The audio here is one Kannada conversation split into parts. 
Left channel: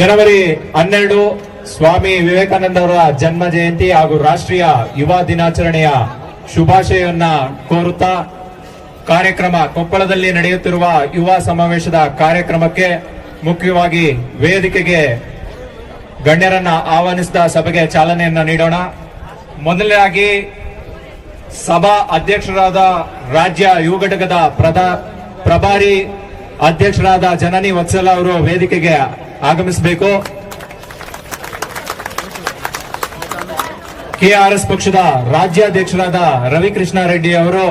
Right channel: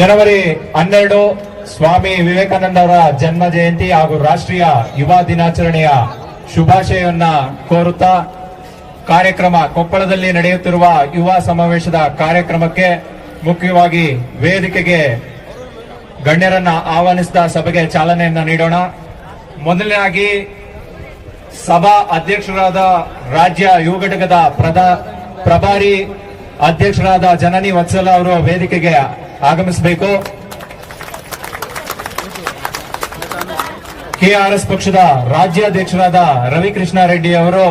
ಜನವರಿ 12 ಸ್ವಾಮಿ ವಿವೇಕಾನಂದರ ಜನ್ಮ ಜಯಂತಿ ಹಾಗೂ ರಾಷ್ಟ್ರೀಯ ಯುವ ದಿನಾಚರಣೆಯ ಶುಭಾಶಯವನ್ನ ಕೋರುತ್ತಾ ಕಾರ್ಯಕ್ರಮ ಕೊಪ್ಪಳದಲ್ಲಿ ನಡೆಯುತ್ತಿರುವ ಯುವ ಸಮಾವೇಶದ ಕಾರ್ಯಕ್ರಮಕ್ಕೆ ಮುಖ್ಯವಾಗಿ ವೇದಿಕೆಗೆ ಗಣ್ಯರನ್ನ ಆಹ್ವಾನಿಸಿದ ಸಭೆಗೆ ಚಾಲನೆಯನ್ನ ನೀಡೋಣ. ಮೊದಲನೇದಾಗಿ ಸಭಾ ಅಧ್ಯಕ್ಷರಾದ ರಾಜ್ಯ ಯುವ ಘಟಕದ ಪ್ರಭಾರಿ ಅಧ್ಯಕ್ಷರಾದ ಜನನಿ ವತ್ಸಲ ಅವರು ವೇದಿಕೆಗೆ ಆಗಮಿಸಬೇಕು. ಕೆಆರ್ಎಸ್ ಪಕ್ಷದ ರಾಜ್ಯಾಧ್ಯಕ್ಷರಾದ ರವಿಕೃಷ್ಣ ರೆಡ್ಡಿ ಅವರು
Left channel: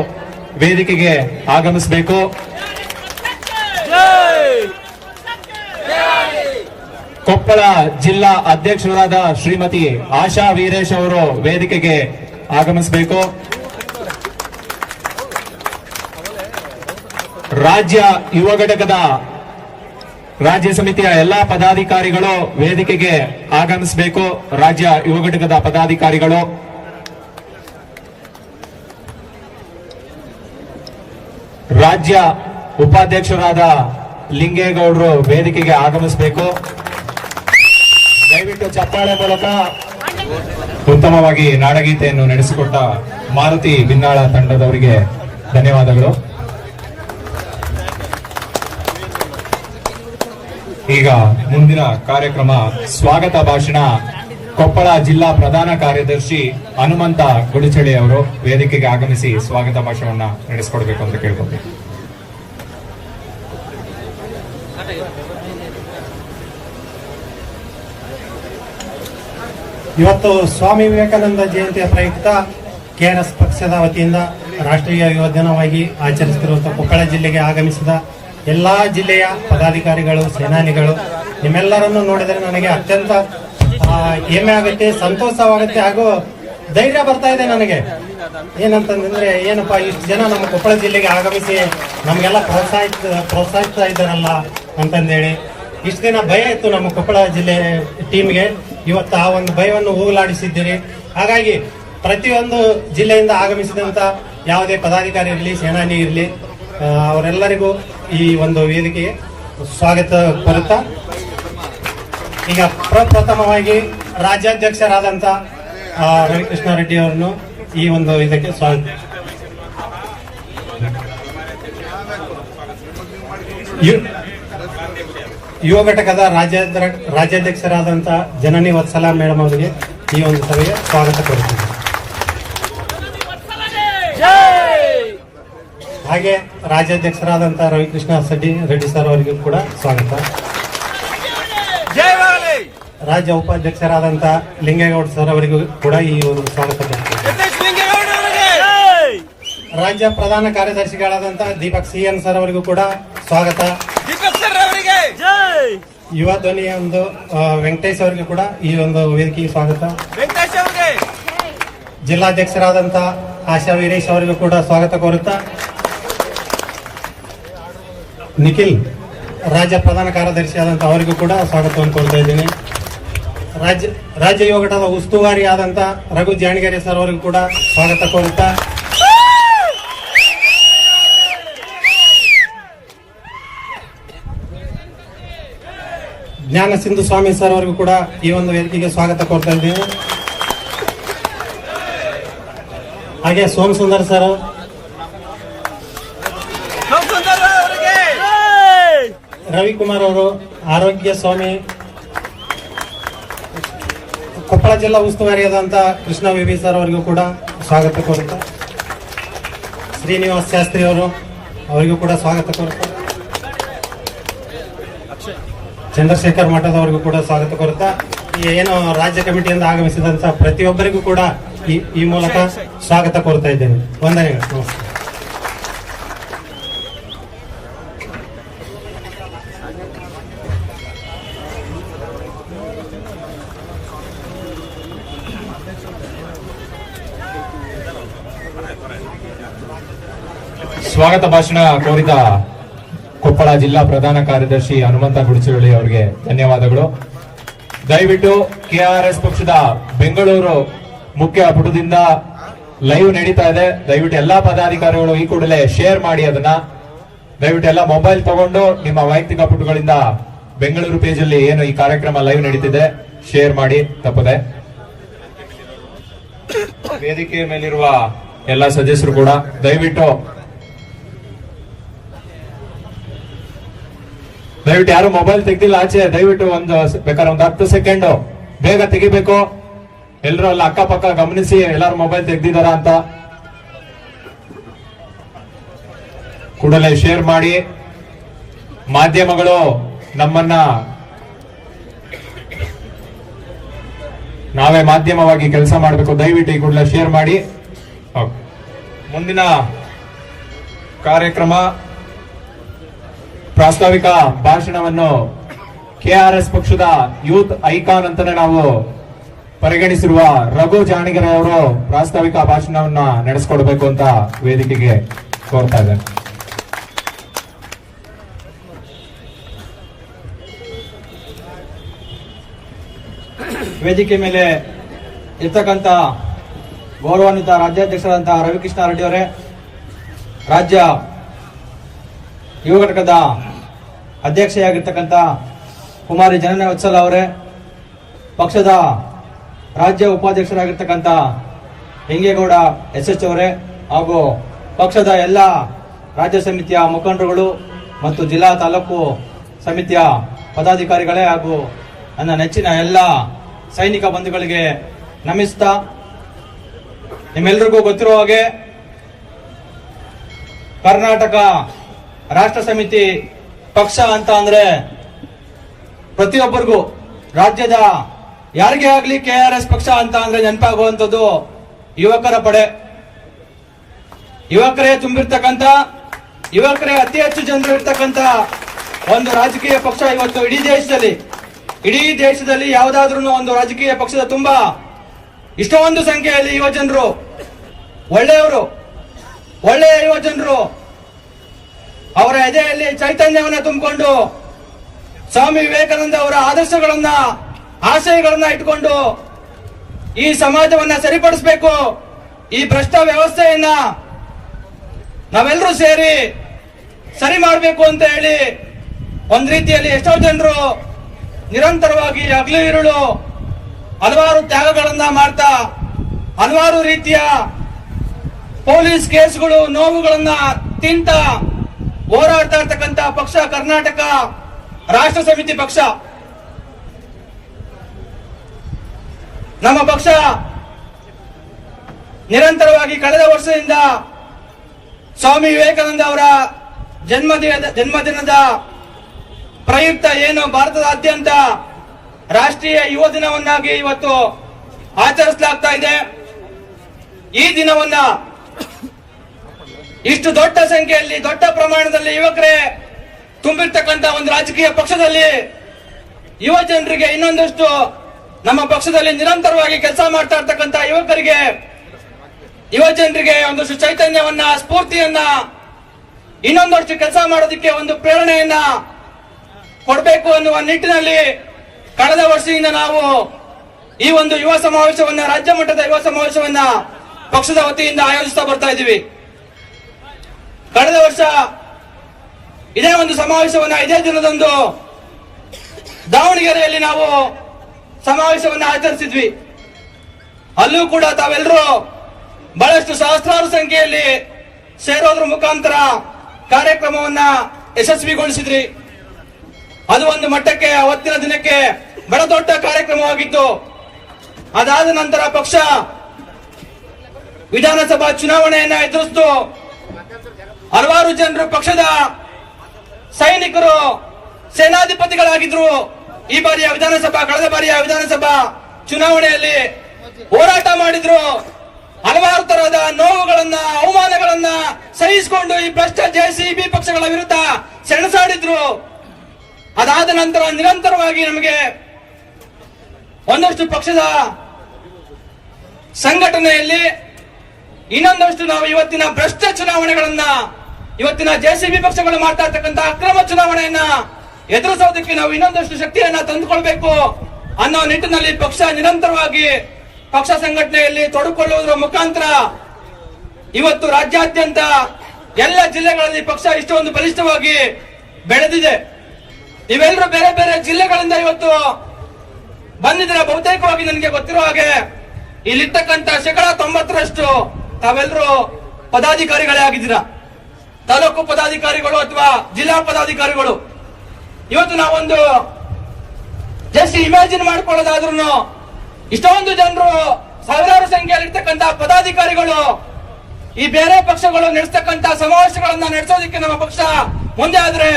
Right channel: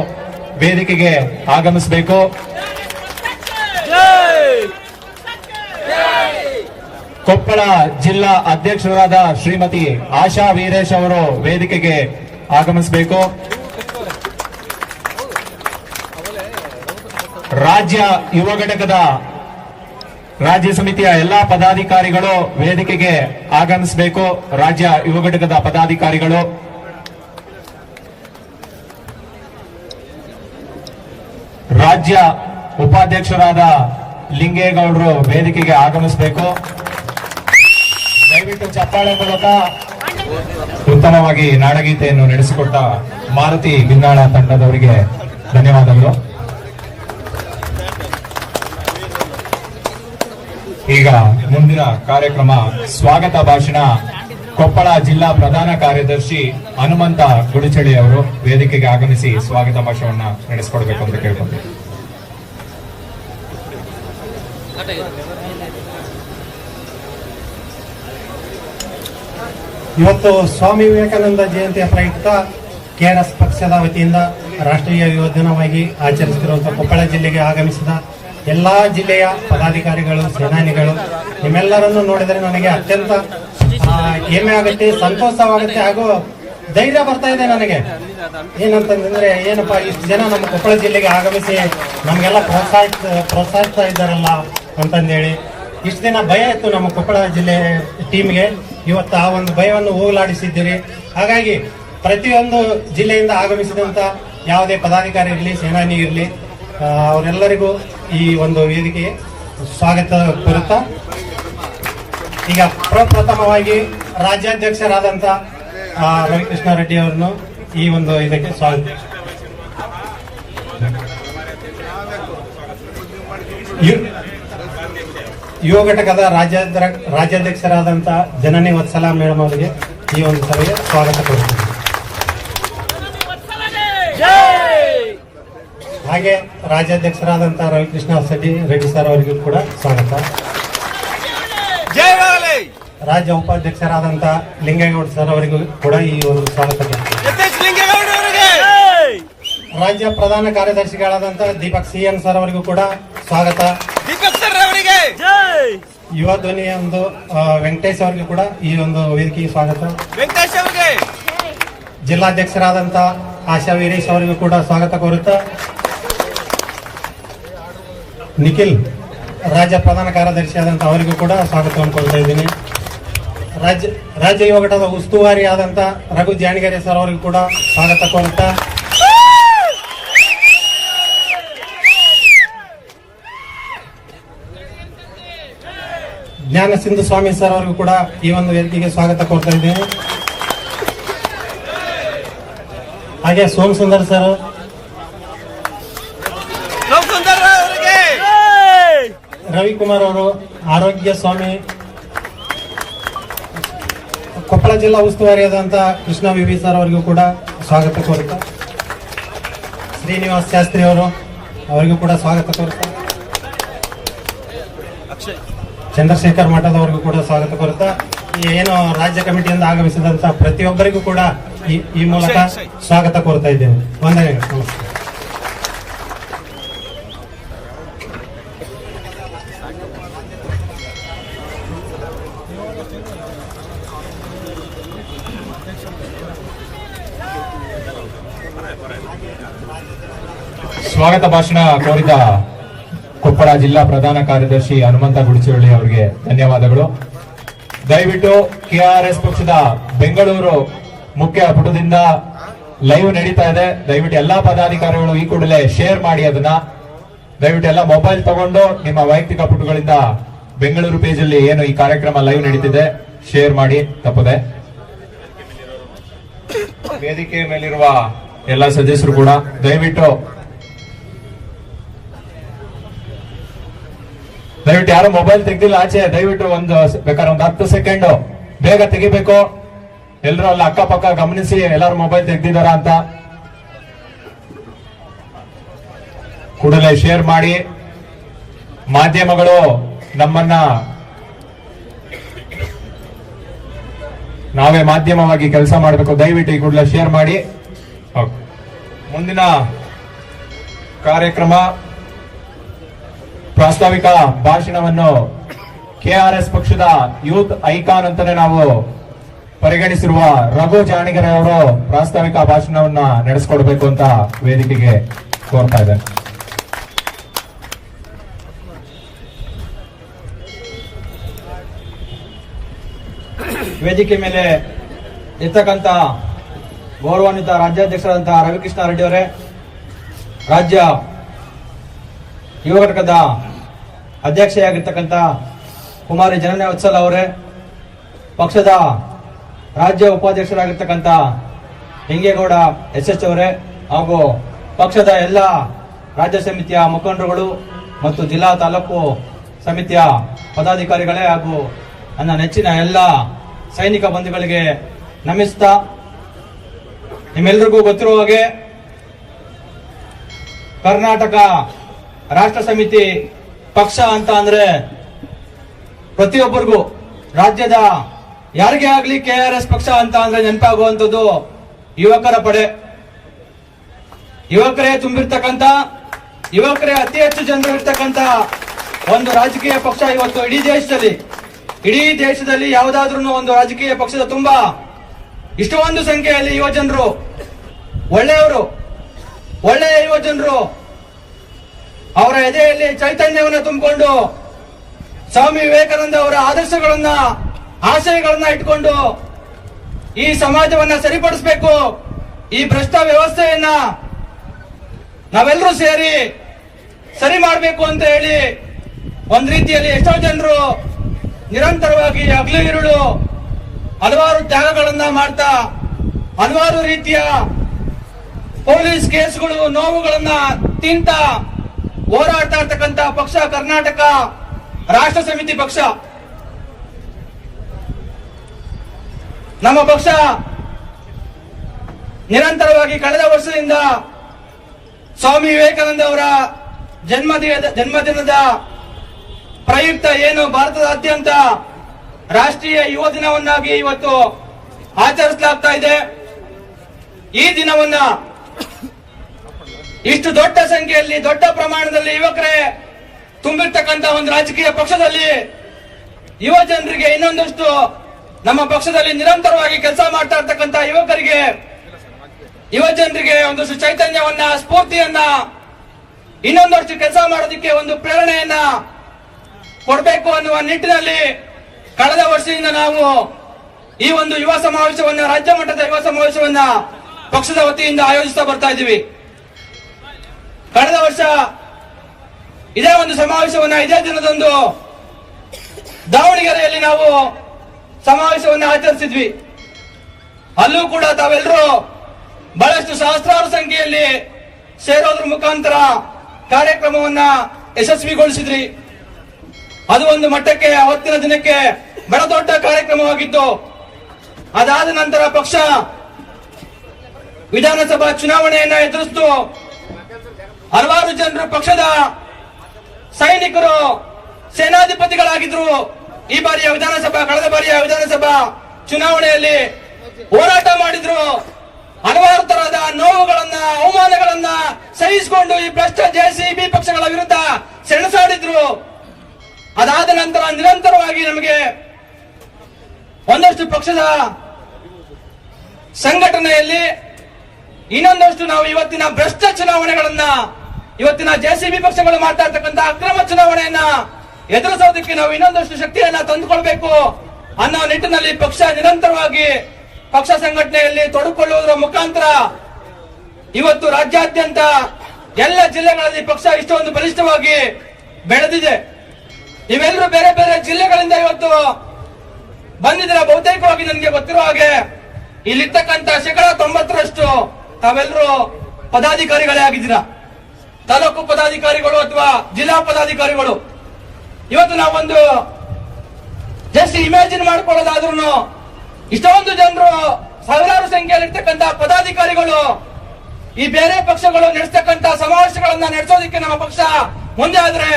ವೇದಿಕೆಗೆ ಆಗಮಿಸಬೇಕು. ಕೊಪ್ಪಳ ಜಿಲ್ಲಾ ಅಧ್ಯಕ್ಷರಾದ ಶ್ರೀಮತಿ ಆಶಾ ವೀರೇಶ್ ಅವರು ವೇದಿಕೆಗೆ ಆಗಮಿಸಬೇಕು. ರಾಜ್ಯ ಯುವ ಘಟಕದ ರಾಜ್ಯ ಸಮಿತಿಯ ಎಲ್ಲಾ ಪದಾಧಿಕಾರಿಗಳು ವೇದಿಕೆಗೆ ಆಗಮಿಸಬೇಕು. ರಾಜ್ಯ ಯುವ ಘಟಕದ ಪದಾಧಿಕಾರಿಗಳು, ರಾಜ್ಯ ಉಪಾಧ್ಯಕ್ಷರಾದ ಲಿಂಗೇಗೌಡರು ವೇದಿಕೆಗೆ ಆಗಮಿಸಬೇಕು. ದಯವಿಟ್ಟು ಚಪ್ಪಾಳೆ ಮೂಲಕ ಉತ್ತಮವಾಗಿ ನಾಡಗೀತೆಯನ್ನು ನಡೆಸಿಕೊಟ್ಟ ಮಾರುತಿ ಬಿನ್ನಾಳ ತಂಡದವರಿಗೆ ಧನ್ಯವಾದಗಳು. ಈಗ ಮುಂದಿನ ಕಾರ್ಯಕ್ರಮ ಸ್ವಾಗತ ಭಾಷಣ. ಕೊಪ್ಪಳ ಜಿಲ್ಲಾ ಪ್ರಧಾನ ಕಾರ್ಯದರ್ಶಿ ಹನುಮಂತ ಗುಡಿಚಳಿ ಅವರು ವೇದಿಕೆಗೆ ಆಗಮಿಸಿ ಸ್ವಾಗತ ಭಾಷಣವನ್ನ ನಡೆಸಿಕೊಡ್ಬೇಕು ಅಂತ ಕೇಳ್ಕೊಂಡೆ. ಇವತ್ತು ಸ್ವಾಮಿ ವಿವೇಕಾನಂದ ಜಯಂತಿಯ ಪ್ರಯುಕ್ತ ಕೆಆರ್ಎಸ್ ಪಕ್ಷದ ವತಿಯಿಂದ ರಾಷ್ಟ್ರೀಯ ಯುವ ದಿನವಾಗಿ ಆಚರಿಸುತ್ತಿರುವಂತಹ ಕೊಪ್ಪಳ ಜಿಲ್ಲೆಗೆ ಆಗಮಿಸಿದ ಎಲ್ಲಾ ಜಿಲ್ಲೆಯ ಪದಾಧಿಕಾರಿಗಳು, ಸೇನಾನಿಗಳು, ನಿಮ್ಮೆಲ್ಲರನ್ನು ನೋಡಿದರೆ ನನಗೆ ಅತ್ಯಂತ ಹೆಮ್ಮೆ ಆಗುತ್ತೆ, ಸಂತೋಷವಾಗುತ್ತೆ ಹಾಗೂ ಧೈರ್ಯ ಬರ್ತಾ ಇದೆ ನನಗೆ. ಏನಂತಂದ್ರೆ ಏನಪ್ಪಾ, ಇಷ್ಟು ಜನ ನಮ್ಮ ಕೊಪ್ಪಳ ಜಿಲ್ಲೆಗೆ ಆಗಮಿಸಿ ನಮಗೆಲ್ಲ ಪ್ರೋತ್ಸಾಹಿಸ್ತಾ ಇದ್ದಾರಲ್ಲ ಅಂತಂದೇಳಿ. ಇಷ್ಟು ದಿನ ಭಯ ಇತ್ತು ನಮ್ಮ ಕೊಪ್ಪಳ ಜಿಲ್ಲೆ ಟೀಮ್ಗೆ, ಇವತ್ತು ಆ ಒಂದು ಭಯವನ್ನು ಹೋಗಲಾಡಿಸಿದ್ದೀರಿ. ಹಾಗಾಗಿ ಪ್ರತಿಯೊಂದು ಜಿಲ್ಲೆಯಿಂದ ಆಗಮಿಸಿದಂತ ಯಾವುದೇ ಪದಾಧಿಕಾರಿ ಇರಲಿ, ಸೇನಾನಿ ಇರಲಿ, ಅವರೆಲ್ಲರಿಗೂ ಈ ಒಂದು ವೇದಿಕೆಗೆ ಸ್ವಾಗತ ಕೋರುತ್ತಾ, ಈಗ ಪ್ರಪ್ರಥಮವಾಗಿ ರಾಜ್ಯಾಧ್ಯಕ್ಷರಾದಂತ ರವಿಕೃಷ್ಣ ರೆಡ್ಡಿ ಅವರನ್ನು ಈ ಒಂದು ಇದಕ್ಕೆ ಸ್ವಾಗತ. ಯುವ ಘಟಕದ ರಾಜ್ಯಾಧ್ಯಕ್ಷರಾದಂತ ಜನನಿ ವತ್ಸಲ ಮೇಡಮ್ ಅವರಿಗೆ ಈ ಒಂದು ಸಭೆಗೆ ಸ್ವಾಗತ ಕೋರುತ್ತೇನೆ. ಹಾಗೆ ರಾಜ್ಯಾಧ್ಯಕ್ಷರಾದಂತಹ ರವಿಕೃಷ್ಣ ರೆಡ್ಡಿ ಸರ್ ಅವರಿಗೂ ಕೂಡ ಸ್ವಾಗತ. ರಾಜ್ಯ ಉಪಾಧ್ಯಕ್ಷರಾದಂತಹ ಲಿಂಗೇಗೌಡ ಸರ್ ಅವರಿಗೂ ಕೂಡ ಈ ಒಂದು ಸ್ವಾಗತ. ರಾಜ್ಯ ಪ್ರಧಾನ ಕಾರ್ಯದರ್ಶಿಗಳಾದಂತಹ ದೀಪಕ್ ಸಿಎನ್ ಸರ್ ಅವರಿಗೂ ಕೂಡ ಸ್ವಾಗತ. ಯುವ ಧ್ವನಿ ಒಂದು ವೆಂಕಟೇಶ್ ಅವರಿಗೂ ಕೂಡ ಈ ಒಂದು ವೇದಿಕೆಗೆ ಸ್ವಾಗತ. ಜಿಲ್ಲಾಧ್ಯಕ್ಷರಾದಂತಹ ಆಶಾ ವೀರೇಶ್ ಅವರಿಗೂ ಕೂಡ ಸ್ವಾಗತ ಕೋರುತ್ತಾ, ನಿಖಿಲ್ ರಾಜ್ಯ ಪ್ರಧಾನ ಕಾರ್ಯದರ್ಶಿಯಾದಂತಹ ಅವರಿಗೂ ಕೂಡ ಸ್ವಾಗತವನ್ನು ಕೋರ್ತಾ ಇದ್ದೀನಿ. ರಾಜ್ಯ ಯುವ ಘಟಕದ ಉಸ್ತುವಾರಿ ಆದಂತಹ ರಘು ಜಾಣಿಗೆರೆ ಸರ್ ಅವರಿಗೂ ಕೂಡ ಸ್ವಾಗತ ಕೋರುತ್ತಾ, ಜ್ಞಾನ ಸಿಂಧು ಸ್ವಾಮಿ ಸರ್ ಅವರಿಗೂ ಕೂಡ ಈ ಒಂದು ವೇದಿಕೆಗೆ ಸ್ವಾಗತ ಕೋರ್ತಾ ಇದ್ದೀನಿ. ಹಾಗೆ ಸೋಮ್ ಸುಂದರ್ ಸರ್, ರವಿಕುಮಾರ್ ಅವರು, ಆರೋಗ್ಯ ಸ್ವಾಮಿ, ಕೊಪ್ಪಳ ಜಿಲ್ಲಾ ಉಸ್ತುವಾರಿಯಾದಂತಹ ಕೃಷ್ಣ ವಿವಿ ಸರ್ ಅವರಿಗೂ ಕೂಡ ಸ್ವಾಗತ ಕೋರುತ್ತಾ, ಶ್ರೀನಿವಾಸ್ ಶಾಸ್ತ್ರಿ ಅವರಿಗೂ ಕೂಡ ಸ್ವಾಗತ ಕೋರುತ್ತಾ, ಚಂದ್ರಶೇಖರ್ ಮಠದವರಿಗೂ ಕೂಡ ಸ್ವಾಗತ ಕೋರುತ್ತಾ, ಏನು ರಾಜ್ಯ ಕಮಿಟಿಯಿಂದ ಆಗಮಿಸಿದಂತಹ ಪ್ರತಿಯೊಬ್ಬರಿಗೂ ಕೂಡ ಈ ಮೂಲಕ ಸ್ವಾಗತ ಕೋರ್ತಾ ಇದ್ದೇನೆ. ವಂದನೆಗಳು. ಸ್ವಾಗತ ಭಾಷಣ ಕೋರಿದ ಕೊಪ್ಪಳ ಜಿಲ್ಲಾ ಪ್ರಧಾನ ಕಾರ್ಯದರ್ಶಿ ಹನುಮಂತ ಗುಡಿಚಳ್ಳಿ ಅವರಿಗೆ ಧನ್ಯವಾದಗಳು. ದಯವಿಟ್ಟು ಕೆಆರ್ಎಸ್ ಪಕ್ಷದ ಬೆಂಗಳೂರು ಮುಖ್ಯ ಪುಟದಿಂದ ಲೈವ್ ನಡೀತಾ ಇದೆ. ದಯವಿಟ್ಟು ಎಲ್ಲಾ ಪದಾಧಿಕಾರಿಗಳು ಈ ಕೂಡಲೇ ಶೇರ್ ಮಾಡಿ ಅದನ್ನ. ದಯವಿಟ್ಟು ಎಲ್ಲ ಮೊಬೈಲ್ ತಗೊಂಡು ನಿಮ್ಮ ವೈಯಕ್ತಿಕ ಪುಟಗಳಿಂದ ಬೆಂಗಳೂರು ಪೇಜ್ ಅಲ್ಲಿ ಏನು ಈ ಕಾರ್ಯಕ್ರಮ ಲೈವ್ ನಡೀತಿದೆ ಶೇರ್ ಮಾಡಿ ತಪ್ಪದೆ. ವೇದಿಕೆ ಮೇಲಿರುವ ಎಲ್ಲ ಸದಸ್ಯರು ಕೂಡ ದಯವಿಟ್ಟು ಯಾರು ಮೊಬೈಲ್ ತೆಗ್ದಿಲ್ಲ ಆಚೆ ದಯವಿಟ್ಟು ಬೇಕಾದ್ರೆ ಒಂದು 10 ಸೆಕೆಂಡ್ ಬೇಗ ತೆಗಿಬೇಕು. ಎಲ್ಲರೂ ಅಲ್ಲಿ ಅಕ್ಕಪಕ್ಕ ಗಮನಿಸಿ ಎಲ್ಲರೂ ಮೊಬೈಲ್ ತೆಗ್ದಿದಾರ ಅಂತ ಕೂಡಲೇ ಶೇರ್ ಮಾಡಿ. ಮಾಧ್ಯಮಗಳು ನಮ್ಮನ್ನ ನಾವೇ ಮಾಧ್ಯಮವಾಗಿ ಕೆಲಸ ಮಾಡಬೇಕು. ದಯವಿಟ್ಟು ಈ ಕೂಡಲೇ ಶೇರ್ ಮಾಡಿ. ಮುಂದಿನ ಕಾರ್ಯಕ್ರಮ ಪ್ರಾಸ್ತಾವಿಕ ಭಾಷಣವನ್ನು ಕೆಆರ್ಎಸ್ ಪಕ್ಷದ ಯೂತ್ ಐಕಾನ್ ಅಂತಾನೆ ನಾವು ಪರಿಗಣಿಸಿರುವ ರಘು ಜಾಣಿಗೆರೆ ಅವರು ಪ್ರಾಸ್ತಾವಿಕ ಭಾಷಣವನ್ನ ನಡೆಸಿಕೊಡ್ಬೇಕು ಅಂತ ವೇದಿಕೆಗೆ ಕೋರ್ತಾ ಇದ್ದಾರೆ. ವೇದಿಕೆ ಮೇಲೆ ಇರ್ತಕ್ಕಂಥ ಗೌರವಾನ್ವಿತ ರಾಜ್ಯಾಧ್ಯಕ್ಷರಾದಂತಹ ರವಿಕೃಷ್ಣ ರೆಡ್ಡಿ ಅವರೇ, ರಾಜ್ಯ ಯುವ ಘಟಕದ ಅಧ್ಯಕ್ಷೆಯಾಗಿರ್ತಕ್ಕಂಥ ಕುಮಾರಿ ಜನನ ವತ್ಸಲ ಅವರೇ, ಪಕ್ಷದ ರಾಜ್ಯ ಉಪಾಧ್ಯಕ್ಷರಾಗಿರ್ತಕ್ಕಂಥ ಹಿಂಗೇಗೌಡ ಎಸ್ ಅವರೇ, ಹಾಗೂ ಪಕ್ಷದ ಎಲ್ಲ ರಾಜ್ಯ ಸಮಿತಿಯ ಮುಖಂಡರುಗಳು ಮತ್ತು ಜಿಲ್ಲಾ ತಾಲೂಕು ಸಮಿತಿಯ ಪದಾಧಿಕಾರಿಗಳೇ ಹಾಗೂ ನನ್ನ ನೆಚ್ಚಿನ ಎಲ್ಲ ಸೈನಿಕ ಬಂಧುಗಳಿಗೆ ನಮಿಸ್ತಾ, ನಿಮ್ಮೆಲ್ಲರಿಗೂ ಗೊತ್ತಿರುವ ಹಾಗೆ ಕರ್ನಾಟಕ ರಾಷ್ಟ್ರ ಸಮಿತಿ ಪಕ್ಷ ಅಂತ ಅಂದ್ರೆ ಪ್ರತಿಯೊಬ್ಬರಿಗೂ ರಾಜ್ಯದ ಯಾರಿಗೇ ಆಗ್ಲಿ ಕೆಆರ್ಎಸ್ ಪಕ್ಷ ಅಂತ ಅಂದ್ರೆ ನೆನಪಾಗುವಂತದ್ದು ಯುವಕರ ಪಡೆ. ಯುವಕರೇ ತುಂಬಿರ್ತಕ್ಕಂಥ, ಯುವಕರೇ ಅತಿ ಹೆಚ್ಚು ಜನರು ಇರ್ತಕ್ಕಂಥ ಒಂದು ರಾಜಕೀಯ ಪಕ್ಷ ಇವತ್ತು ಇಡೀ ದೇಶದಲ್ಲಿ ಯಾವುದಾದ್ರೂ ಒಂದು ರಾಜಕೀಯ ಪಕ್ಷದ ತುಂಬಾ ಇಷ್ಟೊಂದು ಸಂಖ್ಯೆಯಲ್ಲಿ ಯುವ ಜನರು, ಒಳ್ಳೆಯ ಯುವ ಜನರು ಅವರ ಎದೆಯಲ್ಲಿ ಚೈತನ್ಯವನ್ನು ತುಂಬಿಕೊಂಡು ಸ್ವಾಮಿ ವಿವೇಕಾನಂದ ಅವರ ಆದರ್ಶಗಳನ್ನ, ಆಶಯಗಳನ್ನ ಇಟ್ಕೊಂಡು ಈ ಸಮಾಜವನ್ನ ಸರಿಪಡಿಸಬೇಕು, ಈ ಭ್ರಷ್ಟ ವ್ಯವಸ್ಥೆಯನ್ನ ನಾವೆಲ್ಲರೂ ಸೇರಿ ಸರಿ ಮಾಡಬೇಕು ಅಂತ ಹೇಳಿ ಒಂದ್ ರೀತಿಯಲ್ಲಿ ಎಷ್ಟೋ ಜನರು ನಿರಂತರವಾಗಿ ಹಗಲು ಇರುಳು ಹಲವಾರು ತ್ಯಾಗಗಳನ್ನ ಮಾಡ್ತಾ, ಹಲವಾರು ರೀತಿಯ ಪೊಲೀಸ್ ಕೇಸ್ಗಳು, ನೋವುಗಳನ್ನ ತಿಂತ ಹೋರಾಡ್ತಾ ಇರ್ತಕ್ಕಂಥ ಪಕ್ಷ ಕರ್ನಾಟಕ ರಾಷ್ಟ್ರ ಸಮಿತಿ ಪಕ್ಷ. ನಮ್ಮ ಪಕ್ಷ ನಿರಂತರವಾಗಿ ಕಳೆದ ವರ್ಷದಿಂದ ಸ್ವಾಮಿ ವಿವೇಕಾನಂದ ಅವರ ಜನ್ಮದಿನದ ಪ್ರಯುಕ್ತ ಏನು ಭಾರತದಾದ್ಯಂತ ರಾಷ್ಟ್ರೀಯ ಯುವ ದಿನವನ್ನಾಗಿ ಇವತ್ತು ಆಚರಿಸಲಾಗ್ತಾ ಇದೆ. ಈ ದಿನವನ್ನ ಇಷ್ಟು ದೊಡ್ಡ ಸಂಖ್ಯೆಯಲ್ಲಿ, ದೊಡ್ಡ ಪ್ರಮಾಣದಲ್ಲಿ ಯುವಕರೇ ತುಂಬಿರ್ತಕ್ಕಂಥ ಒಂದು ರಾಜಕೀಯ ಪಕ್ಷದಲ್ಲಿ ಯುವ ಜನರಿಗೆ ಇನ್ನೊಂದಷ್ಟು ನಮ್ಮ ಪಕ್ಷದಲ್ಲಿ ನಿರಂತರವಾಗಿ ಕೆಲಸ ಮಾಡ್ತಾ ಇರ್ತಕ್ಕಂಥ ಯುವ ಜನರಿಗೆ ಒಂದಷ್ಟು ಚೈತನ್ಯವನ್ನ, ಸ್ಫೂರ್ತಿಯನ್ನ, ಇನ್ನೊಂದಷ್ಟು ಕೆಲಸ ಮಾಡೋದಕ್ಕೆ ಒಂದು ಪ್ರೇರಣೆಯನ್ನ ಕೊಡಬೇಕು ಅನ್ನುವ ನಿಟ್ಟಿನಲ್ಲಿ ಕಳೆದ ವರ್ಷದಿಂದ ನಾವು ಈ ಒಂದು ಯುವ ಸಮಾವೇಶವನ್ನ, ರಾಜ್ಯ ಮಟ್ಟದ ಯುವ ಸಮಾವೇಶವನ್ನ ಪಕ್ಷದ ವತಿಯಿಂದ ಆಯೋಜಿಸ್ತಾ ಬರ್ತಾ ಇದ್ದೀವಿ. ಕಳೆದ ವರ್ಷ ಇದೇ ಒಂದು ಸಮಾವೇಶವನ್ನ, ಇದೇ ದಿನದಂದು ದಾವಣಗೆರೆಯಲ್ಲಿ ನಾವು ಸಮಾವೇಶವನ್ನ ಆಚರಿಸಿದ್ವಿ. ಅಲ್ಲೂ ಕೂಡ ತಾವೆಲ್ಲರೂ ಬಹಳಷ್ಟು ಸಹಸ್ರಾರು ಸಂಖ್ಯೆಯಲ್ಲಿ ಸೇರೋದ್ರ ಮುಖಾಂತರ ಕಾರ್ಯಕ್ರಮವನ್ನ ಯಶಸ್ವಿಗೊಳಿಸಿದ್ರಿ. ಅದು ಒಂದು ಮಟ್ಟಕ್ಕೆ ಅವತ್ತಿನ ದಿನಕ್ಕೆ ಬಹಳ ದೊಡ್ಡ ಕಾರ್ಯಕ್ರಮವಾಗಿತ್ತು. ಅದಾದ ನಂತರ ಪಕ್ಷ ವಿಧಾನಸಭಾ ಚುನಾವಣೆಯನ್ನ ಎದುರಿಸಿತು. ಹಲವಾರು ಜನರು ಪಕ್ಷದ ಸೈನಿಕರು, ಸೇನಾಧಿಪತಿಗಳಾಗಿದ್ರು. ಈ ಬಾರಿಯ ಕಳೆದ ಬಾರಿಯ ವಿಧಾನಸಭಾ ಚುನಾವಣೆಯಲ್ಲಿ ಹೋರಾಟ ಮಾಡಿದ್ರು. ಹಲವಾರು ತರಹದ ನೋವುಗಳನ್ನ, ಅವಮಾನಗಳನ್ನ ಸಹಿಸಿಕೊಂಡು ಈ ಭ್ರಷ್ಟ ಜೆಸಿಬಿ ಪಕ್ಷಗಳ ವಿರುದ್ಧ ಸೆಣಸಾಡಿದ್ರು. ಅದಾದ ನಂತರ ನಿರಂತರವಾಗಿ ನಮಗೆ ಒಂದಷ್ಟು ಪಕ್ಷದ ಸಂಘಟನೆಯಲ್ಲಿ ಇನ್ನೊಂದಷ್ಟು ನಾವು ಇವತ್ತಿನ ಭ್ರಷ್ಟ ಚುನಾವಣೆಗಳನ್ನ, ಇವತ್ತಿನ ಜೆಸಿಬಿ ಪಕ್ಷಗಳು ಮಾಡ್ತಾ ಇರ್ತಕ್ಕಂಥ ಅಕ್ರಮ ಚುನಾವಣೆಯನ್ನ ಎದುರಿಸೋದಕ್ಕೆ ನಾವು ಇನ್ನೊಂದಷ್ಟು ಶಕ್ತಿಯನ್ನ ತಂದುಕೊಳ್ಬೇಕು ಅನ್ನೋ ನಿಟ್ಟಿನಲ್ಲಿ ಪಕ್ಷ ನಿರಂತರವಾಗಿ ಪಕ್ಷ ಸಂಘಟನೆಯಲ್ಲಿ ತೊಡಗಿಕೊಳ್ಳುವುದರ ಮುಖಾಂತರ ಇವತ್ತು ರಾಜ್ಯಾದ್ಯಂತ ಎಲ್ಲ ಜಿಲ್ಲೆಗಳಲ್ಲಿ ಪಕ್ಷ ಇಷ್ಟೊಂದು ಬಲಿಷ್ಠವಾಗಿ ಬೆಳೆದಿದೆ. ನೀವೆಲ್ಲರೂ ಬೇರೆ ಬೇರೆ ಜಿಲ್ಲೆಗಳಿಂದ ಇವತ್ತು ಬಂದಿದ್ದೀರಾ. ಬಹುತೇಕವಾಗಿ ನನಗೆ ಗೊತ್ತಿರುವ ಹಾಗೆ ಇಲ್ಲಿರ್ತಕ್ಕಂಥ 90% ತಾವೆಲ್ಲರೂ ಪದಾಧಿಕಾರಿಗಳೇ ಆಗಿದ್ದೀರಾ. ತಾಲೂಕು ಪದಾಧಿಕಾರಿಗಳು ಅಥವಾ ಜಿಲ್ಲಾ ಪದಾಧಿಕಾರಿಗಳು. ಇವತ್ತು ನಾವೊಂದು ಜಸ್ಟ್ ಇಮ್ಯಾಜಿನ್ ಮಾಡ್ಕೊಳ್ಳೋದಾದ್ರೂ ಇಷ್ಟೊಂದು ಜನರು ಸಾವಿರಾರು ಸಂಖ್ಯೆಯಲ್ಲಿರ್ತಕ್ಕಂಥ ಪದಾಧಿಕಾರಿಗಳು ಈ ಬೇರೆ ಪಕ್ಷಗಳು ನಡೆಸ್ತಕ್ಕಂಥ ಸಮಾವೇಶಗಳನ್ನ ನಡೆಸೋದಕ್ಕೆ ನಮ್ಮ ಪಕ್ಷ ಮುಂದೆ ಆದ್ರೆ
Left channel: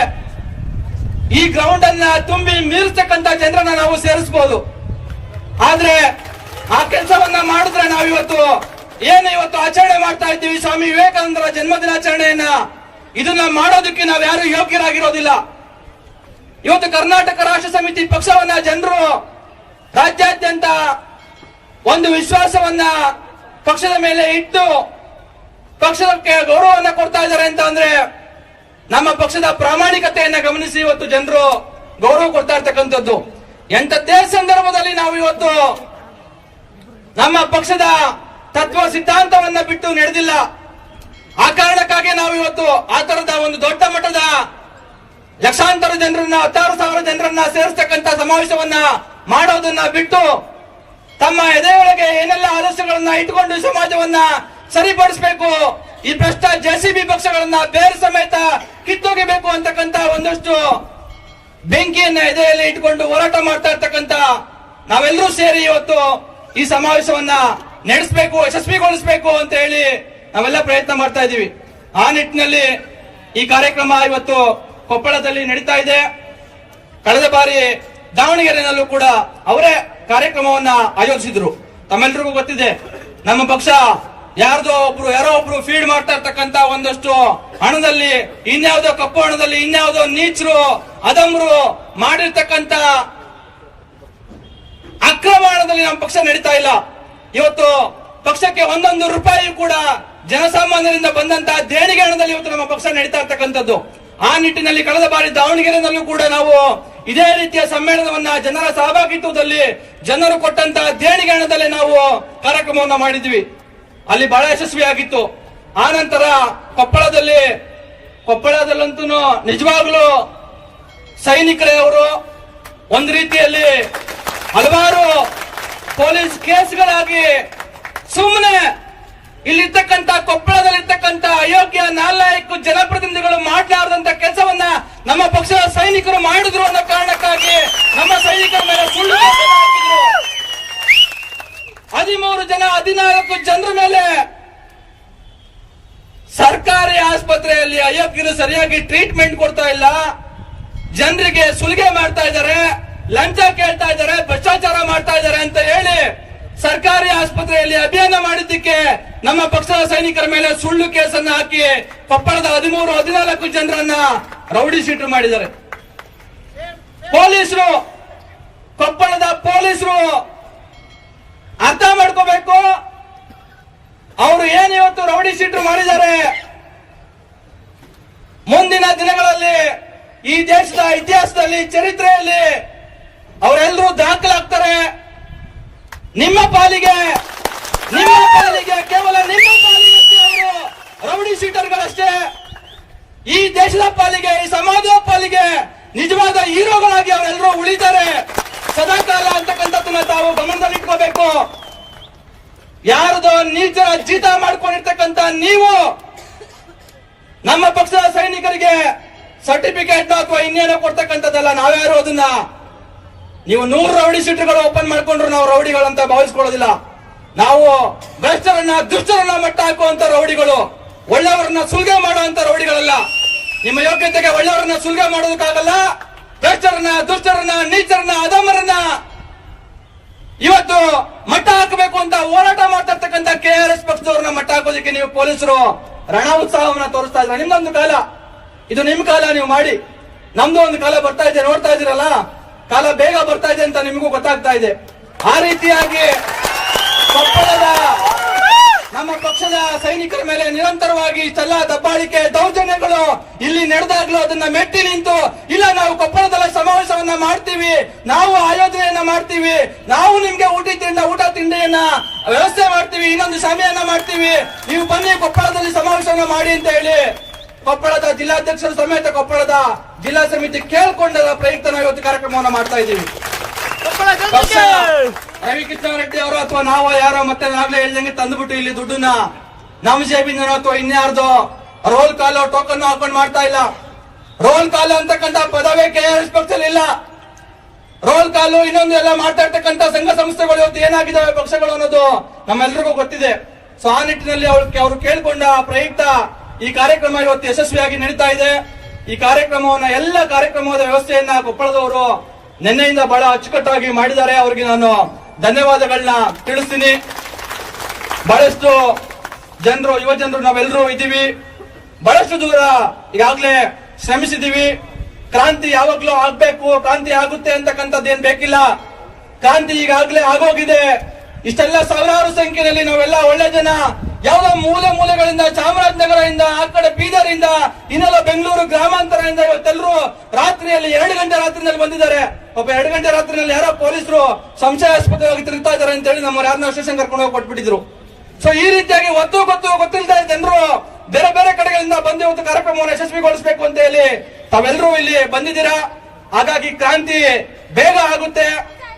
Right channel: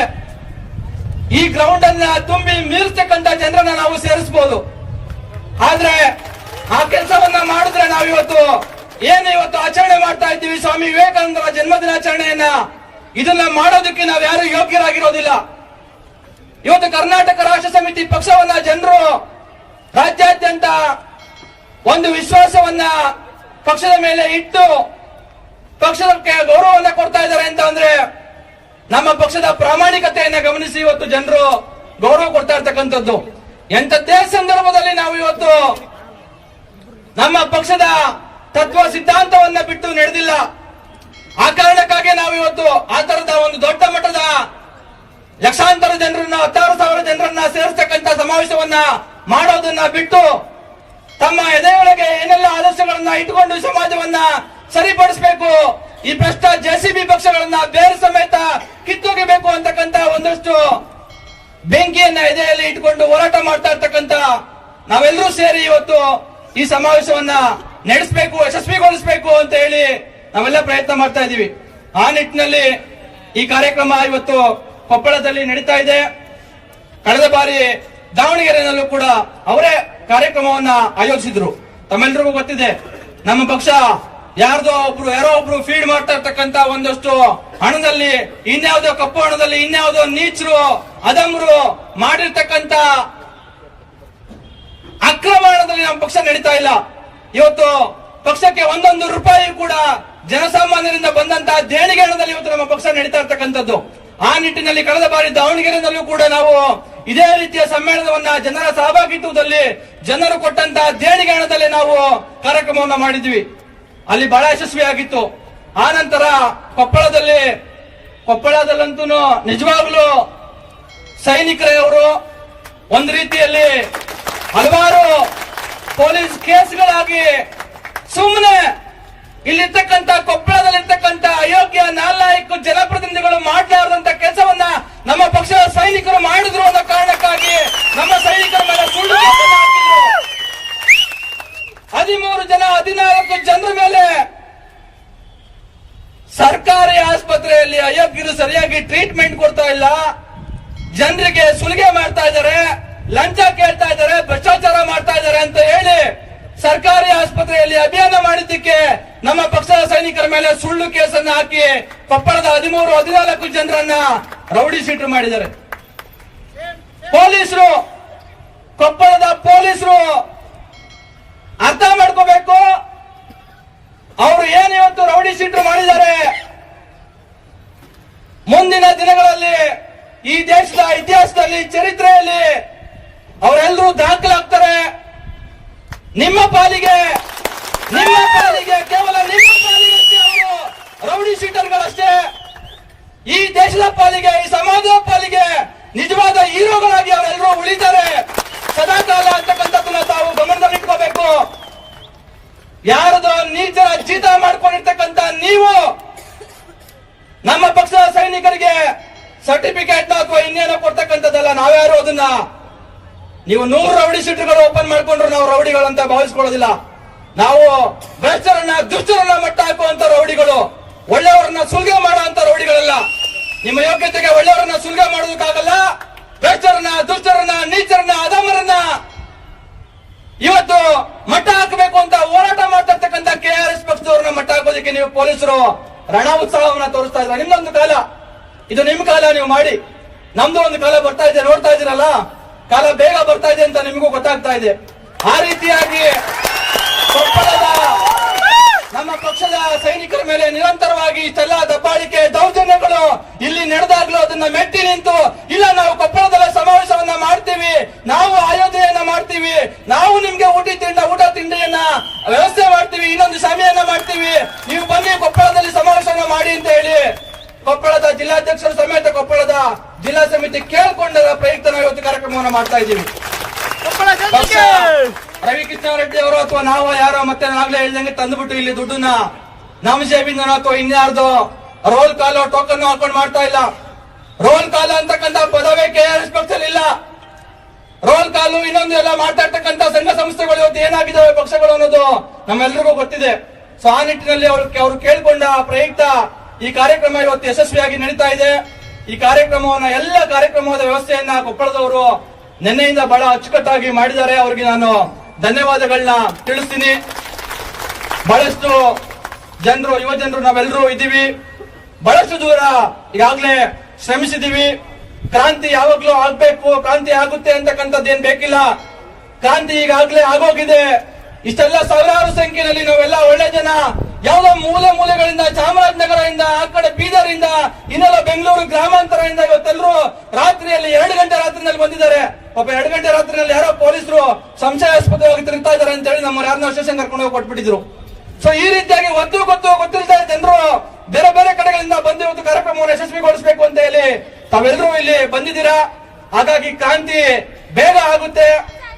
ಈ ಗ್ರೌಂಡ್ ಅನ್ನ ತುಂಬಿ ಮೀರಿಸ್ತಕ್ಕಂಥ ಜನರನ್ನ ನಾವು ಸೇರಿಸಬಹುದು. ಆದ್ರೆ ಆ ಕೆಲಸವನ್ನ ಮಾಡಿದ್ರೆ ನಾವು ಇವತ್ತು ಆಚರಣೆ ಮಾಡ್ತಾ ಇದ್ದೀವಿ ಸ್ವಾಮಿ ವಿವೇಕಾನಂದರ ಜನ್ಮದಿನಾಚರಣೆಯನ್ನ, ಇದನ್ನ ಮಾಡೋದಕ್ಕೆ ನಾವು ಯಾರು ಯೋಗ್ಯರಾಗಿರೋದಿಲ್ಲ. ಇವತ್ತು ಕರ್ನಾಟಕ ರಾಷ್ಟ್ರ ಸಮಿತಿ ಪಕ್ಷವನ್ನ ಜನರು ರಾಜ್ಯಾದ್ಯಂತ ಒಂದು ವಿಶ್ವಾಸವನ್ನ ಪಕ್ಷದ ಮೇಲೆ ಇಟ್ಟು ಪಕ್ಷಕ್ಕೆ ಗೌರವವನ್ನ ಕೊಡ್ತಾ ಇದ್ದಾರೆ ಅಂತ ಅಂದ್ರೆ ನಮ್ಮ ಪಕ್ಷದ ಪ್ರಾಮಾಣಿಕತೆಯನ್ನ ಗಮನಿಸಿ ಇವತ್ತು ಜನರು ಗೌರವ ಕೊಡ್ತಾ ಇರ್ತಕ್ಕಂಥದ್ದು. ಎಂಥದ್ದೇ ಸಂದರ್ಭದಲ್ಲಿ ನಾವು ಇವತ್ತು ನಮ್ಮ ಪಕ್ಷದ ತತ್ವ ಸಿದ್ಧಾಂತವನ್ನ ಬಿಟ್ಟು ನಡೆದಿಲ್ಲ. ಆ ಕಾರಣಕ್ಕಾಗಿ ನಾವು ಇವತ್ತು ಆ ತರದ ಒಂದು ದೊಡ್ಡ ಮಟ್ಟದ ಲಕ್ಷಾಂತರ ಜನರನ್ನ 16,000 ಜನರನ್ನ ಸೇರಿಸ್ತಕ್ಕಂಥ ಸಮಾವೇಶವನ್ನ ಮಾಡೋದನ್ನ ಬಿಟ್ಟು ತಮ್ಮ ಎದೆಯೊಳಗೆ ಏನೆಲ್ಲ ಆದರ್ಶಗಳನ್ನ ಇಟ್ಟುಕೊಂಡು ಸಮಾಜವನ್ನ ಸರಿಪಡಿಸಬೇಕು, ಈ ಭ್ರಷ್ಟ ಜೆಸಿಬಿ ಪಕ್ಷಗಳನ್ನ ಬೇರೆ ಸಮೇತ ಕಿತ್ತೋಗಿಬೇಕು ಅಂತಕ್ಕಂಥ ಒಂದಷ್ಟು ಬೆಂಕಿಯನ್ನ ಎದೆಯಲ್ಲಿ ಇಟ್ಕೊಂಡು ಹೋರಾಟ ಮಾಡ್ತಾ ಇರ್ತಕ್ಕಂಥ ನಾವೆಲ್ಲರೂ ಸೇರಿ ಇವತ್ತು ಈ ಸಮಾವೇಶವನ್ನ ನಡೆಸಬೇಕು, ಯಶಸ್ವಿಗೊಳಿಸಬೇಕು ಅಂತ ಹೇಳಿ ನಾವೆಲ್ಲ ಪ್ರಯತ್ನ ಮಾಡ್ತಾ ಇದ್ದೀವಿ. ಆ ನಿಟ್ಟಿನಲ್ಲಿ ಈ ಕಾರ್ಯಕ್ರಮ ಇವತ್ತು ಕೊಪ್ಪಳದಲ್ಲಿ ನಡೀತಾ ಇದೆ. ಕಳೆದ ಬಾರಿ ದಾವಣಗೆರೆಯಲ್ಲೂ ಕೂಡ ಅವರೇ ಕಾರ್ಯಕ್ರಮವನ್ನ ಆಯೋಜಿಸಿದ್ರು. ತಮ್ಮೆಲ್ಲರಿಗೂ ಗೊತ್ತಿದೆ, ನಮ್ಮ ಪಕ್ಷ ಯಾರೋ ಒಬ್ರು ಫೀಡ್ ಮಾಡ್ತಾ ಇರ್ತಕ್ಕಂಥ ಒಂದಷ್ಟು ಹಣದಲ್ಲಿ ಇನ್ಯಾವುದೋ ಕಪ್ಪು ಹಣದಲ್ಲಿ ಇನ್ಯಾವುದೋ ನೀಚರು ಅಧಮರು ಮಾಡಿರ್ತಕ್ಕಂಥ ಅಕ್ರಮ ಹಣದಲ್ಲಿ ನಮ್ಮ ಪಕ್ಷ ನಡೀತಾ ಇಲ್ಲ. ಇವತ್ತು ಪಕ್ಷಕ್ಕೆ ಒಂದೊಂದು ರೂಪಾಯಿ ಕೂಡ ಜನಸಾಮಾನ್ಯರಿಂದ ಬಂದಂತಹ ದೇಣಿಗೆ ಹಣದಲ್ಲಿ ಇವತ್ತು ನಮ್ಮ ಪಕ್ಷ ನಡೀತಾ ಇರ್ತಕ್ಕಂಥದ್ದು. ಆ ನಿಟ್ಟಿನಲ್ಲಿ ಕಳೆದ ಬಾರಿ ದಾವಣಗೆರೆಯಲ್ಲೂ ಕೂಡ ನಾವು ಇದೇ ರೀತಿಯ ಸಮ್ಮೇಳನವನ್ನ ಜನರ ಸಹಭಾಗಿತ್ವದಲ್ಲಿ ಜನರು ಕೊಟ್ಟಂತಹ ದೇಣಿಗೆ ಹಣದಲ್ಲಿ ನಾವು ಕಾರ್ಯಕ್ರಮವನ್ನು ಮಾಡಿದ್ವಿ. ಅಲ್ಲಿ ಬಹಳ ಯಶಸ್ವಿಯಾಗಿತ್ತು. ಆ ನಂತರ ಕೊಪ್ಪಳದಲ್ಲಂತೂ ನಿಜವಾಗ್ಲೂ ಸೈನಿಕರವರು ಒಂದು ರೀತಿಯಲ್ಲಿ ಹಲವಾರು ಪೊಲೀಸ್ ಕೇಸ್ಗಳಾಗಿ ಸುಮ್ಮನೆ ಇಲ್ಲಿರ್ತಕ್ಕಂಥ ಕೊಪ್ಪಳದಲ್ಲಿರ್ತಕ್ಕಂಥ ಅಯೋಗ್ಯ ನಾಲ್ಕು ಜನಪ್ರತಿನಿಧಿಗಳು ಮಾಡಲಾರದಂತ ಕೆಲಸವನ್ನ ನಮ್ಮ ಪಕ್ಷದ ಸೈನಿಕರು ಮಾಡಿದ್ರು ಅನ್ನೋ ಕಾರಣಕ್ಕಾಗಿ ನಮ್ಮ ಸೈನಿಕರ ಮೇಲೆ ಸುಳ್ಳು ಹಾಕಿದ್ರು. 14 ಜನರ ಮೇಲೆ ಸರ್ಕಾರಿ ಆಸ್ಪತ್ರೆಯಲ್ಲಿ ಅಯೋಗ್ಯರು ಸರಿಯಾಗಿ ಟ್ರೀಟ್ಮೆಂಟ್ ಕೊಡ್ತಾ ಇಲ್ಲ, ಜನರಿಗೆ ಸುಲಿಗೆ ಮಾಡ್ತಾ ಇದ್ದಾರೆ, ಲಂಚ ಕೇಳ್ತಾ ಇದ್ದಾರೆ, ಭ್ರಷ್ಟಾಚಾರ ಮಾಡ್ತಾ ಇದ್ದಾರೆ ಅಂತ ಹೇಳಿ ಸರ್ಕಾರಿ ಆಸ್ಪತ್ರೆಯಲ್ಲಿ ಅಭಿಯಾನ ಮಾಡಿದ್ದಕ್ಕೆ ನಮ್ಮ ಪಕ್ಷದ ಸೈನಿಕರ ಮೇಲೆ ಸುಳ್ಳು ಕೇಸನ್ನ ಹಾಕಿ ಕೊಪ್ಪಳದ 13-14 ಜನರನ್ನ ರೌಡಿ ಶೀಟರ್ ಮಾಡಿದ್ದಾರೆ. ಕೊಪ್ಪಳದ ಪೊಲೀಸರು ಅರ್ಥ ಮಾಡ್ಕೋಬೇಕು, ಅವರು ಏನಿವತ್ತು ರೌಡಿ ಶೀಟರ್ ಮಾಡಿದ್ದಾರೆ, ಮುಂದಿನ ದಿನಗಳಲ್ಲಿ ಈ ದೇಶದ ಇತಿಹಾಸದಲ್ಲಿ ಚರಿತ್ರೆಯಲ್ಲಿ ಅವರೆಲ್ಲರೂ ದಾಖಲಾಗ್ತಾರೆ. ನಿಮ್ಮ ಪಾಲಿಗೆ ಕೇವಲ ನಿಮ್ಮ ಪಾಲಿಗೆ ಅವರು ರೌಡಿ ಶೀಟರ್ಗಳಷ್ಟೇ. ಈ ದೇಶದ ಪಾಲಿಗೆ, ಈ ಸಮಾಜದ ಪಾಲಿಗೆ ನಿಜವಾದ ಹೀರೋಗಳಾಗಿ ಅವರೆಲ್ಲರೂ ಉಳಿತಾರೆ ಸದಾಕಾಲ ಅಂತಕ್ಕಂಥದ್ದನ್ನ ತಾವು ಗಮನದಲ್ಲಿಟ್ಕೋಬೇಕು. ಯಾರದೋ ನೀಚರ ಜೀತ ಮಾಡ್ಕೊಂಡಿರ್ತಕ್ಕಂಥ ನೀವು ನಮ್ಮ ಪಕ್ಷದ ಸೈನಿಕರಿಗೆ ಸರ್ಟಿಫಿಕೇಟ್ ಅಥವಾ ಇನ್ನೇನೋ ಕೊಡ್ತಕ್ಕಂಥದ್ದಲ್ಲ. ನಾವ್ಯಾರು ಅದನ್ನ ನೀವು 100 ರೌಡಿ ಶೀಟರ್ಗಳು ಓಪನ್ ಮಾಡ್ಕೊಂಡ್ರು ನಾವು ರೌಡಿಗಳಂತ ಭಾವಿಸ್ಕೊಳ್ಳೋದಿಲ್ಲ. ನಾವು ಭ್ರಷ್ಟರನ್ನ ದುಷ್ಟರನ್ನ ಮಟ್ಟ ಹಾಕುವಂತ ರೌಡಿಗಳು, ಒಳ್ಳೆಯವರನ್ನ ಸುಲಿಗೆ ಮಾಡುವಂತ ರೌಡಿಗಳಲ್ಲ. ನಿಮ್ಮ ಯೋಗ್ಯತೆಗೆ ಒಳ್ಳೆಯವರನ್ನ ಸುಲಿಗೆ ಮಾಡೋದಕ್ಕಾಗಲ್ಲ. ಭ್ರಷ್ಟರನ್ನ, ದುಷ್ಟರನ್ನ, ನೀಚರನ್ನ, ಅಧಮರನ್ನ ಇವತ್ತು ಮಟ್ಟ ಹಾಕಬೇಕು ಅಂತ ಹೋರಾಟ ಮಾಡ್ತಿರ್ತಕ್ಕಂಥ KRS ಪಕ್ಷದವ್ರನ್ನ ಮಟ್ಟ ಹಾಕೋದಕ್ಕೆ ನೀವು ಪೊಲೀಸರು ರಣ ಉತ್ಸಾಹವನ್ನ ತೋರಿಸ್ತಾ ಇದ್ರೆ ನಿಮ್ದೊಂದು ಕಾಲ, ಇದು ನಿಮ್ ಕಾಲ, ನೀವು ಮಾಡಿ. ನಮ್ದು ಒಂದು ಕಾಲ ಬರ್ತಾ ಇದೆ, ನೋಡ್ತಾ ಇದ್ದೀರಲ್ಲ, ಕಾಲ ಬೇಗ ಬರ್ತಾ ಇದೆ ಅಂತ ನಿಮಗೂ ಗೊತ್ತಾಗ್ತಾ ಇದೆ. ಆ ರೀತಿಯಾಗಿ ಕೊಪ್ಪಳದ ನಮ್ಮ ಪಕ್ಷದ ಸೈನಿಕರ ಮೇಲೆ ನಿರಂತರವಾಗಿ ಇಷ್ಟೆಲ್ಲ ದಬ್ಬಾಳಿಕೆ ದೌರ್ಜನ್ಯಗಳು ಇಲ್ಲಿ ನಡೆದಾಗ್ಲೂ ಅದನ್ನ ಮೆಟ್ಟಿ ನಿಂತು, ಇಲ್ಲ ನಾವು ಕೊಪ್ಪಳದಲ್ಲೇ ಸಮಾವೇಶವನ್ನ ಮಾಡ್ತೀವಿ, ನಾವು ಆಯೋಜನೆಯನ್ನ ಮಾಡ್ತೀವಿ, ನಾವು ನಿಮ್ಗೆ ಊಟ ತಿಂಡಿಯನ್ನ ವ್ಯವಸ್ಥೆ ಮಾಡ್ತೀವಿ, ಇನ್ನೊಂದು ಸಭೆಯನ್ನ ಮಾಡ್ತೀವಿ, ನೀವು ಬನ್ನಿ ಕೊಪ್ಪಳದಲ್ಲಿ ಸಮಾವೇಶವನ್ನ ಮಾಡಿ ಅಂತ ಹೇಳಿ ಕೊಪ್ಪಳದ ಜಿಲ್ಲಾಧ್ಯಕ್ಷರು ಸಮೇತ ಕೊಪ್ಪಳದ ಜಿಲ್ಲಾ ಸಮಿತಿ ಕೇಳಿಕೊಂಡ ಪ್ರಯುಕ್ತ ನಾವು ಇವತ್ತು ಕಾರ್ಯಕ್ರಮವನ್ನು ಮಾಡ್ತಾ ಇದ್ದೀವಿ. ಪಕ್ಷ ರವಿಕೃಷ್ಣಾರೆಡ್ಡಿ ಅವರು ಅಥವಾ ನಾವು ಯಾರೋ ಮತ್ತೆ ನಾವೇ ಹೇಳ್ದಂಗೆ ತಂದುಬಿಟ್ಟು ಇಲ್ಲಿ ದುಡ್ಡನ್ನ ನಮ್ಮ ಜೇಬಿನ ಅಥವಾ ಇನ್ಯಾರ್ದೋ ರೋಲ್ ಕಾಲ್ ಟೋಕನ್ ಹಾಕೊಂಡು ಮಾಡ್ತಾ ಇಲ್ಲ. ರೋಲ್ ಕಾಲ್ ಅಂತಕ್ಕಂಥ ಪದವೇ ಕೆಆರ್ಎಸ್ ಪಕ್ಷದಲ್ಲಿ ಇಲ್ಲ. ರೋಲ್ ಕಾಲು ಇನ್ನೊಂದು ಎಲ್ಲ ಮಾತಾಡ್ತಕ್ಕಂಥ ಸಂಘ ಸಂಸ್ಥೆಗಳು ಇವತ್ತು ಏನಾಗಿದ್ದಾವೆ ಪಕ್ಷಗಳು ಅನ್ನೋದು ನಮ್ಮೆಲ್ಲರಿಗೂ ಗೊತ್ತಿದೆ. ಸೊ ಆ ನಿಟ್ಟಿನಲ್ಲಿ ಅವರು ಕೇಳಿಕೊಂಡ ಪ್ರಯುಕ್ತ ಈ ಕಾರ್ಯಕ್ರಮ ಇವತ್ತು ಯಶಸ್ವಿಯಾಗಿ ನಡೀತಾ ಇದೆ. ಈ ಕಾರ್ಯಕ್ರಮವನ್ನ ಎಲ್ಲ ಕಾರ್ಯಕ್ರಮದ ವ್ಯವಸ್ಥೆಯನ್ನ ಕೊಪ್ಪಳದವರು ನಿನ್ನೆಯಿಂದ ಬಹಳ ಅಚ್ಚುಕಟ್ಟಾಗಿ ಮಾಡಿದ್ದಾರೆ. ಅವರಿಗೆ ನಾನು ಧನ್ಯವಾದಗಳನ್ನ ತಿಳಿಸ್ತೀನಿ. ಬಹಳಷ್ಟು ಜನರು ಯುವ ಜನರು ನಾವೆಲ್ಲರೂ ಇದ್ದೀವಿ. ಬಹಳಷ್ಟು ದೂರ ಈಗಾಗಲೇ ಶ್ರಮಿಸಿದ್ದೀವಿ. ಕ್ರಾಂತಿ ಯಾವಾಗ್ಲೂ ಆಗ್ಬೇಕು, ಕ್ರಾಂತಿ ಆಗುತ್ತೆ ಅಂತಕ್ಕಂಥದ್ದೇನ್ ಬೇಕಿಲ್ಲ. ಕ್ರಾಂತಿ ಈಗಾಗಲೇ ಆಗೋಗಿದೆ. ಇಷ್ಟೆಲ್ಲ ಸಾವಿರಾರು ಸಂಖ್ಯೆಯಲ್ಲಿ ನಾವೆಲ್ಲ ಒಳ್ಳೆ ಜನ ಯಾವುದೋ ಮೂಲೆಗಳಿಂದ ಚಾಮರಾಜನಗರದಿಂದ ಆ ಕಡೆ ಬೀದರಿಂದ ಇನ್ನೆಲ್ಲ ಬೆಂಗಳೂರು ಗ್ರಾಮಾಂತರದಿಂದ ಇವತ್ತೆಲ್ಲರೂ ರಾತ್ರಿಯಲ್ಲಿ 2 ಗಂಟೆ ರಾತ್ರಿನಲ್ಲಿ ಬಂದಿದ್ದಾರೆ. ಪಾಪ 2 ಗಂಟೆ ರಾತ್ರಿನಲ್ಲಿ ಯಾರೋ ಪೊಲೀಸರು ಸಂಶಯಾಸ್ಪದವಾಗಿ ತಿರುಗ್ತಾ ಇದ್ದಾರೆ ಅಂತ ಹೇಳಿ ನಮ್ಮ ಯಾರನ್ನ ಸ್ಟೇಷನ್ ಕರ್ಕೊಂಡು ಹೋಗಿ ಕೊಟ್ಬಿಟ್ಟಿದ್ರು. ಸೊ ಈ ರೀತಿಯಾಗಿ ಗೊತ್ತಿಲ್ಲದೆ ಜನರು ಬೇರೆ ಬೇರೆ ಕಡೆಗಳಿಂದ ಬಂದು ಇವತ್ತು ಕಾರ್ಯಕ್ರಮವನ್ನು ಯಶಸ್ವಿಗೊಳಿಸಬೇಕು ಅಂತ ಹೇಳಿ ತಾವೆಲ್ಲರೂ ಇಲ್ಲಿ ಬಂದಿದ್ದೀರಾ. ಹಾಗಾಗಿ ಕ್ರಾಂತಿ ಬೇಗ ಆಗುತ್ತೆ.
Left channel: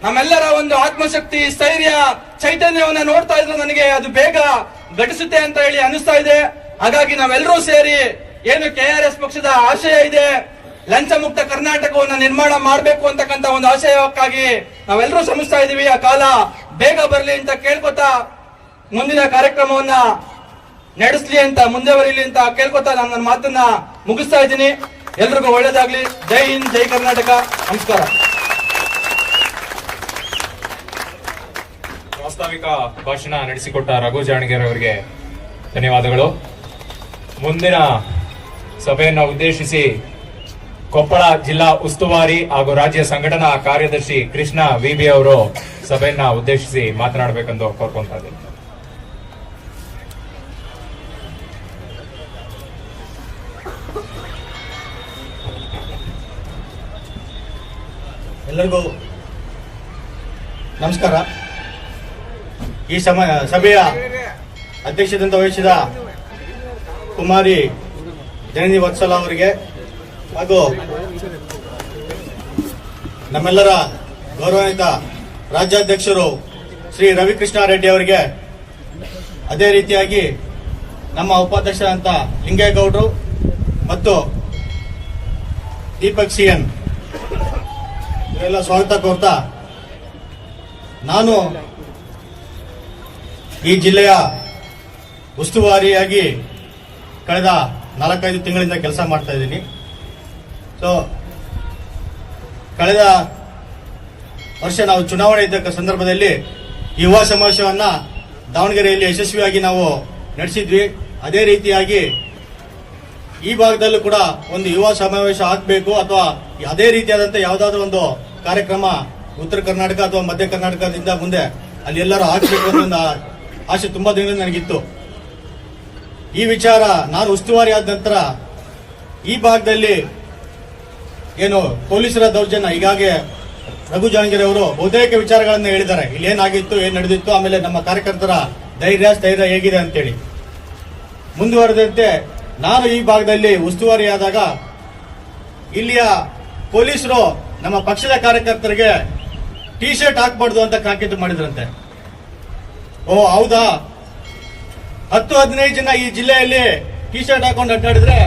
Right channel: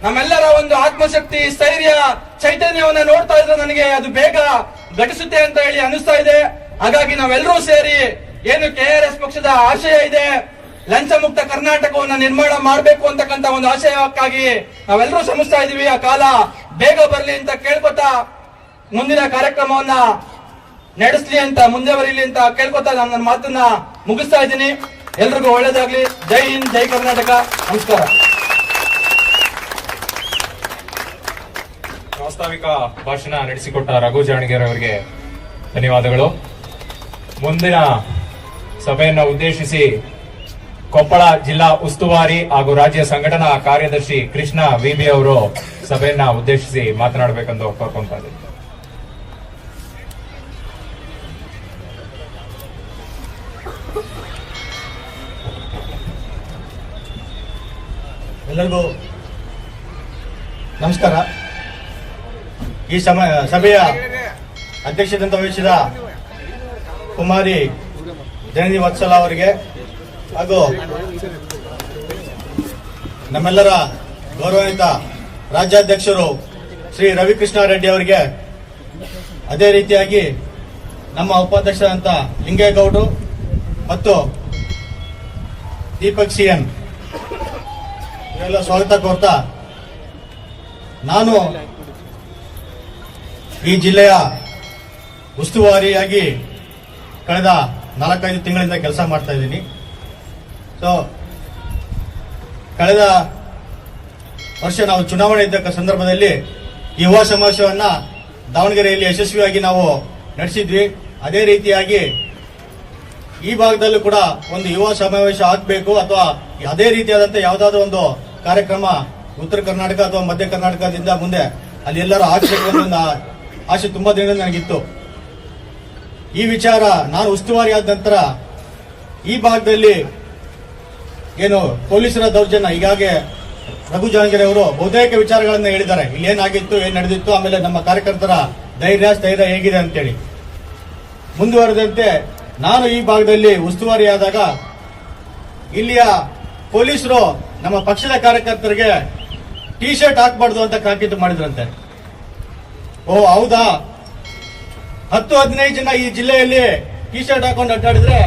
ನಮ್ಮೆಲ್ಲರ ಒಂದು ಆತ್ಮಶಕ್ತಿ, ಸ್ಥೈರ್ಯ, ಚೈತನ್ಯವನ್ನ ನೋಡ್ತಾ ಇದ್ರೆ ನನಗೆ ಅದು ಬೇಗ ಘಟಿಸುತ್ತೆ ಅಂತ ಹೇಳಿ ಅನಿಸ್ತಾ ಇದೆ. ಹಾಗಾಗಿ ನಾವೆಲ್ಲರೂ ಸೇರಿ ಏನು ಕೆಆರ್ಎಸ್ ಪಕ್ಷದ ಆಶಯ ಇದೆ, ಲಂಚ ಮುಕ್ತ ಕರ್ನಾಟಕವನ್ನು ನಿರ್ಮಾಣ ಮಾಡಬೇಕು ಅಂತಕ್ಕಂಥ ಒಂದು ಆಶಯಕ್ಕಾಗಿ ನಾವೆಲ್ಲರೂ ಶ್ರಮಿಸ್ತಾ ಇದೀವಿ. ಆ ಕಾಲ ಬೇಗ ಬರಲಿ ಅಂತ ಕೇಳ್ಕೊತಾ ಮುಂದಿನ ಕಾರ್ಯಕ್ರಮವನ್ನ ನಡೆಸಲಿ ಅಂತ ಮುಂದುವರಿಲಿ ಅಂತ ಕೇಳ್ಕೊತಾ ನನ್ನ ಮಾತನ್ನ ಮುಗಿಸ್ತಾ ಇದ್ದೀನಿ. ಎಲ್ರಿಗೂ ಒಳ್ಳೇದಾಗ್ಲಿ. ಜೈ ಹಿಂದ್, ಜೈ ಕರ್ನಾಟಕ. ನಮಸ್ಕಾರ. ಪ್ರಾಸ್ತಾವಿಕ ಭಾಷಣ ನಡೆಸಿಕೊಟ್ಟ ರಘು ಜಾಣಗೆರೆ ಅವರಿಗೆ ಧನ್ಯವಾದಗಳು. ಮುಂದಿನ ಸಭೆಯನ್ನು ಉದ್ದೇಶಿಸಿ ಕೊಪ್ಪಳ ಜಿಲ್ಲಾ ಉಸ್ತುವಾರಿ ಹಾಗೂ ರಾಜ್ಯ ಸಂಘಟನಾ ಕಾರ್ಯದರ್ಶಿ ಕೃಷ್ಣ ವಿಬಿ ಅವರು ಸಭೆಯನ್ನ ಉದ್ದೇಶಿಸಿ ಮಾತನಾಡಬೇಕಂತ ಕೋರ್ಕೊಂತಾ ಇದ್ದಾರೆ. ಎಲ್ಲರಿಗೂ ನಮಸ್ಕಾರ. ಈ ಸಭೆಯ ಅಧ್ಯಕ್ಷತೆ ವಹಿಸಿದ ಕುಮಾರಿ ಜನನಿ ವತ್ಸಲ ಅವರಿಗೆ ಹಾಗೂ ನಮ್ಮೆಲ್ಲರ ಗೌರವಾನ್ವಿತ ರಾಜ್ಯಾಧ್ಯಕ್ಷರು ಶ್ರೀ ರವಿಕೃಷ್ಣಾರೆಡ್ಡಿ ಅವರಿಗೆ, ಅದೇ ರೀತಿಯಾಗಿ ನಮ್ಮ ಉಪಾಧ್ಯಕ್ಷರಾದಂತ ಲಿಂಗೇಗೌಡರು ಮತ್ತು ದೀಪಕ್ ಸಿಎನ್ ಇವರೆಲ್ಲ ಸ್ವಾಗತ ಕೋರ್ತಾ, ನಾನು ಈ ಜಿಲ್ಲೆಯ ಉಸ್ತುವಾರಿಯಾಗಿ ಕಳೆದ 4-5 ತಿಂಗಳಿಂದ ಕೆಲಸ ಮಾಡ್ತಾ ಇದ್ದೀನಿ. ಸೊ ಕಳೆದ ವರ್ಷ ನಾವು ಚುನಾವಣೆ ಇದ್ದ ಸಂದರ್ಭದಲ್ಲಿ ಯುವ ಸಮಾವೇಶವನ್ನ ದಾವಣಗೆರೆಯಲ್ಲಿ ಯಶಸ್ವಿಯಾಗಿ ನಾವು ನಡೆಸಿದ್ವಿ. ಅದೇ ರೀತಿಯಾಗಿ ಈ ಭಾಗದಲ್ಲೂ ಕೂಡ ಒಂದು ಯುವ ಸಮಾವೇಶ ಆಗಬೇಕು ಅಥವಾ ಅದೇ ರೀತಿಯಾದಂತಹ ಯಾವುದಾದ್ರೂ ಒಂದು ಕಾರ್ಯಕ್ರಮ ಉತ್ತರ ಕರ್ನಾಟಕ ಅಥವಾ ಮಧ್ಯ ಕರ್ನಾಟಕದಿಂದ ಮುಂದೆ ಅಲ್ಲಿ ಎಲ್ಲರೂ ಆಗಬೇಕು ಅನ್ನೋ ಆಸೆ ತುಂಬಾ ದಿನದಿಂದ ನನಗಿತ್ತು. ಈ ವಿಚಾರ ನಾನು ಉಸ್ತುವಾರಿ ಆದ ನಂತರ ಈ ಭಾಗದಲ್ಲಿ ಏನು ಪೊಲೀಸರ ದೌರ್ಜನ್ಯ, ಹೀಗಾಗಿ ರಘು ಜಾಣಗೆರೆ ಅವರು ಬಹುತೇಕ ವಿಚಾರಗಳನ್ನ ಹೇಳಿದ್ದಾರೆ. ಇಲ್ಲಿ ಏನಾಗಿತ್ತು, ಏನ್ ನಡೆದಿತ್ತು, ಆಮೇಲೆ ನಮ್ಮ ಕಾರ್ಯಕರ್ತರ ಸ್ಥೈರ್ಯ ಹೇಗಿದೆ ಅಂತೇಳಿ. ಮುಂದುವರೆದಂತೆ ನಾನು ಈ ಭಾಗದಲ್ಲಿ ಉಸ್ತುವಾರಿಯಾದಾಗ ಇಲ್ಲಿಯ ಪೊಲೀಸರು ನಮ್ಮ ಪಕ್ಷದ ಕಾರ್ಯಕರ್ತರಿಗೆ ಟಿ ಶರ್ಟ್ ಹಾಕಬಾರ್ದು ಅಂತ ತಾಕೀತು ಮಾಡಿದ್ರಂತೆ. ಓ ಹೌದಾ, 10-15 ಜನ ಈ ಜಿಲ್ಲೆಯಲ್ಲಿ ಟಿ ಶರ್ಟ್ ಹಾಕೊಂಡು ಅಡ್ಡಾಡಿದ್ರೆ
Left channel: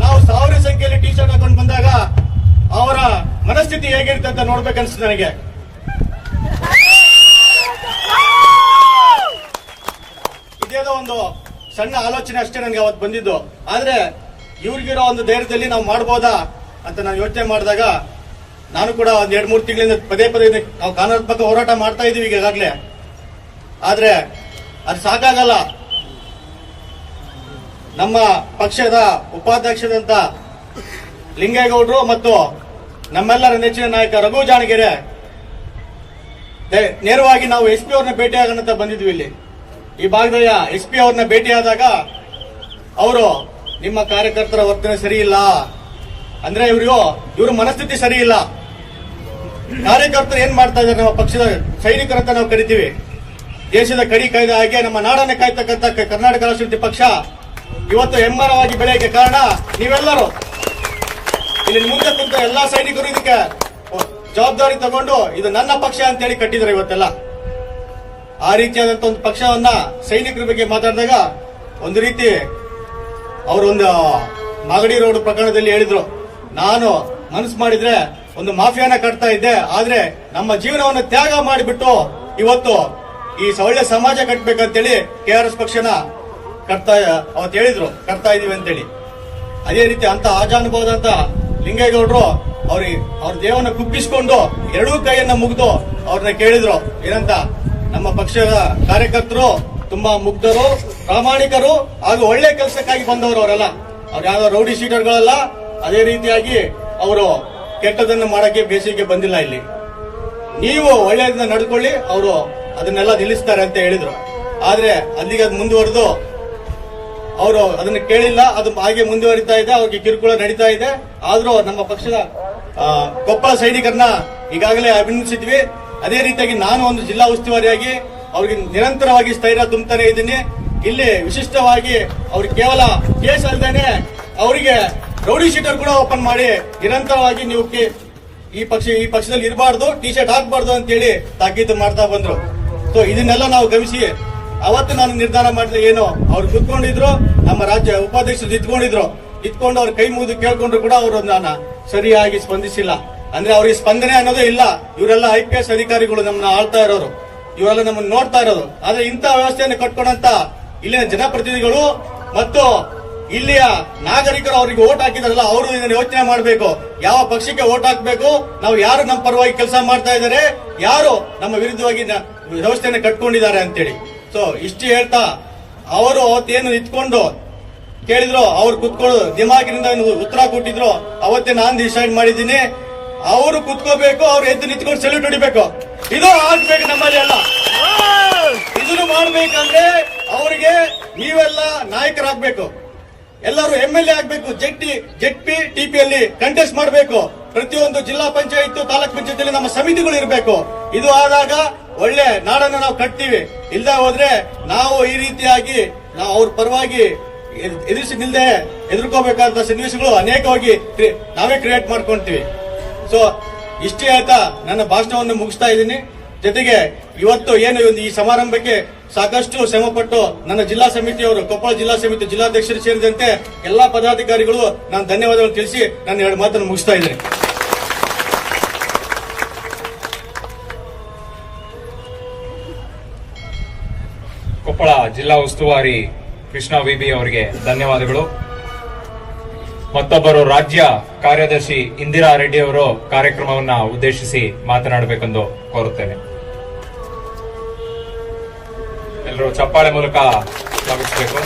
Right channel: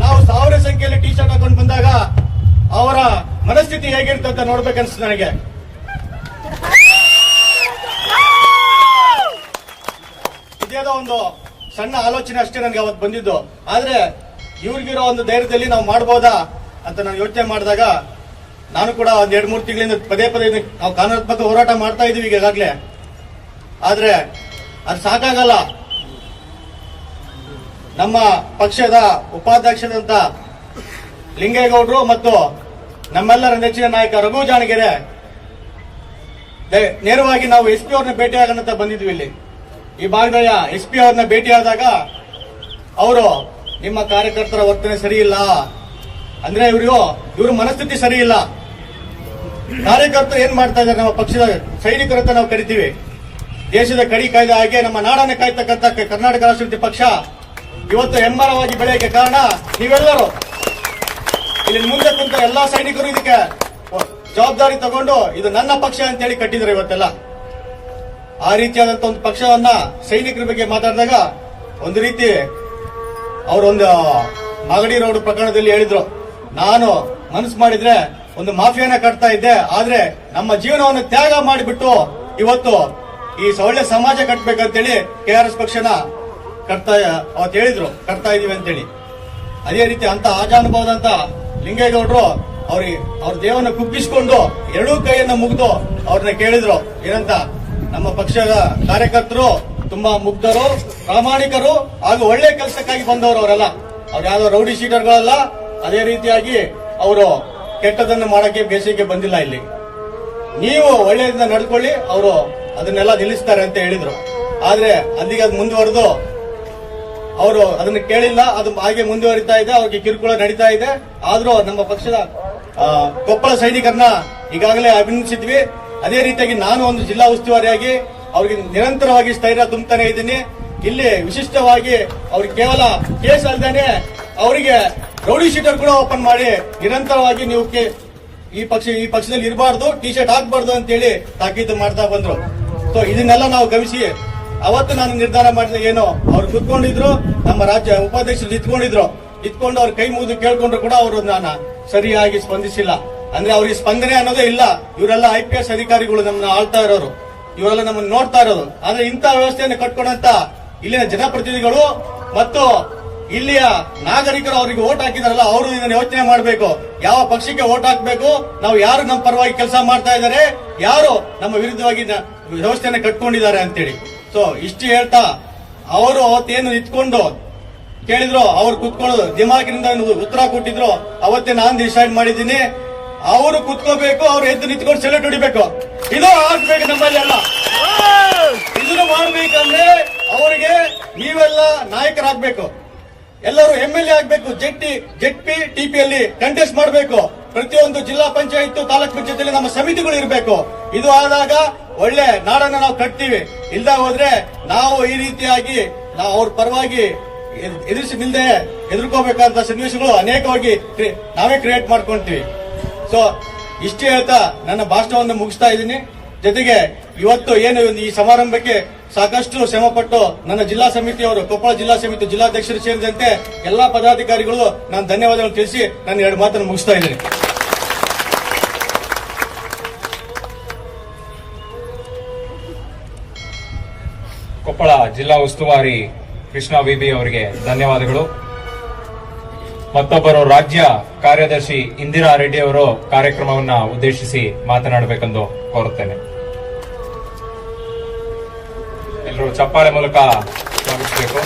ನಾವು 1000 ಸಂಖ್ಯೆಯಲ್ಲಿ ಟಿ ಶರ್ಟ್ ಹಾಕೊಂಡು ಬಂದಾಗ ಅವರ ಮನಸ್ಥಿತಿ ಹೇಗಿರುತ್ತೆ ಅಂತ ನೋಡ್ಬೇಕನ್ಸುತ್ತೆ ನನಗೆ. ಇದೇನೋ ಒಂದು ಸಣ್ಣ ಆಲೋಚನೆ ಅಷ್ಟೇ ನನಗೆ ಅವತ್ತು ಬಂದಿದ್ದು. ಆದ್ರೆ ಇವ್ರಿಗಿರೋ ಒಂದು ಧೈರ್ಯದಲ್ಲಿ ನಾವು ಮಾಡಬಹುದಾ ಅಂತ ನಾನು ಯೋಚನೆ ಮಾಡಿದಾಗ ನಾನು ಕೂಡ ಒಂದ್ 2-3 ತಿಂಗಳಿಂದ ಪದೇ ನಾವು ಕಾನೂನಾತ್ಮಕ ಹೋರಾಟ ಮಾಡ್ತಾ ಇದೀವಿ ಈಗಾಗಲೇ. ಆದ್ರೆ ಅದು ಸಾಕಾಗಲ್ಲ. ನಮ್ಮ ಪಕ್ಷದ ಉಪಾಧ್ಯಕ್ಷರಂತ ಲಿಂಗೇಗೌಡರು ಮತ್ತು ನಮ್ಮೆಲ್ಲರ ನೆಚ್ಚಿನ ನಾಯಕ ರಘು ಜಾಣಗೆರೆ ನೇರವಾಗಿ ನಾವು ಎಸ್ ಪಿ ಅವ್ರನ್ನ ಭೇಟಿಯಾಗಂತ ಬಂದಿದ್ವಿ. ಇಲ್ಲಿ ಈ ಭಾಗದ ಎಸ್ ಪಿ ಅವ್ರನ್ನ ಭೇಟಿಯಾದಾಗ ಅವರು ನಿಮ್ಮ ಕಾರ್ಯಕರ್ತರ ವರ್ತನೆ ಸರಿ ಇಲ್ಲ ಅಂದ್ರೆ ಇವ್ರ ಮನಸ್ಥಿತಿ ಸರಿ ಇಲ್ಲ. ಕಾರ್ಯಕರ್ತರು ಏನ್ ಮಾಡ್ತಾ ಇದ್ದಾರೆ, ನಮ್ಮ ಪಕ್ಷದ ಸೈನಿಕರಂತ ನಾವು ಕರಿತೀವಿ, ದೇಶದ ಕಡಿ ಕಾಯ್ದ ಹಾಗೆ ನಮ್ಮ ನಾಡನ್ನು ಕಾಯ್ತಕ್ಕಂಥ ಕರ್ನಾಟಕ ರಾಷ್ಟ್ರ ಸಮಿತಿ ಪಕ್ಷ ಇವತ್ತು ಹೆಮ್ಮರವಾಗಿ ಬೆಳೆಯಕ್ಕೆ ಕಾರಣ ನೀವೆಲ್ಲರೂ. ಇಲ್ಲಿ ಮುಂದೆ ಕುಂತ ಎಲ್ಲಾ ಸೈನಿಕರು ಇದಕ್ಕೆ ಜವಾಬ್ದಾರಿ ತಗೊಂಡು ಇದು ನನ್ನ ಪಕ್ಷ ಅಂತೇಳಿ ಕಟ್ಟಿದ್ದಾರೆ ಇವತ್ತೆಲ್ಲ. ಆ ರೀತಿಯಾದಂತ ಒಂದು ಪಕ್ಷವನ್ನ ಸೈನಿಕರ ಬಗ್ಗೆ ಮಾತಾಡಿದಾಗ ಒಂದು ರೀತಿ ಅವರೊಂದು ಮಾಗಡಿ ರೋಡ್ ಪ್ರಕರಣದಲ್ಲಿ ಹೇಳಿದ್ರು, ನಾನು ಮನಸ್ಸು ಮಾಡಿದ್ರೆ ಒಂದು ಮಾಫಿಯಾನ ಕಟ್ತಾ ಇದ್ದೆ, ಆದ್ರೆ ನಮ್ಮ ಜೀವನವನ್ನು ತ್ಯಾಗ ಮಾಡಿಬಿಟ್ಟು ಇವತ್ತು ಈ ಒಳ್ಳೆ ಸಮಾಜ ಕಟ್ಟಬೇಕಂತೇಳಿ KRS ಪಕ್ಷನ ಅವತ್ತು ಹೇಳಿದ್ರು, ಕಟ್ತಾ ಇದೀವಿ ಅಂತೇಳಿ. ಅದೇ ರೀತಿ ಅಂತ ಆಜಾನುಭಾವದಂತ ಲಿಂಗೇಗೌಡರು ಅವ್ರ ದೇವನ ಕುಗ್ಗಿಸಿಕೊಂಡು ಎರಡೂ ಕೈಯನ್ನ ಮುಗಿದು ಅವ್ರನ್ನ ಕೇಳಿದ್ರು ಏನಂತ, ನಮ್ಮ ಪಕ್ಷದ ಕಾರ್ಯಕರ್ತರು ತುಂಬಾ ಮುಗ್ಧರು, ಪ್ರಾಮಾಣಿಕರು ಹಾಗೂ ಒಳ್ಳೆ ಕೆಲಸಕ್ಕಾಗಿ ಬಂದವರು ಅವರಲ್ಲ, ಅವ್ರು ಯಾವ್ದೋ ರೌಡಿ ಶೀಟರ್ಗಳಲ್ಲ. ಅದೇ ರೀತಿಯಾಗಿ ಅವರು ಕೆಟ್ಟದನ್ನು ಮಾಡಕ್ಕೆ ಬೇಸಿಗೆ ಬಂದಿಲ್ಲ. ಇಲ್ಲಿ ನೀವು ಒಳ್ಳೆಯದನ್ನ ನಡ್ಕೊಳ್ಳಿ, ಅವರು ಅದನ್ನೆಲ್ಲ ನಿಲ್ಲಿಸ್ತಾರೆ ಅಂತ ಹೇಳಿದ್ರು. ಆದ್ರೆ ಅಲ್ಲಿಗೆ ಅದು ಮುಂದುವರೆದು ಅವರು ಅದನ್ನ ಕೇಳಿಲ್ಲ, ಅದು ಹಾಗೆ ಮುಂದುವರಿತಾ ಇದೆ, ಅವ್ರಿಗೆ ಕಿರುಕುಳ ನಡೀತಾ ಇದೆ. ಆದ್ರೂ ನಮ್ಮ ಪಕ್ಷದ ಕೊಪ್ಪಳ ಸೈನಿಕರನ್ನ ಈಗಾಗಲೇ ಅಭಿನಂದಿಸಿದ್ವಿ. ಅದೇ ರೀತಿಯಾಗಿ ನಾನು ಒಂದು ಜಿಲ್ಲಾ ಉಸ್ತುವಾರಿಯಾಗಿ ಅವ್ರಿಗೆ ನಿರಂತರವಾಗಿ ಸ್ಥೈರ್ಯ ತುಂಬುತ್ತಾನೆ ಇದ್ದೀನಿ. ಇಲ್ಲಿ ವಿಶಿಷ್ಟವಾಗಿ ಅವ್ರಿಗೆ ಕೇವಲ ಕೇಸ್ ಅಲ್ಲದೇನೆ ಅವರಿಗೆ ರೌಡಿ ಶೀಟರ್ ಕೂಡ ಓಪನ್ ಮಾಡಿ ನಿರಂತರವಾಗಿ ನೀವು ಈ ಪಕ್ಷದಲ್ಲಿ ಇರಬಾರ್ದು, ಟಿ ಶರ್ಟ್ ಹಾಕಬಾರ್ದು ಅಂತೇಳಿ ತಾಕೀತು ಮಾಡ್ತಾ ಬಂದ್ರು. ಸೊ ಇದನ್ನೆಲ್ಲ ನಾವು ಗಮನಿಸಿ ಅವತ್ತು ನಾನು ನಿರ್ಧಾರ ಮಾಡಿದ ಏನು, ಅವ್ರು ಕುತ್ಕೊಂಡಿದ್ರು, ನಮ್ಮ ರಾಜ್ಯ ಉಪಾಧ್ಯಕ್ಷರು ಇತ್ಕೊಂಡು ಅವ್ರ ಕೈ ಮುಗಿದು ಕೇಳ್ಕೊಂಡ್ರು ಕೂಡ ಅವರು ನಾನು ಸರಿಯಾಗಿ ಸ್ಪಂದಿಸಿಲ್ಲ. ಅಂದ್ರೆ ಅವ್ರಿಗೆ ಸ್ಪಂದನೆ ಅನ್ನೋದೇ ಇಲ್ಲ. ಇವರೆಲ್ಲ IPS ಅಧಿಕಾರಿಗಳು ನಮ್ಮನ್ನ ಆಳ್ತಾ ಇರೋರು, ಇವರೆಲ್ಲ ನಮ್ಮನ್ನು ನೋಡ್ತಾ ಇರೋರು. ಆದ್ರೆ ಇಂಥ ವ್ಯವಸ್ಥೆಯನ್ನು ಕಟ್ಕೊಂಡಂತ ಇಲ್ಲಿನ ಜನಪ್ರತಿನಿಧಿಗಳು ಮತ್ತು ಇಲ್ಲಿಯ ನಾಗರಿಕರು ಅವರಿಗೆ ವೋಟ್ ಹಾಕಿದಾರಲ್ಲ, ಅವರು ಇದನ್ನು ಯೋಚನೆ ಮಾಡಬೇಕು. ಯಾವ ಪಕ್ಷಕ್ಕೆ ವೋಟ್ ಹಾಕಬೇಕು, ನಾವು ಯಾರು ನಮ್ಮ ಪರವಾಗಿ ಕೆಲಸ ಮಾಡ್ತಾ ಇದ್ದಾರೆ, ಯಾರು ನಮ್ಮ ವಿರುದ್ಧವಾಗಿ ವ್ಯವಸ್ಥೆಯನ್ನು ಕಟ್ಕೊಂಡಿದ್ದಾರೆ ಅಂತೇಳಿ. ಸೊ ಇಷ್ಟು ಹೇಳ್ತಾ ಅವರು ಅವತ್ತೇನು ನಿಂತ್ಕೊಂಡು ಕೇಳಿದ್ರು, ಅವ್ರು ಕುತ್ಕೊಂಡು ದಿಮಾಗಿನಿಂದ ಉತ್ತರ ಕೊಟ್ಟಿದ್ರು. ಅವತ್ತೇ ನಾನು ಡಿಸೈಡ್ ಮಾಡಿದ್ದೀನಿ, ಅವರು ಕುತ್ಕೋಬೇಕು, ಅವ್ರು ಎದ್ದು ನಿಂತ್ಕೊಂಡು ಸೆಲ್ಯೂಟ್ ಹೊಡಿಬೇಕು. ಇದು ಆಗ್ಬೇಕು ನಮ್ಮಲ್ಲೆಲ್ಲ. ಇದನ್ನು ಮಾಡ್ಬೇಕಂದ್ರೆ ಅವರಿಗೆ ನೀವೆಲ್ಲ ನಾಯಕರಾಗಬೇಕು, ಎಲ್ಲರೂ MLA ಆಗ್ಬೇಕು, ಜೆಡ್ಪಿ TP ಅಲ್ಲಿ ಕಂಟೆಸ್ಟ್ ಮಾಡಬೇಕು. ಪ್ರತಿಯೊಂದು ಜಿಲ್ಲಾ ಪಂಚಾಯತ್ ತಾಲೂಕ್ ಪಂಚಾಯತ್ ನಮ್ಮ ಸಮಿತಿಗಳು ಇರಬೇಕು. ಇದು ಆದಾಗ ಒಳ್ಳೆ ನಾಡನ್ನು ನಾವು ಕಟ್ತೀವಿ. ಇಲ್ದ ಹೋದ್ರೆ ನಾವು ಈ ರೀತಿಯಾಗಿ ನಾವು ಅವ್ರ ಪರವಾಗಿ ನಿಲ್ದೆ ಎದುರ್ಕೋಬೇಕಾದ ಸನ್ನಿವೇಶಗಳು ಅನೇಕವಾಗಿ ನಾವೇ ಕ್ರಿಯೇಟ್ ಮಾಡ್ಕೊಂತೀವಿ. ಸೊ ಇಷ್ಟು ಹೇಳ್ತಾ ನನ್ನ ಭಾಷಣವನ್ನು ಮುಗಿಸ್ತಾ ಇದ್ದೀನಿ. ಜೊತೆಗೆ ಇವತ್ತು ಏನು ಈ ಸಮಾರಂಭಕ್ಕೆ ಸಾಕಷ್ಟು ಶ್ರಮಪಟ್ಟು ನನ್ನ ಜಿಲ್ಲಾ ಸಮಿತಿಯವರು, ಕೊಪ್ಪಳ ಜಿಲ್ಲಾ ಸಮಿತಿ ಜಿಲ್ಲಾಧ್ಯಕ್ಷರು ಸೇರಿದಂತೆ ಎಲ್ಲಾ ಪದಾಧಿಕಾರಿಗಳು ನಾನು ಧನ್ಯವಾದಗಳು ತಿಳಿಸಿ ನಾನು 2 ಮಾತನ್ನು ಮುಗಿಸ್ತಾ ಇದ್ದೀನಿ. ಕೊಪ್ಪಳ ಜಿಲ್ಲಾ ಉಸ್ತುವಾರಿ ಕೃಷ್ಣ ವಿಬಿ ಅವರಿಗೆ ಧನ್ಯವಾದಗಳು. ಮತ್ತೊಬ್ಬರು ರಾಜ್ಯ ಕಾರ್ಯದರ್ಶಿ ಇಂದಿರಾ ರೆಡ್ಡಿ ಅವರು ಕಾರ್ಯಕ್ರಮವನ್ನ ಉದ್ದೇಶಿಸಿ ಮಾತನಾಡಬೇಕೆಂದು ಕೋರುತ್ತೇನೆ. ಎಲ್ಲರೂ ಚಪ್ಪಾಳೆ ಮೂಲಕ ಸ್ವಾಗತಿಸಬೇಕು.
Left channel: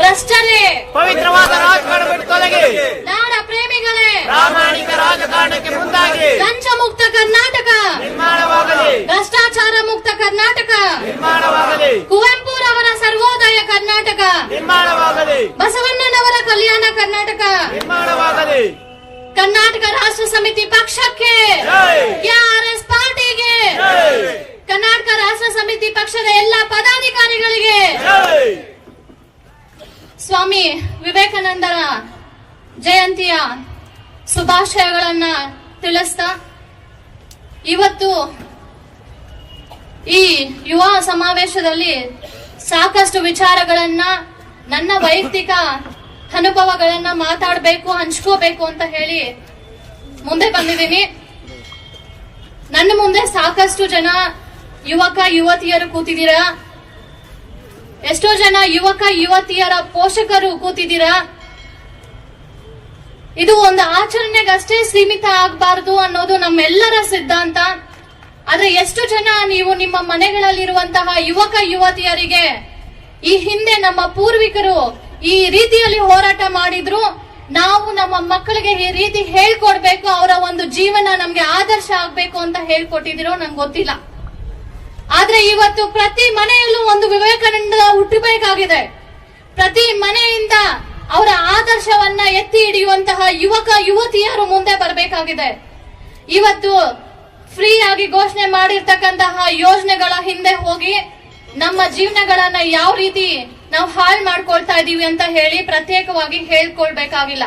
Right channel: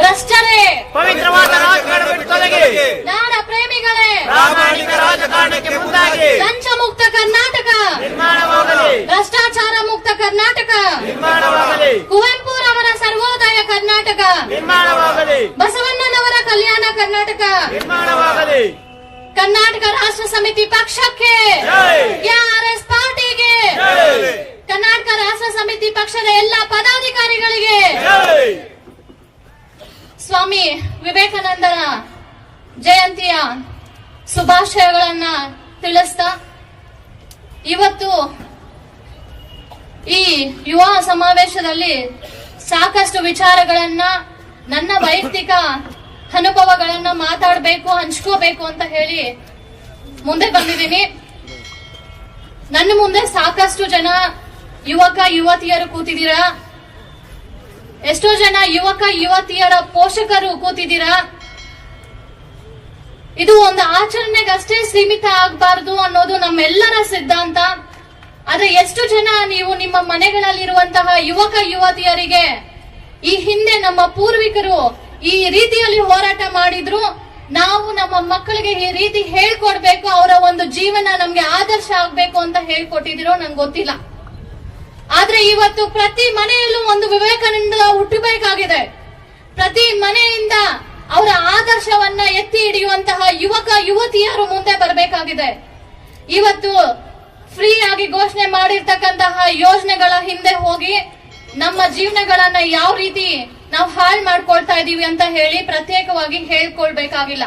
ಭ್ರಷ್ಟರೇ, ಪವಿತ್ರವಾದ ರಾಜಕಾರಣ ಬಿಟ್ಟು ತೊಲಗಿ, ನಾಡ ಪ್ರೇಮಿಗಳೇ, ಪ್ರಾಮಾಣಿಕ ರಾಜಕಾರಣಕ್ಕೆ ಮುಂದಾಗಿ ಲಂಚ ಮುಕ್ತ ಕರ್ನಾಟಕ ನಿರ್ಮಾಣವಾಗಲಿ, ಭ್ರಷ್ಟಾಚಾರ ಮುಕ್ತ ಕರ್ನಾಟಕ ನಿರ್ಮಾಣವಾಗಲಿ, ಕುವೆಂಪುರವರ ಸರ್ವೋದಯ ಕರ್ನಾಟಕ ನಿರ್ಮಾಣವಾಗಲಿ, ಬಸವಣ್ಣನವರ ಕಲ್ಯಾಣ ಕರ್ನಾಟಕ ನಿರ್ಮಾಣವಾಗಲಿ. ಕರ್ನಾಟಕ ರಾಷ್ಟ್ರ ಸಮಿತಿ ಪಕ್ಷಕ್ಕೆ ಜೈ. KRS ಪಾರ್ಟಿಗೆ ಜೈ. ಕರ್ನಾಟಕ ರಾಷ್ಟ್ರ ಸಮಿತಿ ಪಕ್ಷದ ಎಲ್ಲ ಪದಾಧಿಕಾರಿಗಳಿಗೆ ಜೈ. ಸ್ವಾಮಿ ವಿವೇಕಾನಂದರ ಜಯಂತಿಯ ಶುಭಾಶಯಗಳನ್ನ ತಿಳಿಸ್ತಾ, ಇವತ್ತು ಈ ಯುವ ಸಮಾವೇಶದಲ್ಲಿ ಸಾಕಷ್ಟು ವಿಚಾರಗಳನ್ನ, ನನ್ನ ವೈಯಕ್ತಿಕ ಅನುಭವಗಳನ್ನ ಮಾತಾಡಬೇಕು, ಹಂಚ್ಕೋಬೇಕು ಅಂತ ಹೇಳಿ ಮುಂದೆ ಬಂದಿದ್ದೀನಿ. ನನ್ನ ಮುಂದೆ ಸಾಕಷ್ಟು ಜನ ಯುವಕ ಯುವತಿಯರು ಕೂತಿದ್ದೀರಾ, ಎಷ್ಟೋ ಜನ ಯುವಕ ಯುವತಿಯರ ಪೋಷಕರು ಕೂತಿದ್ದೀರಾ. ಇದು ಒಂದು ಆಚರಣೆಗಷ್ಟೇ ಸೀಮಿತ ಆಗಬಾರದು ಅನ್ನೋದು ನಮ್ಮೆಲ್ಲರ ಸಿದ್ಧಾಂತ. ಆದ್ರೆ ಎಷ್ಟು ಜನ ನೀವು ನಿಮ್ಮ ಮನೆಗಳಲ್ಲಿರುವಂತಹ ಯುವಕ ಯುವತಿಯರಿಗೆ ಈ ಹಿಂದೆ ನಮ್ಮ ಪೂರ್ವಿಕರು ಈ ರೀತಿಯಲ್ಲಿ ಹೋರಾಟ ಮಾಡಿದ್ರು, ನಾವು ನಮ್ಮ ಮಕ್ಕಳಿಗೆ ಈ ರೀತಿ ಹೇಳ್ಕೊಡ್ಬೇಕು, ಅವರ ಒಂದು ಜೀವನ ನಮ್ಗೆ ಆದರ್ಶ ಆಗ್ಬೇಕು ಅಂತ ಹೇಳ್ಕೊಟ್ಟಿದಿರೋ ನಂಗೆ ಗೊತ್ತಿಲ್ಲ. ಆದ್ರೆ ಇವತ್ತು ಪ್ರತಿ ಮನೆಯಲ್ಲೂ ಒಂದು ವಿವೇಕಾನಂದ ಹುಟ್ಟಬೇಕಾಗಿದೆ. ಪ್ರತಿ ಮನೆಯಿಂದ ಅವರ ಆದರ್ಶವನ್ನ ಎತ್ತಿ ಹಿಡಿಯುವಂತಹ ಯುವಕ ಯುವತಿಯರು ಮುಂದೆ ಬರಬೇಕಾಗಿದೆ. ಇವತ್ತು ಫ್ರೀ ಆಗಿ ಘೋಷಣೆ ಮಾಡಿರ್ತಕ್ಕಂತಹ ಯೋಜನೆಗಳ ಹಿಂದೆ ಹೋಗಿ ನಮ್ಮ ಜೀವನಗಳನ್ನ ಯಾವ ರೀತಿ ನಾವು ಹಾಳು ಮಾಡ್ಕೊಳ್ತಾ ಇದೀವಿ ಅಂತ ಹೇಳಿ ಪ್ರತ್ಯೇಕವಾಗಿ ಹೇಳ್ಕೊಳ್ಬೇಕಾಗಿಲ್ಲ.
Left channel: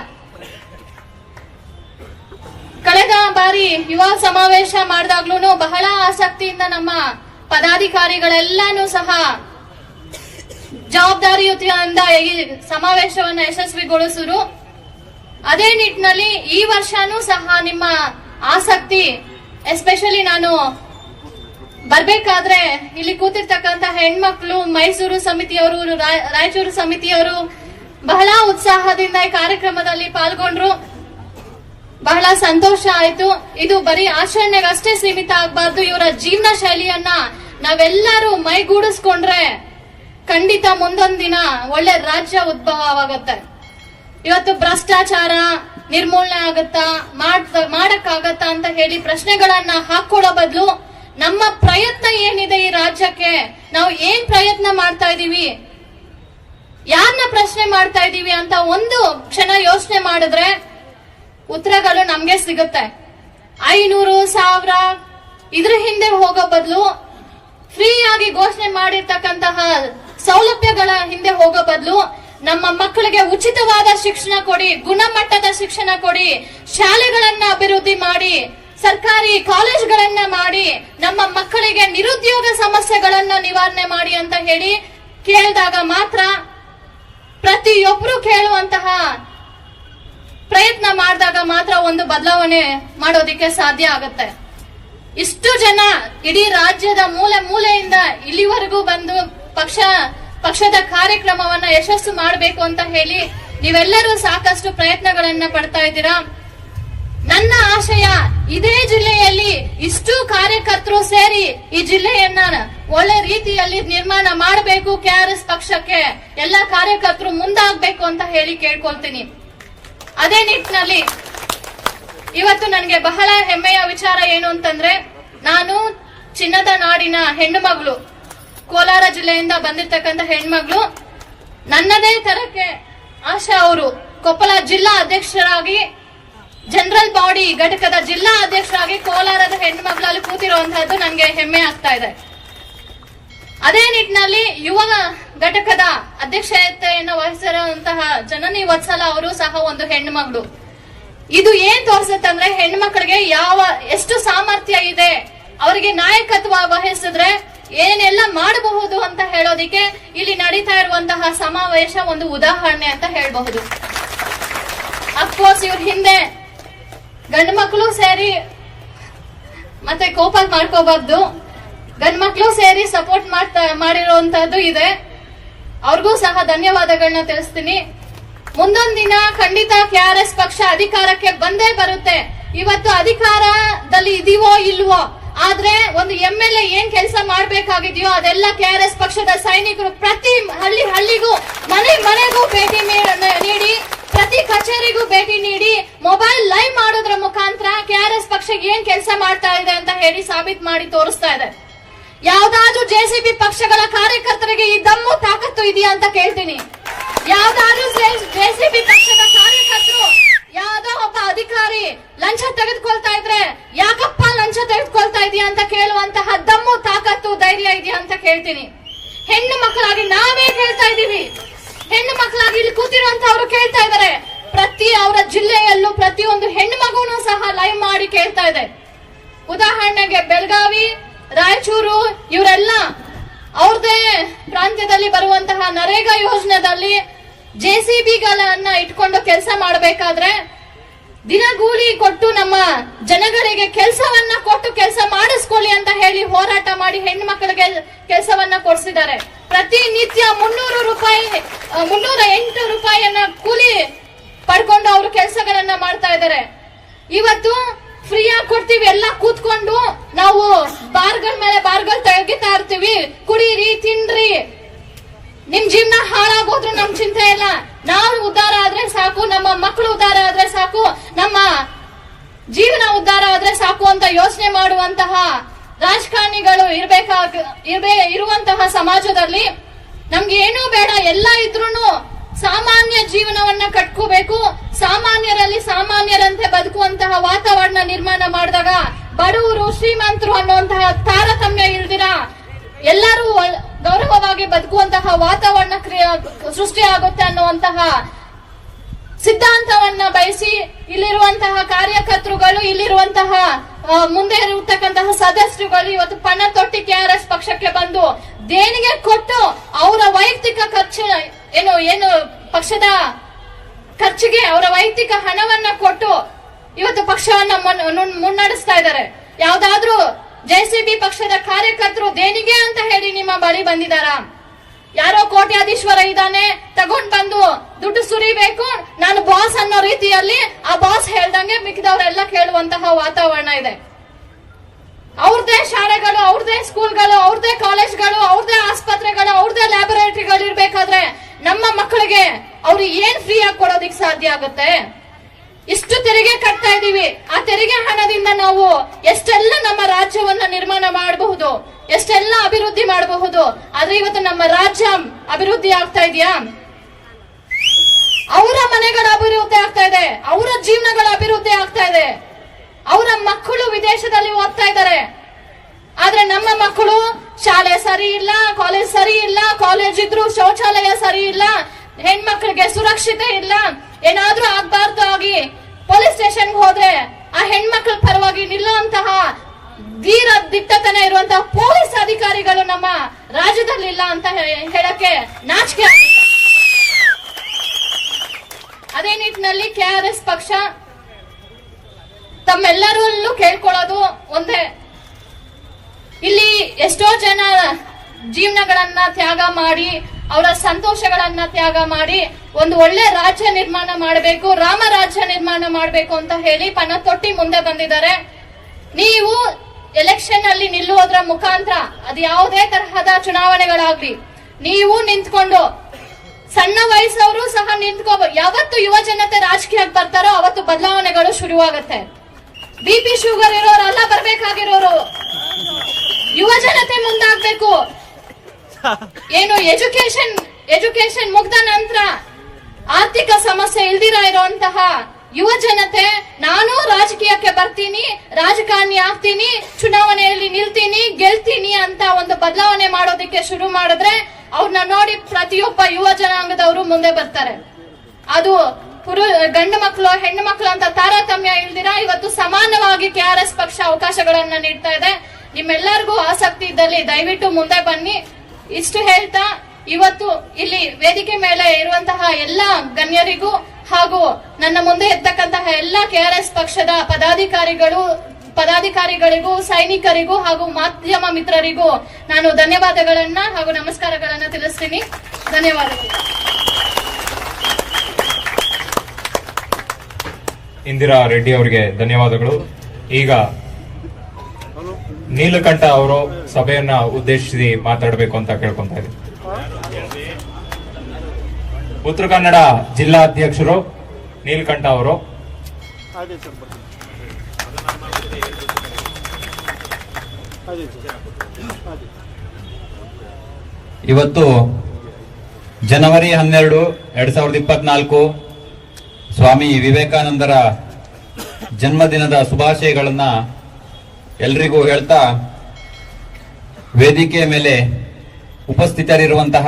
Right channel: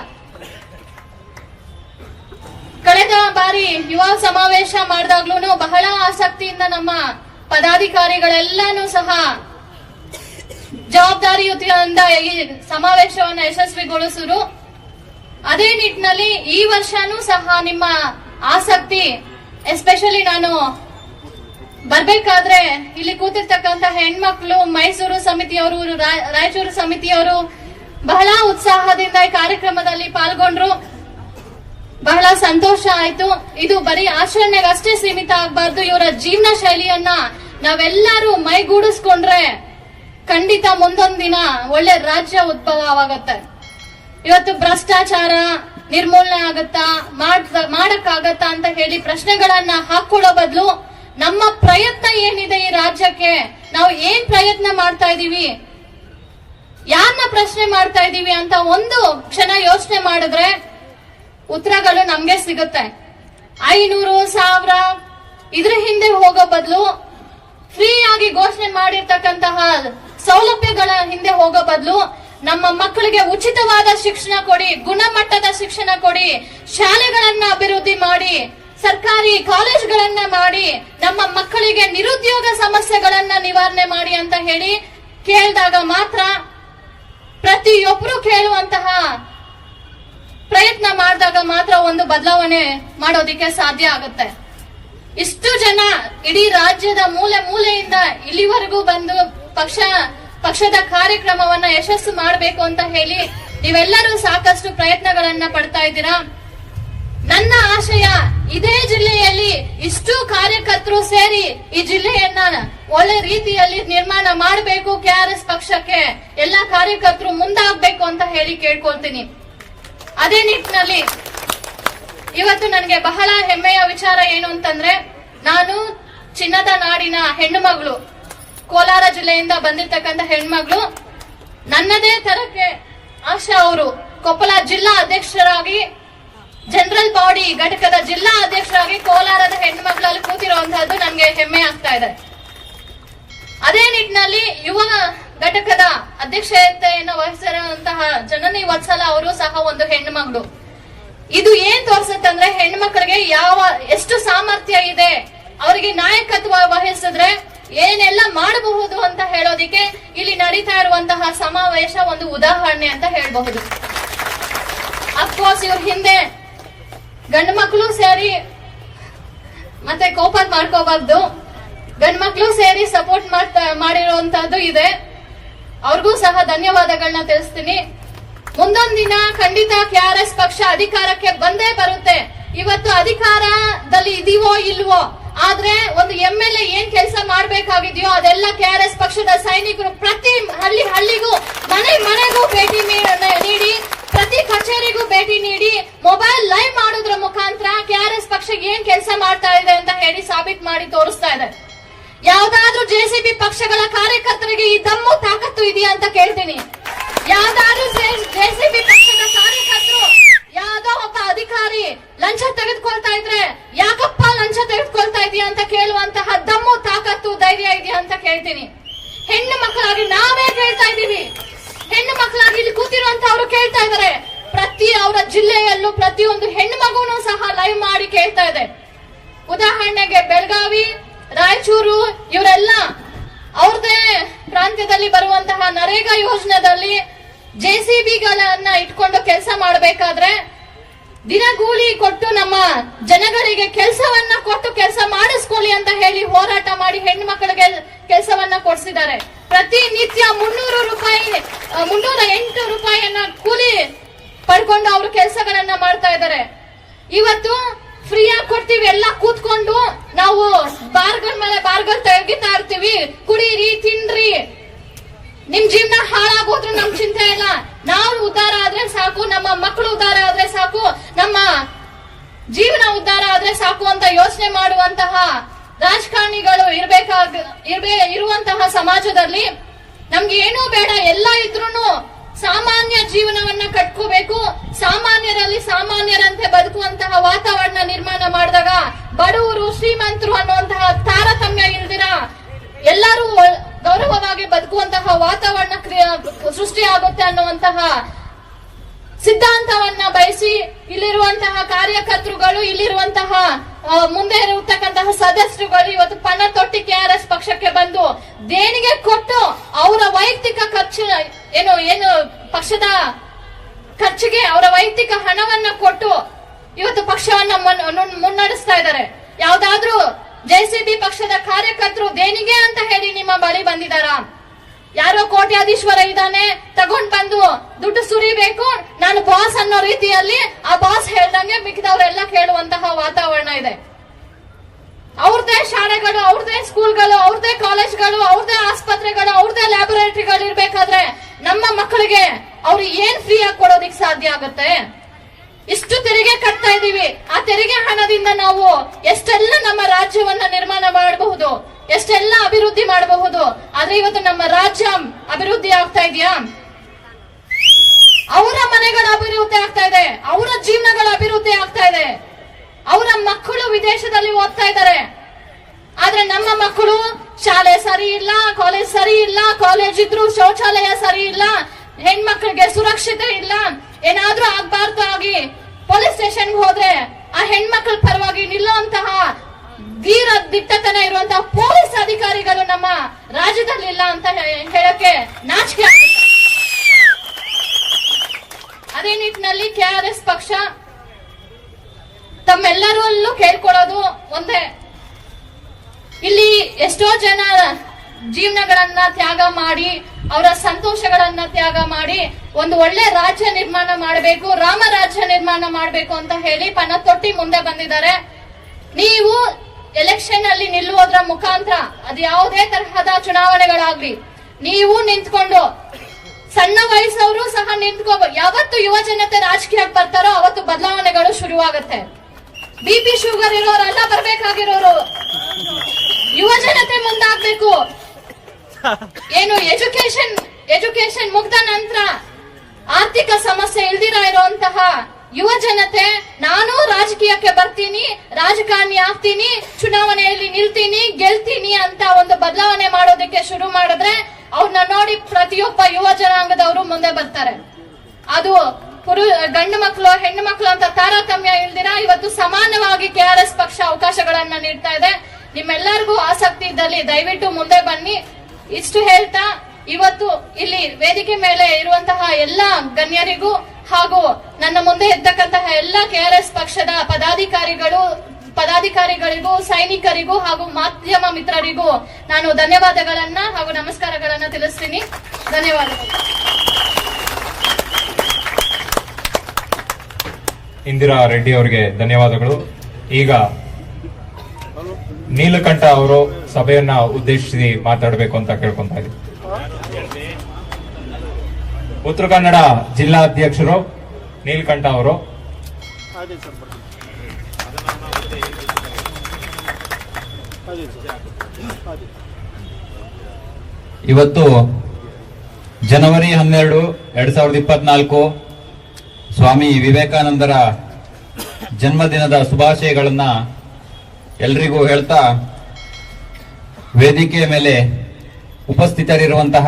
ಕಳೆದ ಬಾರಿ ಯುವ ಸಮಾವೇಶ ಮಾಡಿದಾಗ್ಲೂ ಬಹಳ ಆಸಕ್ತಿಯಿಂದ ನಮ್ಮ ಪದಾಧಿಕಾರಿಗಳೆಲ್ಲಾನು ಸಹ ಜವಾಬ್ದಾರಿಯುತಿಯಿಂದ ಈ ಸಮಾವೇಶವನ್ನ ಯಶಸ್ವಿಗೊಳಿಸಿದ್ರು. ಅದೇ ನಿಟ್ಟಿನಲ್ಲಿ ಈ ವರ್ಷನೂ ಸಹ ನಿಮ್ಮ ಆಸಕ್ತಿ, ಎಸ್ಪೆಷಲಿ ನಾನು ಬರ್ಬೇಕಾದ್ರೆ ಇಲ್ಲಿ ಕೂತಿರ್ತಕ್ಕಂತ ಹೆಣ್ಮಕ್ಳು, ಮೈಸೂರು ಸಮಿತಿಯವರು, ರಾಯಚೂರು ಸಮಿತಿಯವರು ಬಹಳ ಉತ್ಸಾಹದಿಂದ ಈ ಕಾರ್ಯಕ್ರಮದಲ್ಲಿ ಪಾಲ್ಗೊಂಡ್ರು. ಬಹಳ ಸಂತೋಷ ಆಯ್ತು. ಇದು ಬರೀ ಆಚರಣೆಗಷ್ಟೇ ಸೀಮಿತ ಆಗಬಾರ್ದು. ಇವರ ಜೀವನ ಶೈಲಿಯನ್ನ ನಾವೆಲ್ಲರೂ ಮೈಗೂಡಿಸ್ಕೊಂಡ್ರೆ ಖಂಡಿತ ಮುಂದೊಂದ್ ದಿನ ಒಳ್ಳೆ ರಾಜ್ಯ ಉದ್ಭವವಾಗುತ್ತೆ. ಇವತ್ತು ಭ್ರಷ್ಟಾಚಾರ ನಿರ್ಮೂಲನೆ ಆಗುತ್ತಾ, ಮಾಡಕ್ಕಾಗತ್ತಾ ಅಂತ ಹೇಳಿ ಪ್ರಶ್ನೆಗಳನ್ನ ಹಾಕೊಳ್ಳೋ ಬದಲು ನಮ್ಮ ಪ್ರಯತ್ನ ಏನಿದೆ ಈ ರಾಜ್ಯಕ್ಕೆ, ನಾವು ಏನ್ ಪ್ರಯತ್ನ ಮಾಡ್ತಾ ಇದೀವಿ, ಯಾರನ್ನ ಪ್ರಶ್ನೆ ಮಾಡ್ತಾ ಇದೀವಿ ಅಂತ ಒಂದು ಕ್ಷಣ ಯೋಚನೆ ಮಾಡಿದ್ರೆ ಉತ್ತರಗಳು ನಮ್ಗೆ ಸಿಗುತ್ತೆ. 500, 1000 ಇದ್ರ ಹಿಂದೆ ಹೋಗೋ ಬದಲು ಫ್ರೀ ಆಗಿ ಘೋಷಣೆ ಮಾಡಿರ್ತಕ್ಕಂತಹ ಸೌಲಭ್ಯಗಳ ಹಿಂದೆ ಹೋಗೋ ಬದಲು ನಮ್ಮ ಮಕ್ಕಳಿಗೆ ಉಚಿತವಾದ ಶಿಕ್ಷಣ ಕೊಡಿ, ಗುಣಮಟ್ಟದ ಶಿಕ್ಷಣ ಕೊಡಿ, ಶಾಲೆಗಳನ್ನ ಅಭಿವೃದ್ಧಿ ಮಾಡಿ, ಸರ್ಕಾರಿ ಕಾಲೇಜುಗಳನ್ನ ಮಾಡಿ, ನಮ್ಮ ಮಕ್ಕಳಿಗೆ ನಿರುದ್ಯೋಗ ಸಮಸ್ಯೆಗಳನ್ನ ನಿವಾರಣೆ ಮಾಡಿ ಅಂತ ಹೇಳಿ ಕೇಳಿದಾಗ ಮಾತ್ರ, ಪ್ರತಿಯೊಬ್ಬರು ಕೇಳುವಂತಹ ಪ್ರಯತ್ನ ಮಾಡಿದಾಗ ಮಾತ್ರ ಒಂದು ಬದಲಾವಣೆ ಮಾಡೋದಿಕ್ಕೆ ಸಾಧ್ಯ ಆಗುತ್ತೆ. ಇಷ್ಟು ಜನ ಇಡೀ ರಾಜ್ಯದ ಮೂಲೆ ಮೂಲೆಯಿಂದ ಇಲ್ಲಿವರೆಗೂ ಬಂದು ಪಕ್ಷದ ಕಾರ್ಯಕ್ರಮವನ್ನ ಯಶಸ್ಸು ಮಾಡಬೇಕು ಅಂತ ಹೇಳಿ ನೀವೆಲ್ಲರೂ ಸಾಕಷ್ಟು ಪ್ರಯತ್ನಗಳನ್ನ ಪಡ್ತಾ ಇದ್ದೀರಾ. ನನ್ನ ಆಶಯ ಇದೇ ಜಿಲ್ಲೆಯಲ್ಲಿ ಇಷ್ಟು ಕಾರ್ಯಕರ್ತರು ಸೇರಿ ಈ ಜಿಲ್ಲೆಯನ್ನ ಒಳ್ಳೆ ರೀತಿಯಲ್ಲಿ ನಿರ್ಮಾಣ ಮಾಡಬೇಕು. ಕೆಆರ್ಎಸ್ ಪಕ್ಷಕ್ಕೆ ಎಲ್ಲಾ ಕಾರ್ಯಕರ್ತರು ಮುಂದಾಗಬೇಕು ಅಂತ ಹೇಳಿ ಕೇಳ್ಕೊಳ್ತೀನಿ. ಅದೇ ನಿಟ್ಟಿನಲ್ಲಿ ಇವತ್ತು ನನಗೆ ಬಹಳ ಹೆಮ್ಮೆಯ ವಿಚಾರ ಏನು ಅಂತಂದ್ರೆ, ನಾನು ಚಿನ್ನದ ನಾಡಿನ ಹೆಣ್ಣು ಮಗಳು, ಕೋಲಾರ ಜಿಲ್ಲೆಯಿಂದ ಬಂದಿರ್ತಕ್ಕಂಥ ಹೆಣ್ಮಗಳು, ನನ್ನದೇ ತರಕ್ಕೆ ಆಶಾ ಅವರು ಕೊಪ್ಪಳ ಜಿಲ್ಲಾ ಅಧ್ಯಕ್ಷರಾಗಿ, ಜನರಲ್ ಬಾಡಿ ಘಟಕದ ಜಿಲ್ಲಾ ಅಧ್ಯಕ್ಷರಾಗಿ ಕೋಲಾರದ ಹೆಣ್ಮಗಳಲ್ಲಿ ಕೂತಿರುವಂತಹದ್ದು ನನಗೆ ಹೆಮ್ಮೆ ಆಗ್ತಾ ಇದೆ. ಅದೇ ನಿಟ್ಟಿನಲ್ಲಿ ಯುವ ಘಟಕದ ಅಧ್ಯಕ್ಷತೆಯನ್ನು ವಹಿಸಿರುವಂತಹ ಜನನಿ ವತ್ಸಲ ಅವರು ಸಹ ಒಂದು ಹೆಣ್ಮಗಳು. ಇದು ಏನ್ ತೋರಿಸುತ್ತಂದ್ರೆ ಹೆಣ್ಮಕ್ಳಿಗೆ ಎಷ್ಟು ಸಾಮರ್ಥ್ಯ ಇದೆ, ಅವರಿಗೆ ನಾಯಕತ್ವ ವಹಿಸಿದ್ರೆ ಏನೆಲ್ಲ ಮಾಡಬಹುದು ಅಂತ ಹೇಳೋದಿಕ್ಕೆ ಇಲ್ಲಿ ನಡೀತಾ ಇರುವಂತಹ ಸಮಾವೇಶ ಒಂದು ಉದಾಹರಣೆ ಅಂತ ಹೇಳಬಹುದು. ಅಫ್ಕೋರ್ಸ್ ಇವ್ರ ಹಿಂದೆ ಗಂಡು ಮಕ್ಕಳು ಸೇರಿ, ಮತ್ತೆ ಕೋಪ ಮಾಡ್ಕೋಬಾರ್ದು, ಗಂಡು ಮಕ್ಕಳು ಸೇರಿ ಸಪೋರ್ಟ್ ಮಾಡಿರುವಂತಹದ್ದು ಇದೆ. ಅವ್ರಿಗೂ ಸಹ ಧನ್ಯವಾದಗಳನ್ನ ತಿಳಿಸ್ತೀನಿ. ಮುಂದೊಂದು ದಿನ ಖಂಡಿತ ಕೆಆರ್ಎಸ್ ಪಕ್ಷ ಅಧಿಕಾರಕ್ಕೆ ಬಂದೇ ಬರುತ್ತೆ. ಇವತ್ತು ಅಧಿಕಾರದಲ್ಲಿ ಇದೀವೋ ಇಲ್ವೋ, ಆದ್ರೆ ಒಂದು MLA ಏನ್ ಕೆಲಸ ಮಾಡ್ಬೇಕಾಗಿದೆಯೋ ಅದೆಲ್ಲ ಕೆಆರ್ಎಸ್ ಪಕ್ಷದ ಸೈನಿಕರು ಪ್ರತಿ ಹಳ್ಳಿಗೂ ಮನೆಗೂ ಭೇಟಿ ನೀಡಿ, ಪ್ರತಿ ಕಚೇರಿಗೂ ಭೇಟಿ ನೀಡಿ, ಮೊಬೈಲ್ ಲೈವ್ ಮಾಡೋದ್ರ ಮುಖಾಂತರ ಕೆಆರ್ಎಸ್ ಪಕ್ಷ ಏನ್ ಕೆಲಸ ಮಾಡ್ತಾ ಇದೆ ಅಂತ ಹೇಳಿ ಸಾಬೀತು ಮಾಡಿ ತೋರಿಸ್ತಾ ಇದೆ. ಯಾವ್ದಾದ್ರೂ JCB ಪಕ್ಷಗಳ ಕಾರ್ಯಕರ್ತರಿಗೆ ಈ ದಮ್ಮು ತಾಕತ್ತು ಇದೆಯಾ ಅಂತ ಕೇಳ್ತೀನಿ. ಯಾವ್ದಾದ್ರೂ JCB ಪಕ್ಷದ ಕಾರ್ಯಕರ್ತರು ಯಾವ್ದೋ ಒಬ್ಬ ಅಧಿಕಾರಿ ಲಂಚ ತೆಗೆದುಕೊಳ್ತಾ ಇದ್ರೆ ಯಾಕಪ್ಪ ಲಂಚ ತೆಗೆದುಕೊಳ್ತಾ ಇದೀಯ ಅಂತ ಕೇಳುವಂತಹ ದಮ್ಮು ತಾಕತ್ತು ಧೈರ್ಯ ಇದೆಯಾ ಅಂತ ಕೇಳ್ತೀನಿ. ಹೆಣ್ಣು ಮಕ್ಕಳಾಗಿ ನಾವೇ ಕೇಳ್ತಾ ಇದೀವಿ, ಹೆಣ್ಣು ಮಕ್ಕಳಾಗಿ ಇಲ್ಲಿ ಕೂತಿರುವಂತವ್ರು ಕೇಳ್ತಾ ಇದಾರೆ. ಅವರ ಜಿಲ್ಲೆಯಲ್ಲೂ ಪ್ರತಿಯೊಂದು ಹೆಣ್ಣು ಮಗುನು ಸಹ ಲೈವ್ ಮಾಡಿ ಕೇಳ್ತಾ ಇದೆ. ಉದಾಹರಣೆಗೆ ಬೆಳಗಾವಿ, ರಾಯಚೂರು ಇವರೆಲ್ಲ ಅವ್ರದೇ ಪ್ರಾಂತ್ಯದಲ್ಲಿ ಬರುವಂತಹ ನರೇಗಾ ಯೋಜನೆಯಲ್ಲಿ JCBಗಳನ್ನ ಇಟ್ಕೊಂಡು ಕೆಲಸ ಮಾಡಬೇಕಾದ್ರೆ ದಿನಗೂಲಿ ಕೊಟ್ಟು ನಮ್ಮ ಜನಗಳಿಗೆ ಕೆಲಸವನ್ನ ಕೊಟ್ಟು ಕೆಲಸ ಮಾಡಿಸ್ಕೊಳ್ಳಿ ಅಂತ ಹೇಳಿ ಹೋರಾಟ ಮಾಡಿ ಹೆಣ್ಣು ಮಕ್ಕಳಿಗೆ ಕೆಲಸವನ್ನ ಕೊಡಿಸಿದ್ದಾರೆ. ಪ್ರತಿನಿತ್ಯ 308 ರೂಪಾಯಿಯನ್ನ ಕೂಲಿ ಪಡ್ಕೊಂಡು ಅವರು ಕೆಲಸಗಳನ್ನ ಮಾಡ್ತಾ ಇದ್ದಾರೆ. ಇವತ್ತು ಫ್ರೀ ಆಗಿ ಕೊಡ್ತೀವಿ, ಎಲ್ಲ ಕೂತ್ಕೊಂಡು ನಾವು ಬಾರ್ಗಳ ಮೇಲೆ ಬಾರ್ಗಳು ತೆಗಿತಾ ಇರ್ತೀವಿ, ಕುಡೀರಿ ತಿನ್ರಿ, ನಿಮ್ ಜೀವನ ಹಾಳಾಗೋದ್ರು ನಮ್ ಚಿಂತೆ ಇಲ್ಲ, ನಾವು ಉದ್ಧಾರ ಆದ್ರೆ ಸಾಕು, ನಮ್ಮ ಮಕ್ಕಳು ಉದ್ಧಾರ ಆದ್ರೆ ಸಾಕು, ನಮ್ಮ ಜೀವನ ಉದ್ಧಾರ ಆದ್ರೆ ಸಾಕು ಅಂತ ಯೋಚನೆ ಮಾಡುವಂತಹ ರಾಜಕಾರಣಿಗಳು ಇರುವಂತಹ ಸಮಾಜದಲ್ಲಿ ನಮ್ಗೆ ಏನೂ ಬೇಡ, ಎಲ್ಲ ಇದ್ರೂನು ಸಾಮಾನ್ಯ ಜೀವನವನ್ನ ಕಟ್ಕೋಬೇಕು, ಸಾಮಾನ್ಯರಲ್ಲಿ ಸಾಮಾನ್ಯರಂತೆ ಬದುಕುವಂತಹ ವಾತಾವರಣ ನಿರ್ಮಾಣ ಮಾಡಿದಾಗ ಬಡವರು ಶ್ರೀಮಂತರು ಅನ್ನುವಂತಹ ತಾರತಮ್ಯ ಇಲ್ದಿರ ಎಲ್ಲರೂ ಗೌರವವಾಗಿ ಬದುಕುವಂತಹ ವಾತಾವರಣ ಸೃಷ್ಟಿಯಾಗುತ್ತೆ ಅನ್ನುವಂತಹ ಸಿದ್ಧಾಂತವನ್ನ ಬಯಸಿ ಇಲ್ಲಿರುವಂತಹ ಕಾರ್ಯಕರ್ತರುಗಳು, ಇಲ್ಲಿರುವಂತಹ ಮುಂದೆ ಇರತಕ್ಕಂತಹ ಸದಸ್ಯರುಗಳು ಇವತ್ತು ಪಣ ತೊಟ್ಟಿ ಕೆಆರ್ಎಸ್ ಪಕ್ಷಕ್ಕೆ ಬಂದು ದೇಣಿಗೆ ಕೊಟ್ಟು ಅವರ ವೈಯಕ್ತಿಕ ಖರ್ಚು ಏನು ಪಕ್ಷದ ಖರ್ಚಿಗೆ ಅವರ ವೈಯಕ್ತಿಕ ಹಣವನ್ನ ಕೊಟ್ಟು ಇವತ್ತು ಪಕ್ಷವನ್ನ ಮುನ್ನಡೆಸ್ತಾ ಇದ್ದಾರೆ. ಯಾವ್ದಾದ್ರೂ ಜೆಸಿಬಿ ಪಕ್ಷದ ಕಾರ್ಯಕರ್ತರು ದೇಣಿಗೆ ಅಂತ ಹೇಳಿ ನಿಮ್ಮ ಬಳಿ ಬಂದಿದಾರ? ಯಾರೋ ಕೋಟ್ಯಾಧೀಶ್ವರ ಇದ್ದಾನೆ, ತಗೊಂಡ್ ಬಂದು ದುಡ್ಡು ಸುರಿಬೇಕು, ನಾನು ಬಾಸ್ ಅನ್ನೋ ರೀತಿಯಲ್ಲಿ ಆ ಬಾಸ್ ಹೇಳ್ದಂಗೆ ಮಿಕ್ಕಿದವರೆಲ್ಲ ಕೇಳುವಂತಹ ವಾತಾವರಣ ಇದೆ. ಅವ್ರದೇ ಶಾಲೆಗಳು, ಅವ್ರದೇ ಸ್ಕೂಲ್ಗಳು, ಅವ್ರದೇ ಕಾಲೇಜ್ಗಳು, ಅವ್ರದೇ ಆಸ್ಪತ್ರೆಗಳು, ಅವ್ರದೇ ಲ್ಯಾಬೊರೇಟರಿಗಳು ಇರ್ಬೇಕಾದ್ರೆ ನಮ್ಮ ಮಕ್ಕಳಿಗೆ ಅವ್ರು ಏನ್ ಫ್ರೀ ಆಗಿ ಕೊಡೋದಿಕ್ ಸಾಧ್ಯ ಆಗುತ್ತೆ? ಇಷ್ಟು ತೆರಿಗೆ ಕಟ್ತಾ ಇದೀವಿ. ಆ ತೆರಿಗೆ ಹಣದಿಂದ ನಾವು ಎಷ್ಟೆಲ್ಲ ನಮ್ಮ ರಾಜ್ಯವನ್ನ ನಿರ್ಮಾಣ ಮಾಡಬಹುದು, ಎಷ್ಟೆಲ್ಲ ಅಭಿವೃದ್ಧಿ ಮಾಡಬಹುದು. ಆದ್ರೆ ಇವತ್ತು ನಮ್ಮ ರಾಜ್ಯ ಅಭಿವೃದ್ಧಿ ಆಗ್ತಾ ಇದೆಯಾ? ಅವರ ಮನೆಗಳ ಅಭಿವೃದ್ಧಿ ಆಗ್ತಾ ಇದೆ, ಅವರ ಜೀವನಗಳ ಅಭಿವೃದ್ಧಿ ಆಗ್ತಾ ಇದೆ, ಅವರ ಮಕ್ಕಳು ವಿದೇಶದಲ್ಲಿ ಓದ್ತಾ ಇದ್ದಾರೆ. ಆದ್ರೆ ನಮ್ಮ ಮಕ್ಕಳು ಶಾಲೆ ಸರಿ ಇಲ್ಲ, ಕಾಲೇಜ್ ಸರಿ ಇಲ್ಲ, ಕಾಲೇಜ್ ಇದ್ರು ಶೌಚಾಲಯ ಸರಿ ಇಲ್ಲ, ಹೆಣ್ಮಕ್ಳಿಗೆ ಸುರಕ್ಷತೆ ಇಲ್ಲ. ಏನಾದ್ರೂ ಆಗ್ಬಾರ್ದು ಆಗಿ ಪೊಲೀಸ್ ಸ್ಟೇಷನ್ ಹೋದ್ರೆ ಆ ಹೆಣ್ಮಕ್ಳ ಪರವಾಗಿ ನಿಲ್ಲುವಂತಹ ಧೀರ ದಿಟ್ಟತನ ಇರುವಂತಹ ಪೊಲೀಸ್ ಅಧಿಕಾರಿಗಳು ನಮ್ಮ ರಾಜ್ಯದಲ್ಲಿ ಇಲ್ಲ ಅಂತ ಹೇಳಕ್ಕೆ ನಾಚಿಕೆ ಆಗುತ್ತೆ. ಅದೇ ನಿಟ್ಟಿನಲ್ಲಿ ಕೆಆರ್ಎಸ್ ಪಕ್ಷ ತಮ್ಮೆಲ್ಲರಲ್ಲೂ ಕೇಳ್ಕೊಳ್ಳೋದು ಒಂದೇ, ಇಲ್ಲಿ ಎಷ್ಟೋ ಜನ ಜೀವನಗಳನ್ನ ತ್ಯಾಗ ಮಾಡಿ, ಅವರ ಸಂತೋಷಗಳನ್ನ ತ್ಯಾಗ ಮಾಡಿ ಒಂದು ಒಳ್ಳೆ ರಾಜ್ಯ ನಿರ್ಮಾಣ ಮಾಡಬೇಕು, ರಾಮ ರಾಜ್ಯ ನಿರ್ಮಾಣ ಮಾಡಬೇಕು ಅಂತ ಹೇಳಿ ಪಣ ತೊಟ್ಟಿ ಮುಂದೆ ಬಂದಿದ್ದಾರೆ. ನೀವು ಎಲೆಕ್ಷನ್ ಅಲ್ಲಿ ನಿಲ್ಲುವುದರ ಮುಖಾಂತರ ಅದು ಯಾವುದೇ ತರಹದ ಚುನಾವಣೆಗಳಾಗ್ಲಿ ನೀವು ನಿಂತ್ಕೊಂಡು, ಸಣ್ಣ ವಯಸ್ಸವರು ಸಹ ನಿಂತ್ಕೋಬಹುದು. ಯಾವತ್ತು ಯುವ ಜನತೆ ರಾಜಕೀಯಕ್ಕೆ ಬರ್ತಾರೋ ಅವತ್ತು ಬದಲಾವಣೆಗಳು ಶುರುವಾಗತ್ತೆ. ಬಿಪಿ ಶುಗರ್ ಇರೋರೆಲ್ಲ ಬರ್ಬೇಕಾಗಿರೋರು ಯುವ ಜನತೆ ಮುಂದಾಗ್ಬೇಕು. ಏನು ಎಜುಕೇಶನ್ ಮುಗ್ದ ನಂತರ ಆರ್ಥಿಕ ಸಮಸ್ಯೆ ಇಲ್ದಿರ ಇರುವಂತಹ ಯುವ ಜನತೆ ನಾನು ರಾಜಕೀಯಕ್ಕೆ ಬರ್ತೀನಿ, ರಾಜಕಾರಣಿ ಆಗ್ತೀನಿ, ಚುನಾವಣೆಯಲ್ಲಿ ನಿಲ್ತೀನಿ, ಗೆಲ್ತೀನಿ ಅಂತ ಒಂದು ಬದಲಾವಣೆ ಮಾಡೋದಕ್ಕೆ ಶುರು ಮಾಡಿದ್ರೆ ಅವ್ರನ್ನ ನೋಡಿ ಪ್ರತಿಯೊಬ್ಬ ಯುವ ಜನಾಂಗದವರು ಮುಂದೆ ಬರ್ತಾರೆ. ಅದು ಗಂಡು ಮಕ್ಕಳು ಹೆಣ್ಣು ಮಕ್ಕಳು ಅಂತ ತಾರತಮ್ಯ ಇಲ್ದಿರ ಇವತ್ತು ಸಮಾನವಾಗಿ ಕೆಆರ್ಎಸ್ ಪಕ್ಷ ಅವಕಾಶಗಳನ್ನ ನೀಡ್ತಾ ಇದೆ. ನಿಮ್ಮೆಲ್ಲರಿಗೂ ಆಸಕ್ತಿ ಇದ್ದಲ್ಲಿ ದಯವಿಟ್ಟು ಮುಂದೆ ಬನ್ನಿ. ಇಷ್ಟು ಹೇಳ್ತಾ ಇವತ್ತು ಇಲ್ಲಿ ವೇದಿಕೆ ಮೇಲೆ ಇರುವಂತಹ ಎಲ್ಲ ಗಣ್ಯರಿಗೂ ಹಾಗೂ ನನ್ನ ಮುಂದೆ ಇರ್ತಕ್ಕಂತಹ ಎಲ್ಲ ಕೆಆರ್ಎಸ್ ಪಕ್ಷದ ಪದಾಧಿಕಾರಿಗಳಿಗೂ ಸೈನಿಕರಿಗೂ ಹಾಗೂ ಮಾಧ್ಯಮ ಮಿತ್ರರಿಗೂ ನಾನು ಧನ್ಯವಾದಗಳನ್ನ ಹಾಗೂ ನಮಸ್ಕಾರಗಳನ್ನ ತಿಳಿಸ್ತೀನಿ. ಧನ್ಯವಾದಗಳು. ಇಂದಿರಾ ರೆಡ್ಡಿ ಅವರಿಗೆ ಧನ್ಯವಾದಗಳು. ಈಗ ನೀಲಕಂಠ ಅವರು ಸಭೆಯನ್ನ ಉದ್ದೇಶಿಸಿ ಮಾತಾಡಬೇಕು ಅಂತ ಕೇಳ್ಕೊಂತ ಇದ್ದೀನಿ. ಉತ್ತರ ಕನ್ನಡ ಜಿಲ್ಲಾ ಅಧ್ಯಕ್ಷರು ನೀಲಕಂಠ ಅವರು. ಇವತ್ತು ಜನವರಿ 12, 2024 ಸ್ವಾಮಿ ವಿವೇಕಾನಂದರ ಜನ್ಮದಿನದ ಶುಭಾಶಯಗಳನ್ನ ಎಲ್ರಿಗೂ ಹೇಳ್ತಾ, ವೇದಿಕೆ ಮೇಲೆ ಉಪಸ್ಥಿತರಿರುವಂತಹ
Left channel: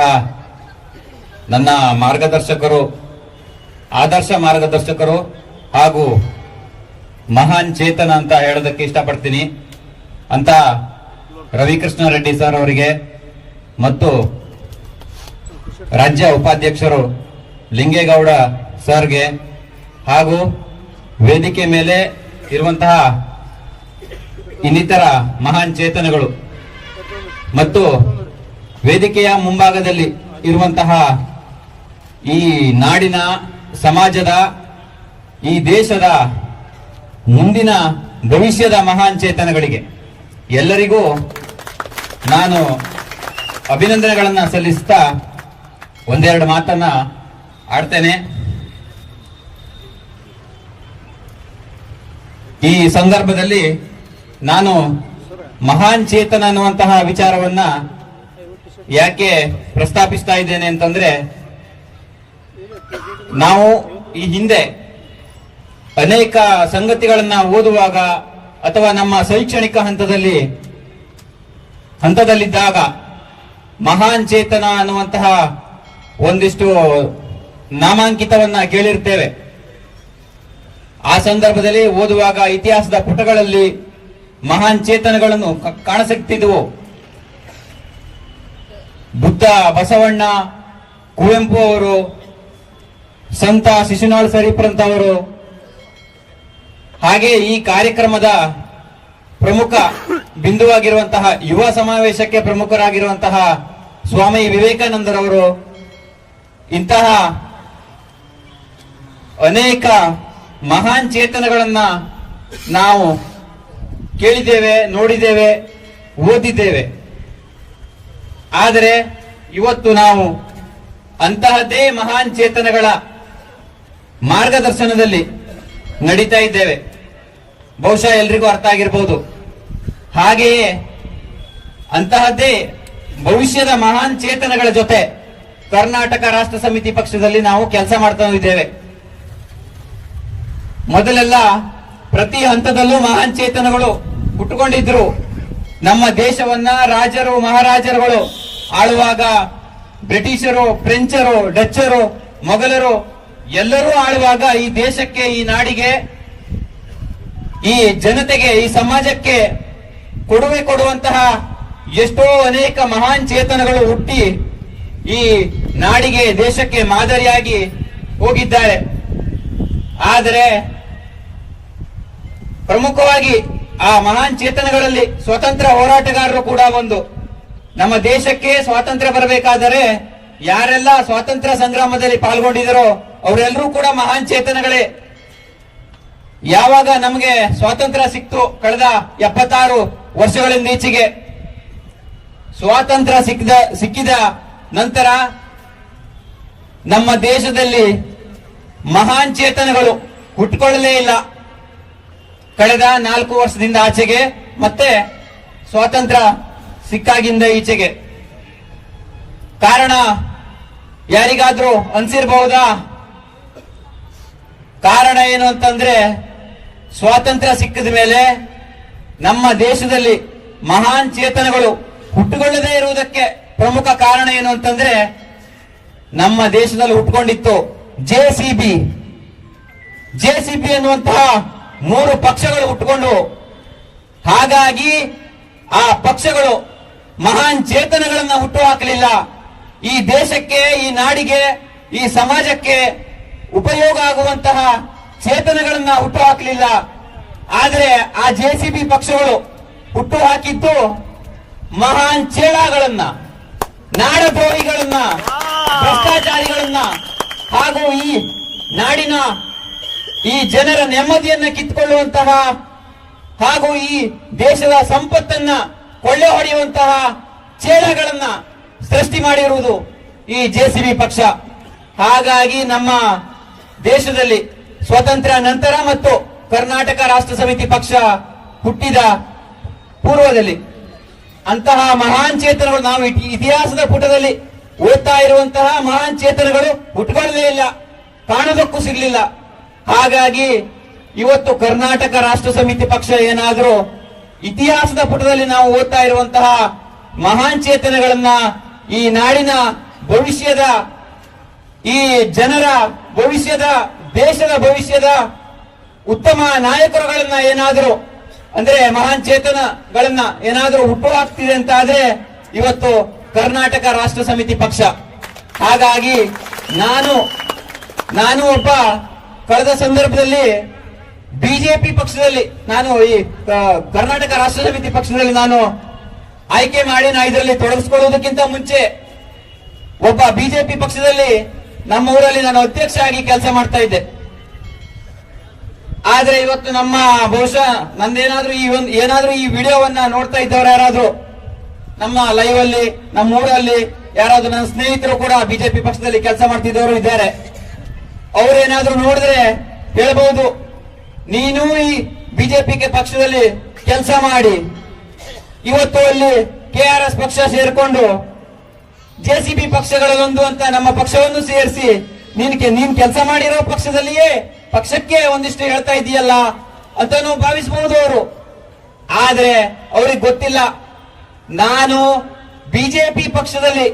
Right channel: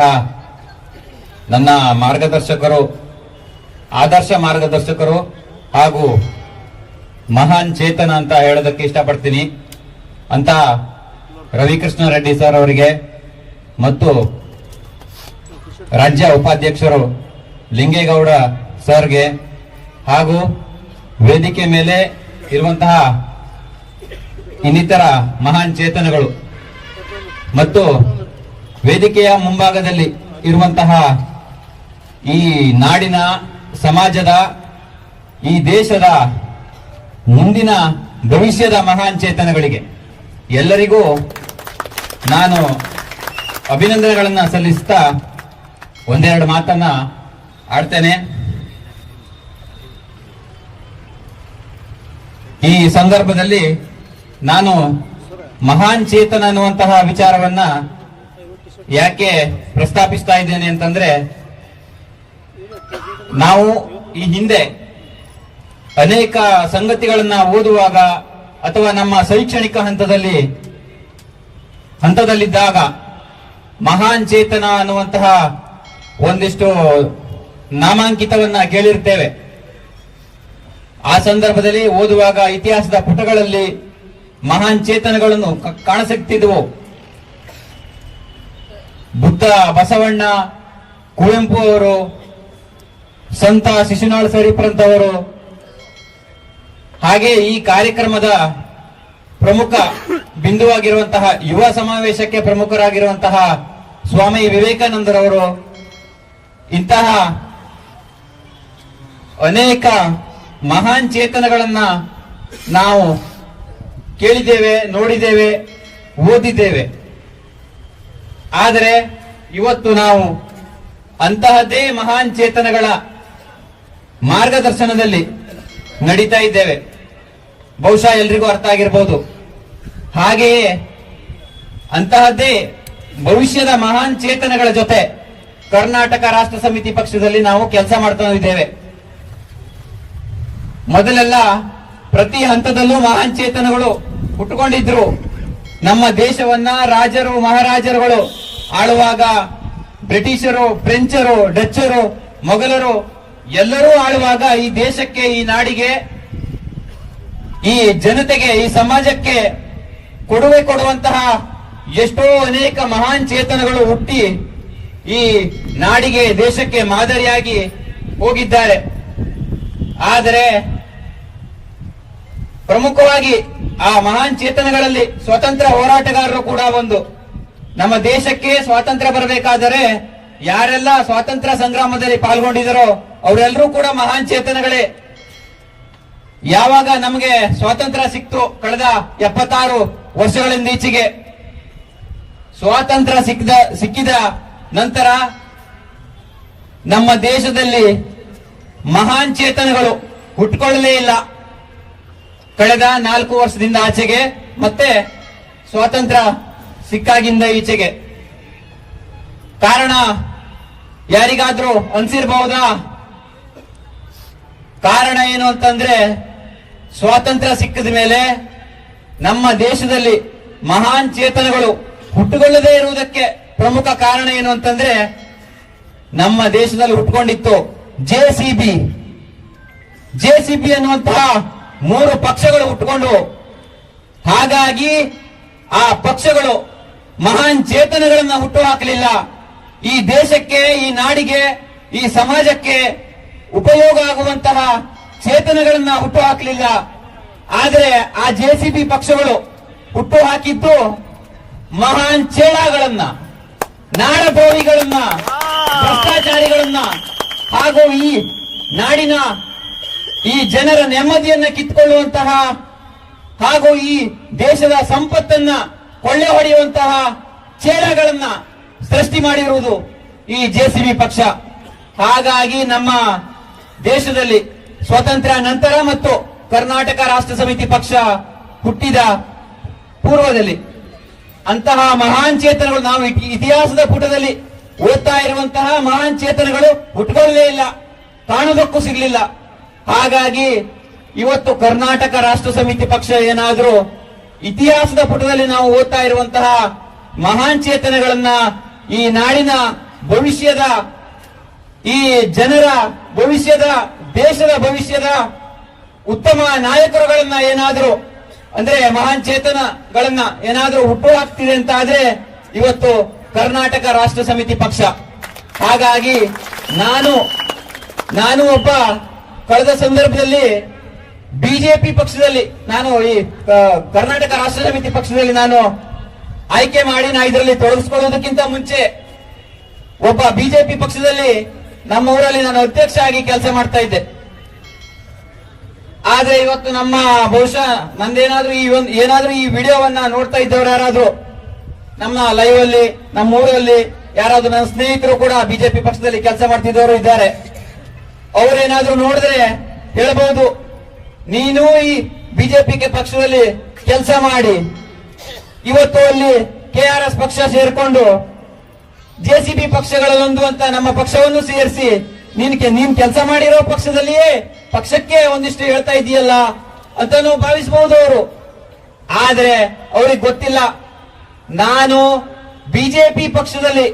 ನನ್ನ ಮಾರ್ಗದರ್ಶಕರು, ಆದರ್ಶ ಮಾರ್ಗದರ್ಶಕರು ಹಾಗೂ ಮಹಾನ್ ಚೇತನ ಅಂತ ಹೇಳೋದಕ್ಕೆ ಇಷ್ಟಪಡ್ತೀನಿ ಅಂತ ರವಿಕೃಷ್ಣ ರೆಡ್ಡಿ ಸರ್ ಅವರಿಗೆ ಮತ್ತು ರಾಜ್ಯ ಉಪಾಧ್ಯಕ್ಷರು ಲಿಂಗೇಗೌಡ ಸರ್ಗೆ ಹಾಗೂ ವೇದಿಕೆ ಮೇಲೆ ಇರುವಂತಹ ಇನ್ನಿತರ ಮಹಾನ್ ಚೇತನಗಳು ಮತ್ತು ವೇದಿಕೆಯ ಮುಂಭಾಗದಲ್ಲಿ ಇರುವಂತಹ ಈ ನಾಡಿನ, ಸಮಾಜದ, ಈ ದೇಶದ ಮುಂದಿನ ಭವಿಷ್ಯದ ಮಹಾನ್ ಚೇತನಗಳಿಗೆ ಎಲ್ಲರಿಗೂ ನಾನು ಅಭಿನಂದನೆಗಳನ್ನ ಸಲ್ಲಿಸ್ತಾ ಒಂದೆರಡು ಮಾತನ್ನ ಆಡ್ತೇನೆ. ಈ ಸಂದರ್ಭದಲ್ಲಿ ನಾನು ಮಹಾನ್ ಚೇತನ ಅನ್ನುವಂತಹ ವಿಚಾರವನ್ನ ಯಾಕೆ ಪ್ರಸ್ತಾಪಿಸ್ತಾ ಇದ್ದೇನೆ ಅಂತಂದ್ರೆ, ನಾವು ಈ ಹಿಂದೆ ಅನೇಕ ಸಂಗತಿಗಳನ್ನ ಓದುವಾಗ ಅಥವಾ ನಮ್ಮ ಶೈಕ್ಷಣಿಕ ಹಂತದಲ್ಲಿದ್ದಾಗ ಮಹಾನ್ ಚೇತನ ಅನ್ನುವಂತಹ ಒಂದಿಷ್ಟು ನಾಮಾಂಕಿತವನ್ನ ಕೇಳಿರ್ತೇವೆ. ಆ ಸಂದರ್ಭದಲ್ಲಿ ಓದುವಾಗ ಇತಿಹಾಸದ ಪುಟಗಳಲ್ಲಿ ಮಹಾನ್ ಚೇತನಗಳನ್ನು ಕಾಣಸಿಗ್ತಿದ್ವು. ಬುದ್ಧ, ಬಸವಣ್ಣ, ಕುವೆಂಪು ಅವರು, ಸಂತ ಶಿಶುನಾಳ ಶರೀಫ್ರಂತವರು, ಹಾಗೆ ಈ ಕಾರ್ಯಕ್ರಮದ ಪ್ರಮುಖ ಬಿಂದುವಾಗಿರುವಂತಹ ಯುವ ಸಮಾವೇಶಕ್ಕೆ ಪ್ರಮುಖರಾಗಿರುವಂತಹ ಸ್ವಾಮಿ ವಿವೇಕಾನಂದರವರು, ಇಂತಹ ಅನೇಕ ಮಹಾನ್ ಚೇತನಗಳನ್ನ ನಾವು ಕೇಳಿದ್ದೇವೆ, ನೋಡಿದ್ದೇವೆ, ಓದಿದ್ದೇವೆ. ಆದರೆ ಇವತ್ತು ನಾವು ಅಂತಹದ್ದೇ ಮಹಾನ್ ಚೇತನಗಳ ಮಾರ್ಗದರ್ಶನದಲ್ಲಿ ನಡೀತಾ ಇದ್ದೇವೆ. ಬಹುಶಃ ಎಲ್ರಿಗೂ ಅರ್ಥ ಆಗಿರಬಹುದು. ಹಾಗೆಯೇ ಅಂತಹದ್ದೇ ಭವಿಷ್ಯದ ಮಹಾನ್ ಚೇತನಗಳ ಜೊತೆ ಕರ್ನಾಟಕ ರಾಷ್ಟ್ರ ಸಮಿತಿ ಪಕ್ಷದಲ್ಲಿ ನಾವು ಕೆಲಸ ಮಾಡ್ತಾ ಇದ್ದೇವೆ. ಮೊದಲೆಲ್ಲ ಪ್ರತಿ ಹಂತದಲ್ಲೂ ಮಹಾನ್ ಚೇತನಗಳು ಹುಟ್ಟುಕೊಂಡಿದ್ರು. ನಮ್ಮ ದೇಶವನ್ನ ರಾಜರು, ಮಹಾರಾಜರುಗಳು ಆಳುವಾಗ ಬ್ರಿಟಿಷರು, ಫ್ರೆಂಚರು, ಡಚ್ಚರು, ಮೊಘಲರು ಎಲ್ಲರೂ ಆಳುವಾಗ ಈ ದೇಶಕ್ಕೆ, ಈ ನಾಡಿಗೆ, ಈ ಜನತೆಗೆ, ಈ ಸಮಾಜಕ್ಕೆ ಕೊಡುಗೆ ಕೊಡುವಂತಹ ಎಷ್ಟೋ ಅನೇಕ ಮಹಾನ್ ಚೇತನಗಳು ಹುಟ್ಟಿ ಈ ನಾಡಿಗೆ, ದೇಶಕ್ಕೆ ಮಾದರಿಯಾಗಿ ಹೋಗಿದ್ದಾರೆ. ಆದರೆ ಪ್ರಮುಖವಾಗಿ ಆ ಮಹಾನ್ ಚೇತನಗಳಲ್ಲಿ ಸ್ವತಂತ್ರ ಹೋರಾಟಗಾರರು ಕೂಡ ಒಂದು. ನಮ್ಮ ದೇಶಕ್ಕೆ ಸ್ವಾತಂತ್ರ್ಯ ಬರಬೇಕಾದರೆ ಯಾರೆಲ್ಲ ಸ್ವಾತಂತ್ರ್ಯ ಸಂಗ್ರಾಮದಲ್ಲಿ ಪಾಲ್ಗೊಂಡಿದ್ದರೋ ಅವರೆಲ್ಲರೂ ಕೂಡ ಮಹಾನ್ ಚೇತನಗಳೇ. ಯಾವಾಗ ನಮಗೆ ಸ್ವಾತಂತ್ರ್ಯ ಸಿಕ್ತು, ಕಳೆದ 76 ವರ್ಷಗಳಿಂದ ಈಚೆಗೆ ಸ್ವಾತಂತ್ರ್ಯ ಸಿಕ್ಕಿದ ನಂತರ ನಮ್ಮ ದೇಶದಲ್ಲಿ ಮಹಾನ್ ಚೇತನಗಳು ಹುಟ್ಟುಕೊಳ್ಳಲೇ ಇಲ್ಲ. ಕಳೆದ 4 ವರ್ಷದಿಂದ ಆಚೆಗೆ, ಮತ್ತೆ ಸ್ವಾತಂತ್ರ್ಯ ಸಿಕ್ಕಾಗಿಂದ ಈಚೆಗೆ. ಕಾರಣ ಯಾರಿಗಾದ್ರೂ ಅನ್ಸಿರಬಹುದಾ? ಕಾರಣ ಏನು ಅಂತಂದ್ರೆ, ಸ್ವಾತಂತ್ರ್ಯ ಸಿಕ್ಕಿದ ಮೇಲೆ ನಮ್ಮ ದೇಶದಲ್ಲಿ ಮಹಾನ್ ಚೇತನಗಳು ಹುಟ್ಟುಕೊಳ್ಳದೇ ಇರುವುದಕ್ಕೆ ಪ್ರಮುಖ ಕಾರಣ ಏನು ಅಂತಂದ್ರೆ, ನಮ್ಮ ದೇಶದಲ್ಲಿ ಹುಟ್ಟುಕೊಂಡಿತ್ತು ಜೆಸಿಬಿ ಅನ್ನುವಂತಹ 3 ಪಕ್ಷಗಳು ಹುಟ್ಟುಕೊಂಡವು. ಹಾಗಾಗಿ ಆ ಪಕ್ಷಗಳು ಮಹಾನ್ ಚೇತನಗಳನ್ನ ಹುಟ್ಟು ಹಾಕಲಿಲ್ಲ. ಈ ದೇಶಕ್ಕೆ, ಈ ನಾಡಿಗೆ, ಈ ಸಮಾಜಕ್ಕೆ ಉಪಯೋಗ ಆಗುವಂತಹ ಚೇತನಗಳನ್ನ ಹುಟ್ಟು ಹಾಕಲಿಲ್ಲ. ಆದರೆ ಆ ಜೆಸಿಬಿ ಪಕ್ಷಗಳು ಹುಟ್ಟು ಹಾಕಿದ್ದು ಮಹಾನ್ ಚೇಳಗಳನ್ನ, ನಾಡದ್ರೋಹಿಗಳನ್ನ, ಭ್ರಷ್ಟಾಚಾರಿಗಳನ್ನ, ಹಾಗೂ ಈ ನಾಡಿನ, ಈ ಜನರ ನೆಮ್ಮದಿಯನ್ನ ಕಿತ್ತುಕೊಳ್ಳುವಂತಹ, ಹಾಗೂ ಈ ದೇಶದ ಸಂಪತ್ತನ್ನ ಕೊಳ್ಳೆ ಹೊಡೆಯುವಂತಹ ಚೇಳಗಳನ್ನ ಸೃಷ್ಟಿ ಮಾಡಿರುವುದು ಈ ಜೆಸಿಬಿ ಪಕ್ಷ. ಹಾಗಾಗಿ ನಮ್ಮ ದೇಶದಲ್ಲಿ ಸ್ವಾತಂತ್ರ್ಯ ನಂತರ ಮತ್ತು ಕರ್ನಾಟಕ ರಾಷ್ಟ್ರ ಸಮಿತಿ ಪಕ್ಷ ಹುಟ್ಟಿದ ಪೂರ್ವದಲ್ಲಿ ಅಂತಹ ಮಹಾನ್ ಚೇತನಗಳು, ನಾವು ಇತಿಹಾಸದ ಪುಟದಲ್ಲಿ ಓದ್ತಾ ಇರುವಂತಹ ಮಹಾನ್ ಚೇತನಗಳು ಹುಟ್ಟುಕೊಳ್ಳಲೇ ಇಲ್ಲ, ಕಾಣದಕ್ಕೂ ಸಿಗಲಿಲ್ಲ. ಹಾಗಾಗಿ ಇವತ್ತು ಕರ್ನಾಟಕ ರಾಷ್ಟ್ರ ಸಮಿತಿ ಪಕ್ಷ ಏನಾದರೂ ಇತಿಹಾಸದ ಪುಟದಲ್ಲಿ ನಾವು ಓದ್ತಾ ಇರುವಂತಹ ಮಹಾನ್ ಚೇತನಗಳನ್ನ, ಈ ನಾಡಿನ ಭವಿಷ್ಯದ, ಈ ಜನರ ಭವಿಷ್ಯದ, ದೇಶದ ಭವಿಷ್ಯದ ಉತ್ತಮ ನಾಯಕರುಗಳನ್ನ ಏನಾದರೂ, ಅಂದ್ರೆ ಮಹಾನ್ ಚೇತನಗಳನ್ನ ಏನಾದರೂ ಹುಟ್ಟು ಹಾಕ್ತಿದೆ ಅಂತ ಆದ್ರೆ ಇವತ್ತು ಕರ್ನಾಟಕ ರಾಷ್ಟ್ರ ಸಮಿತಿ ಪಕ್ಷ. ಹಾಗಾಗಿ ನಾನು ಒಬ್ಬ ಕಳೆದ ಸಂದರ್ಭದಲ್ಲಿ ಬಿಜೆಪಿ ಪಕ್ಷದಲ್ಲಿ, ನಾನು ಈ ಕರ್ನಾಟಕ ರಾಷ್ಟ್ರ ಸಮಿತಿ ಪಕ್ಷದಲ್ಲಿ ನಾನು ಆಯ್ಕೆ ಮಾಡಿ ಇದರಲ್ಲಿ ತೊಡಗಿಸಿಕೊಳ್ಳುವುದಕ್ಕಿಂತ ಮುಂಚೆ ಒಬ್ಬ ಬಿಜೆಪಿ ಪಕ್ಷದಲ್ಲಿ ನಮ್ಮ ಊರಲ್ಲಿ ನಾನು ಅಧ್ಯಕ್ಷ ಆಗಿ ಕೆಲಸ ಮಾಡ್ತಾ ಇದ್ದೆ. ಆದ್ರೆ ಇವತ್ತು ನಮ್ಮ ಬಹುಶಃ ಏನಾದ್ರೂ ಈ ವಿಡಿಯೋವನ್ನ ನೋಡ್ತಾ ಇದ್ದವರು ಯಾರಾದ್ರೂ ನಮ್ಮ ಲೈವ್ ಅಲ್ಲಿ, ನಮ್ಮ ಊರಲ್ಲಿ ಯಾರಾದ್ರೂ ನನ್ನ ಸ್ನೇಹಿತರು ಕೂಡ ಬಿಜೆಪಿ ಪಕ್ಷದಲ್ಲಿ ಕೆಲಸ ಮಾಡ್ತಿದ್ದವರು ಇದ್ದಾರೆ. ಅವರೇನಾದ್ರೂ ನೋಡಿದ್ರೆ ಹೇಳಬಹುದು, ನೀನು ಈ ಬಿಜೆಪಿ ಪಕ್ಷದಲ್ಲಿ ಕೆಲಸ ಮಾಡಿ ಇವತ್ತು ಅಲ್ಲಿ KRS ಪಕ್ಷ ಸೇರಿಕೊಂಡು ಜೆಸಿಬಿ ಪಕ್ಷಗಳಲ್ಲೊಂದು ಅಂತ ನಮ್ಮ ಪಕ್ಷವನ್ನು ಸೇರಿಸಿ ನೀನ್ ಕೆಲಸ ಮಾಡಿರೋ ಪಕ್ಷದಲ್ಲಿಯೇ ಪಕ್ಷಕ್ಕೆ ಒಂದಿಷ್ಟು ಹೇಳ್ತಾ ಇದೆಯಲ್ಲ ಅಂತಾನು ಭಾವಿಸಬಹುದು ಅವರು. ಆದ್ರೆ ಅವ್ರಿಗೆ ಗೊತ್ತಿಲ್ಲ, ನಾನು ಬಿಜೆಪಿ ಪಕ್ಷದಲ್ಲಿ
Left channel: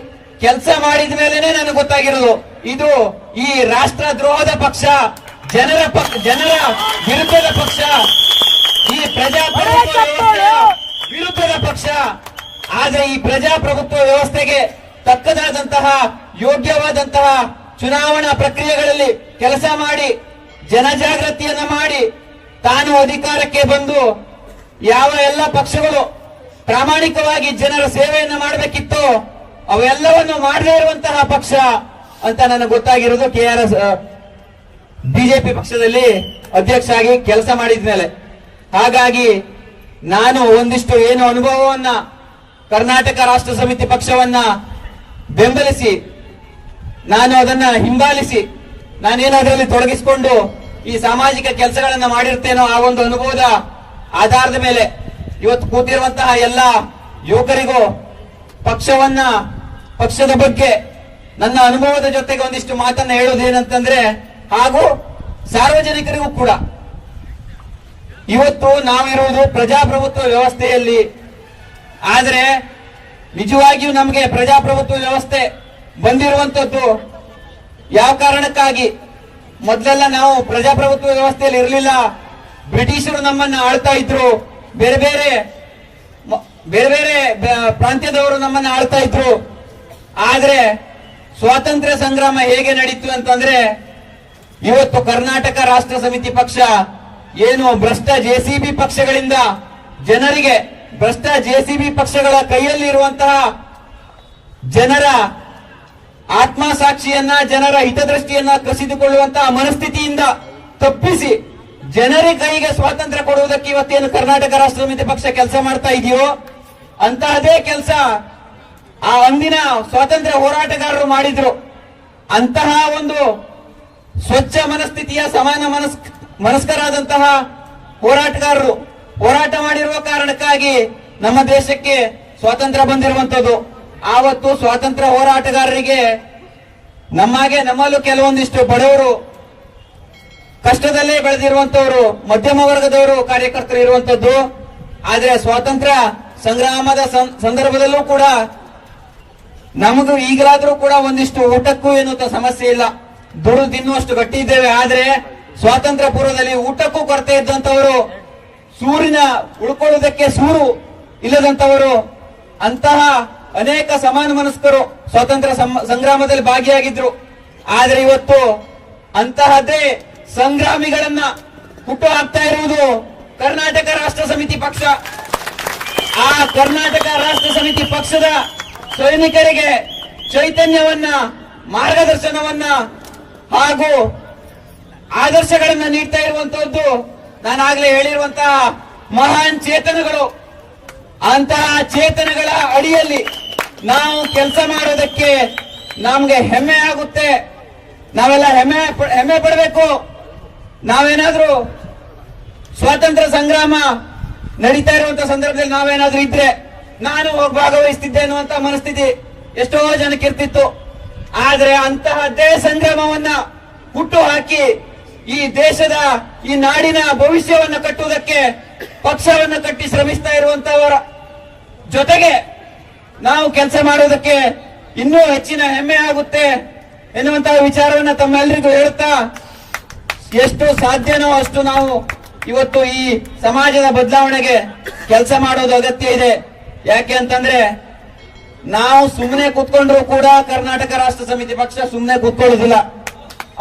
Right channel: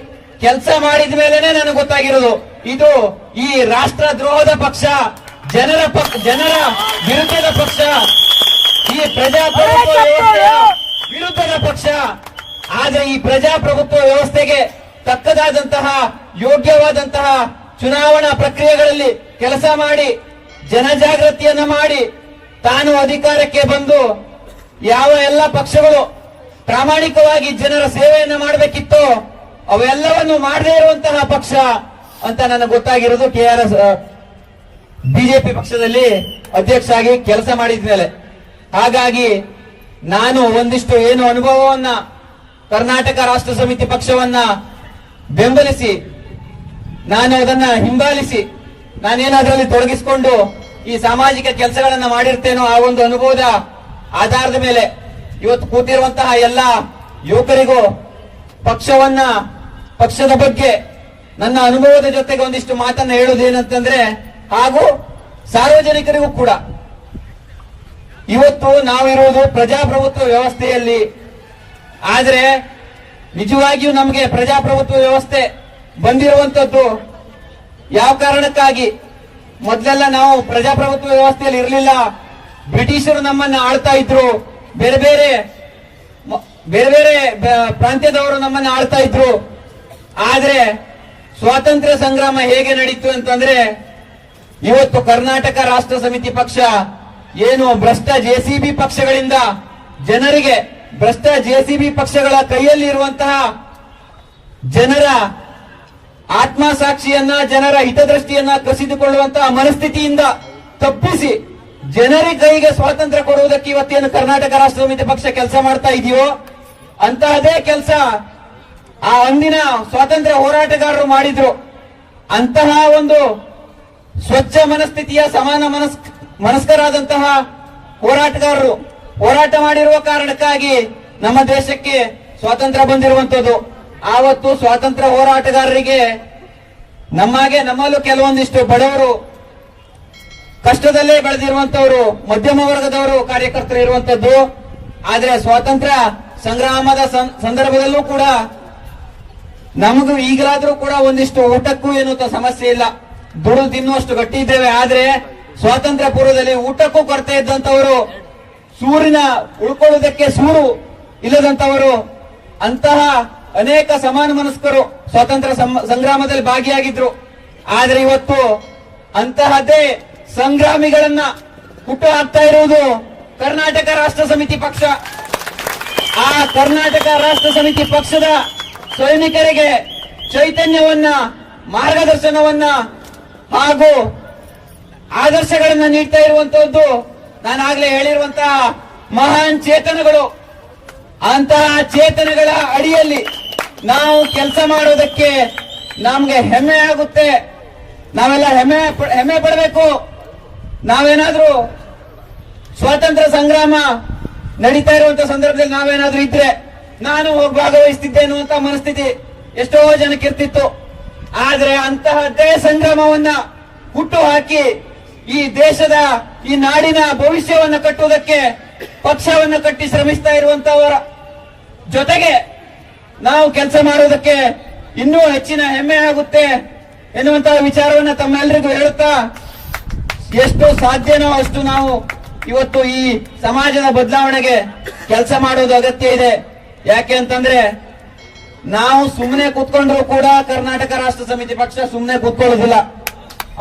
ಕೆಲಸ ಮಾಡಿದ ಮೇಲೆನೆ ನನಗೆ ಗೊತ್ತಾಗಿರೋದು ಇದು ಈ ರಾಷ್ಟ್ರ ದ್ರೋಹದ ಪಕ್ಷ, ಜನರ ವಿರುದ್ಧದ ಪಕ್ಷ, ಈ ಪ್ರಜಾಪ್ರಭುತ್ವ ವ್ಯವಸ್ಥೆಯ ವಿರುದ್ಧದ ಪಕ್ಷ. ಆದ್ರೆ ಈ ಪ್ರಜಾಪ್ರಭುತ್ವ ವ್ಯವಸ್ಥೆಗೆ ತಕ್ಕದಾದಂತಹ ಯೋಗ್ಯವಾದಂತಹ ಚುನಾವಣಾ ಪ್ರಕ್ರಿಯೆಗಳಲ್ಲಿ ಕೆಲಸ ಮಾಡಿ ಜನಜಾಗೃತಿಯನ್ನ ಮಾಡಿ ತಾನು ಅಧಿಕಾರಕ್ಕೆ ಬಂದು ಯಾವ ಎಲ್ಲ ಪಕ್ಷಗಳು ಪ್ರಾಮಾಣಿಕವಾಗಿ ಜನರ ಸೇವೆಯನ್ನ ಮಾಡಬೇಕಿತ್ತೋ ಅವೆಲ್ಲವನ್ನು ಮಾಡದೇ ಇರುವಂತಹ ಪಕ್ಷ ಅಂತ ನನಗೆ ಗೊತ್ತಾಗಿರೋದು KRS ಬಿಜೆಪಿ ಪಕ್ಷದಲ್ಲಿ ಅಧ್ಯಕ್ಷ ಆಗಿ ಕೆಲಸ ಮಾಡಿದ ಮೇಲೆ. ಹಾಗಾಗಿ ನಾನು ಒಂದಿಷ್ಟು ಏನು ಅನುಭವವನ್ನ ಕರ್ನಾಟಕ ರಾಷ್ಟ್ರ ಸಮಿತಿ ಪಕ್ಷವನ್ನ ಬೆಂಬಲಿಸಿ ನಾನು ಅದನ್ನ ಹಿಂಬಾಲಿಸಿ ನಾನೇನು ಅದರಲ್ಲಿ ತೊಡಗಿಸಿಕೊಂಡು ಈ ಸಾಮಾಜಿಕ ಕೆಲಸಗಳನ್ನ ಮಾಡಿರ್ತೇನೋ ಆ ಒಂದು ಅನುಭವದ ಆಧಾರದ ಮೇಲೆ ಇವತ್ತು ಕೂತಿರುವಂತಹ ಎಲ್ಲ ಯುವಕರಿಗೂ ಪಕ್ಷದ ಬಗ್ಗೆ ನನ್ನ ಅನುಭವದ ಜೊತೆಗೆ ಒಂದಿಷ್ಟು ಮಾತನ್ನ ಹೇಳೋದೇನಂತಂದ್ರೆ, ಹಾಗೂ ಸಾರ್ವಜನಿಕರಿಗೂ ಕೂಡ ಇವತ್ತು ನಾವಿರುವುದು ಪ್ರಜಾಪ್ರಭುತ್ವ ವ್ಯವಸ್ಥೆಯಲ್ಲಿ. ಆದರೆ ನಿಜವಾಗಿಯೂ ನಮಗೆ ಪ್ರಜಾಪ್ರಭುತ್ವ ವ್ಯವಸ್ಥೆ ಬಂದಿರುವಂತದ್ದು ಯಾವ ಕಾರಣಕ್ಕಾಗಿ? ಮೊದಲೆಲ್ಲ ನಾವು ಪ್ರಜಾಪ್ರಭುತ್ವ ವ್ಯವಸ್ಥೆಯಲ್ಲಿ ಇರಲಿಲ್ಲ. ಬ್ರಿಟಿಷರು ನಮ್ಮನ್ನ ಆಳ್ತಾ ಇದ್ರು, ಬೇರೆ ಬೇರೆ ಪ್ರಾಂತ್ಯದವರು ನಮ್ಮನ್ನ ಆಳ್ತಾ ಇದ್ರು. ಆದ್ರೆ ಸ್ವಾತಂತ್ರ್ಯ ಸಂಗ್ರಾಮ ಹೇಗೆ ನಡೀತು ಅಂತಂದ್ರೆ, ಇವತ್ತು ಕರ್ನಾಟಕ ರಾಷ್ಟ್ರ ಸಮಿತಿ ಪಕ್ಷ ಏನು ಭ್ರಷ್ಟ JCB ಪಕ್ಷಗಳಿಂದ ಜನರಿಗೆ, ಭ್ರಷ್ಟ JCB ಪಕ್ಷಗಳ ಕೈಯಲ್ಲಿ ಇರುವಂತಹ ಜನರ ಆತ್ಮಸಾಕ್ಷಿಯನ್ನ, ಜನರ ಹಿತದೃಷ್ಟಿಯನ್ನ ಕಸಿದುಕೊಳ್ಳುವಂತಹ ಮನಸ್ಥಿತಿಯಿಂದ ತಪ್ಪಿಸಿ ಜನರ ಕೈಗೆ ಸ್ವಾತಂತ್ರ್ಯ ಕೊಡುವುದಕ್ಕೆ ಇವತ್ತೇನು ಕರ್ನಾಟಕ ರಾಷ್ಟ್ರ ಸಮಿತಿ ಪಕ್ಷ ಕೆಲಸ ಮಾಡ್ತಾ ಇದೆಯೋ ಅಂತಹದೇ ಕೆಲಸ ಆ ಅಂದಿನ ಸ್ವಾತಂತ್ರ್ಯ ಹೋರಾಟಗಾರರು ಮಾಡಿದ್ರು. ಅಂತಹ ಒಂದು ಸ್ವಚ್ಛ ಮನಸ್ಥಿತಿಯ ಸಮಾನ ಮನಸ್ಕರಾದಂತಹ ಹೋರಾಟಗಾರರು ಹೋರಾಟ ಮಾಡಿರುವ ಕಾರಣಕ್ಕಾಗಿ ನಮ್ಮ ದೇಶಕ್ಕೆ ಸ್ವಾತಂತ್ರ್ಯ ಬಂದಿರುವಂತದ್ದು. ಆವತ್ತು ಸ್ವಾತಂತ್ರ್ಯ ಹೋರಾಟಗಾರರಿಗೆ ನಮ್ಮಲ್ಲೂ ಕೆಲವೊಂದಿಷ್ಟು ಬಡವರು, ಕಷ್ಟದಲ್ಲೇ ಬೆಳೆದಿರುವಂತವರು, ಮಧ್ಯಮ ವರ್ಗದವರು ಕಾರ್ಯಕರ್ತರು ಇರುವಂತದ್ದು. ಆದ್ರೆ ಸ್ವಾತಂತ್ರ್ಯ ಸಂಗ್ರಾಮದ ಸಂದರ್ಭದಲ್ಲೂ ಕೂಡ ನಮಗೂ ಈಗಲಾದ್ರೂ ಕೂಡ ಒಂದಿಷ್ಟು ಊಟಕ್ಕೂ ಏನು ಸಮಸ್ಯೆ ಇಲ್ಲ, ದುಡಿದು ತಿನ್ನುವಷ್ಟು ಗಟ್ಟಿ ಇದ್ದೇವೆ. ಆದ್ರೆ ಸ್ವಾತಂತ್ರ್ಯ ಪೂರ್ವದಲ್ಲಿ ಊಟಕ್ಕೂ ಕೊರತೆ ಇದ್ದಂತವರು, ಸೂರಿನ ಉಳ್ಕೊಳ್ಳುವುದಕ್ಕೆ ಸೂರು ಇಲ್ಲದಂತವರು, ಅಂತಹ ಅನೇಕ ಸಮಾನ ಮನಸ್ಕರು ಸ್ವಾತಂತ್ರ್ಯ ಸಂಗ್ರಾಮದಲ್ಲಿ ಭಾಗಿಯಾಗಿದ್ರು. ಆದ್ರೆ ಇವತ್ತು ಅಂತಹದ್ದೇ ಸಂಗ್ರಾಮಿಗಳನ್ನ ಹುಟ್ಟು ಹಾಕ್ತಾ ಇರುವುದು ಕರ್ನಾಟಕ ರಾಷ್ಟ್ರ ಸಮಿತಿ ಪಕ್ಷ. ಆ ಕರ್ನಾಟಕ ರಾಷ್ಟ್ರ ಸಮಿತಿ ಪಕ್ಷದ ಸೈನಿಕರಿಗೆ ಚೈತನ್ಯವನ್ನ, ಮಾರ್ಗದರ್ಶನವನ್ನ ಹಾಗೂ ಆದರ್ಶಗಳನ್ನ ನೀಡ್ತಾ ಇರುವಂತಹದ್ದು ನಾನಾಗಲೇ ಹೇಳಿರುವಂತಹ ಮಹಾನ್ ಚೇತನಗಳು. ಅಂತಹ ಚೇತನಗಳ ಅಡಿಯಲ್ಲಿ ನಾವು ಕೆಲಸ ಮಾಡೋದಕ್ಕೆ ನಮ್ಗೆ ಹೆಮ್ಮೆ ಆಗುತ್ತೆ. ನಾವೆಲ್ಲ ಹೆಮ್ಮೆ ಪಡಬೇಕು. ನಾವೇನಾದ್ರೂ ಸ್ವಾತಂತ್ರ್ಯ ಸಂಗ್ರಾಮ ನಡೀತಾ ಇರುವಂತಹ ಸಂದರ್ಭದಲ್ಲಿ ನಾವೇನಾದ್ರೂ ಇದ್ರೆ ನಾನು ಹೋಗಿ ಭಾಗವಹಿಸ್ತಿದ್ದೆ ಅನ್ನುವಂತ ಮನಸ್ಥಿತಿ ಎಷ್ಟೋ ಜನಕ್ಕೆ ಇರ್ತಿತ್ತು. ಆದ್ರೆ ಅಂತಹದ್ದೇ ಸಂಗ್ರಾಮವನ್ನ ಹುಟ್ಟು ಹಾಕಿ ಈ ದೇಶದ, ಈ ನಾಡಿನ ಭವಿಷ್ಯವನ್ನ ಕಟ್ಟುವುದಕ್ಕೆ ಪಕ್ಷವನ್ನು ಕಟ್ಟಿ ಶ್ರಮಿಸ್ತಾ ಇರುವಂತವರ ಜೊತೆಗೆ ನಾವು ಕೆಲಸ ಮಾಡುವುದಕ್ಕೆ ಇನ್ನೂ ಹೆಚ್ಚಿನ ಹೆಮ್ಮೆ ಆಗುತ್ತೆ ಎನ್ನುವಂತಹ ವಿಚಾರವನ್ನು ತಮ್ಮೆಲ್ಲರಿಗೂ ಹೇಳುತ್ತಾ, ಎಷ್ಟು ಸಾಧ್ಯನೋ ಅಷ್ಟು ನಾವು ಇವತ್ತು ಈ ಸಮಾಜದ ಬದಲಾವಣೆಗೆ ಕೆಲಸ ಮಾಡೋದು ಅಗತ್ಯ ಇದೆ. ಯಾಕೆ ಅಂತಂದ್ರೆ ನಾವು ಸುಮ್ಮನೆ ಕೂತ್ಕೊಂಡ್ರು ಕೂಡ ಕರ್ನಾಟಕ ರಾಷ್ಟ್ರ ಸಮಿತಿ ಪಕ್ಷ ಸುಮ್ಮನೆ ಕೂತ್ಕೊಳ್ಳೋದಿಲ್ಲ,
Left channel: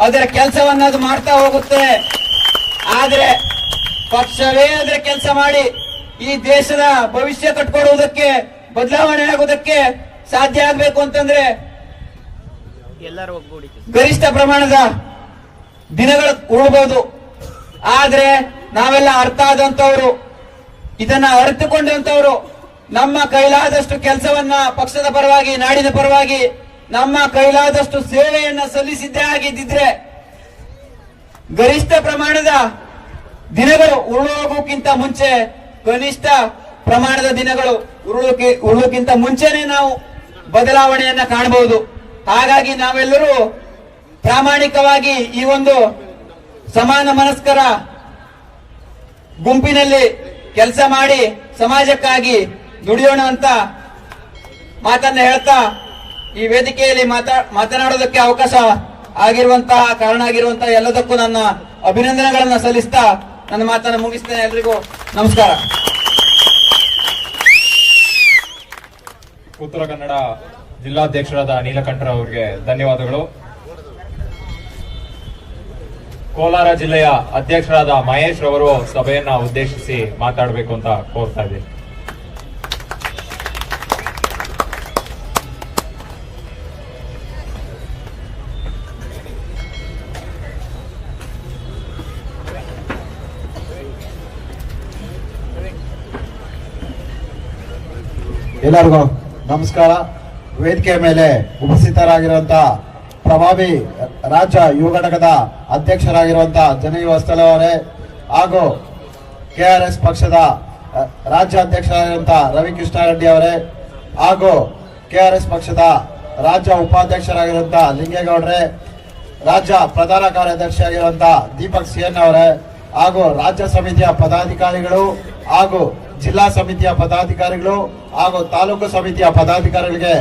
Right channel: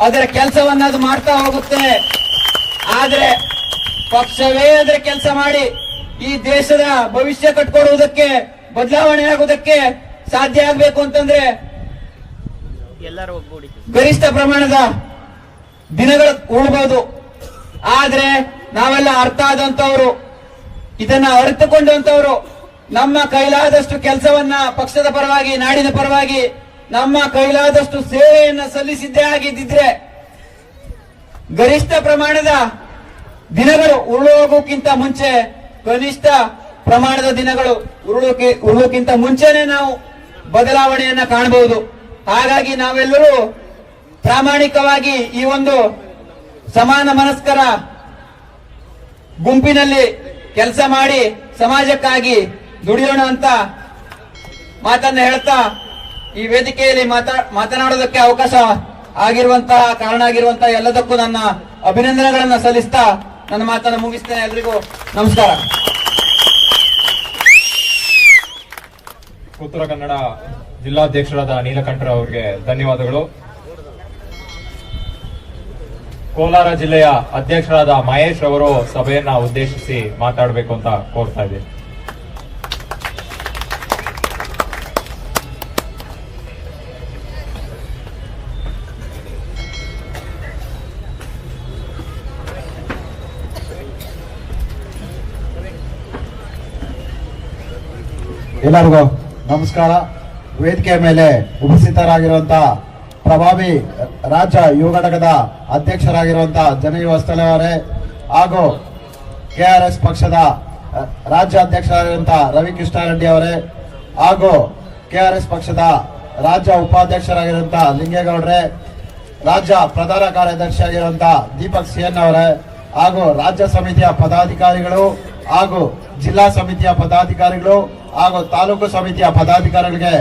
ಅದರ ಕೆಲಸವನ್ನ ಅದು ಮಾಡ್ತಾ ಹೋಗುತ್ತೆ. ಆದ್ರೆ ಪಕ್ಷವೇ ಅದರ ಕೆಲಸ ಮಾಡಿ ಈ ದೇಶದ ಭವಿಷ್ಯ ಕಟ್ಕೊಡುವುದಕ್ಕೆ, ಬದಲಾವಣೆ ಆಗುವುದಕ್ಕೆ ಸಾಧ್ಯ ಆಗಬೇಕು ಅಂತಂದ್ರೆ ಎಲ್ಲರೂ ಒಗ್ಗೂಡಿ ಗರಿಷ್ಠ ಪ್ರಮಾಣದ ದಿನಗಳು ಉಳ್ಬಹುದು. ಆದ್ರೆ ನಾವೆಲ್ಲ ಅರ್ಥ ಆದಂತವರು, ಇದನ್ನ ಅರಿತುಕೊಂಡಂತವರು ನಮ್ಮ ಕೈಲಾದಷ್ಟು ಕೆಲಸವನ್ನ ಪಕ್ಷದ ಪರವಾಗಿ, ನಾಡಿನ ಪರವಾಗಿ ನಮ್ಮ ಕೈಲಾದಷ್ಟು ಸೇವೆಯನ್ನ ಸಲ್ಲಿಸಿದ್ದೇ ಆಗಿದ್ದಿದ್ರೆ ಗರಿಷ್ಠ ಪ್ರಮಾಣದ ದಿನಗಳು ಉರುಳೋಗೋಕ್ಕಿಂತ ಮುಂಚೆ ಕನಿಷ್ಠ ಪ್ರಮಾಣದ ದಿನಗಳು ಉರುಳೋಕ್ಕಿಂತ ಮುಂಚೆನೆ ನಾವು ಬದಲಾವಣೆಯನ್ನ ಕಾಣಬಹುದು. ಹಾಗಾಗಿ ನಾವೆಲ್ಲರೂ ಪ್ರಾಮಾಣಿಕವಾಗಿ ಈ ಒಂದು ಸಮಾನ ಮನಸ್ಕರ ಗುಂಪಿನಲ್ಲಿ ಕೆಲಸ ಮಾಡಿ ಸಮಾಜಕ್ಕಾಗಿ ದುಡಿಯೋಣ ಅಂತ ಮಾತನ್ನ ಹೇಳ್ತಾ ಈ ವೇದಿಕೆಯಲ್ಲಿ ಮಾತನಾಡೋದಕ್ಕೆ ಅವಕಾಶ ಕಾರಣ ಆಗಿರುವಂತಹ ಎಲ್ಲದಕ್ಕೂ ನನ್ನ ಅಭಿನಂದನೆಗಳನ್ನ ಸಲ್ಲಿಸ್ತಾ ನನ್ನ ಮಾತನ್ನ ಮುಗಿಸ್ತೇನೆ. ಎಲ್ರಿಗೂ ನಮಸ್ಕಾರ. ಉತ್ತರ ಕನ್ನಡ ಜಿಲ್ಲಾಧ್ಯಕ್ಷರಾದ ನೀಲಕಂಠರಾವ್ ಅವರಿಗೆ ಧನ್ಯವಾದಗಳು. ಕೋಲಾರ ಜಿಲ್ಲೆಯ ಅಧ್ಯಕ್ಷರಾದ ಮಹೇಶ್ ಅವರು ಸಭೆಯನ್ನ ಉದ್ದೇಶಿಸಿ ಮಾತಾಡಬೇಕು ಅಂತ ಕೋರ್ತಾ ಇದ್ದೀನಿ. ಎಲ್ಲರಿಗೂ ನಮಸ್ಕಾರ. ವೇದಿಕೆಯ ಮೇಲೆ ಉಪಸ್ಥಿತರಾಗಿರುವಂತಹ ಪ್ರಭಾವಿ ರಾಜ್ಯ ಯುವ ಘಟಕದ ಅಧ್ಯಕ್ಷರಾಗಿರುವಂತಹ ಜನಯುವ ಸ್ಥಳವರೇ ಹಾಗೂ ಕೆಆರ್ಎಸ್ ಪಕ್ಷದ ರಾಜ್ಯ ಅಧ್ಯಕ್ಷರಾಗಿರುವಂತಹ ರವಿಕೃಷ್ಣಾರೆಡ್ಡಿ ಅವರೇ ಹಾಗೂ ಕೆಆರ್ಎಸ್ ಪಕ್ಷದ ರಾಜ್ಯ ಉಪಾಧ್ಯಕ್ಷರಾಗಿರುವಂತಹ ಲಿಂಗೇಗೌಡ್ರೆ, ರಾಜ್ಯ ಪ್ರಧಾನ ಕಾರ್ಯದರ್ಶಿಯಾಗಿರುವಂತಹ ದೀಪಕ್ ಸಿಎನ್ ಅವರೇ ಹಾಗೂ ರಾಜ್ಯ ಸಮಿತಿಯ ಪದಾಧಿಕಾರಿಗಳು ಹಾಗೂ ಜಿಲ್ಲಾ ಸಮಿತಿಯ ಪದಾಧಿಕಾರಿಗಳು ಹಾಗೂ ತಾಲೂಕು ಸಮಿತಿಯ ಪದಾಧಿಕಾರಿಗಳಿಗೆ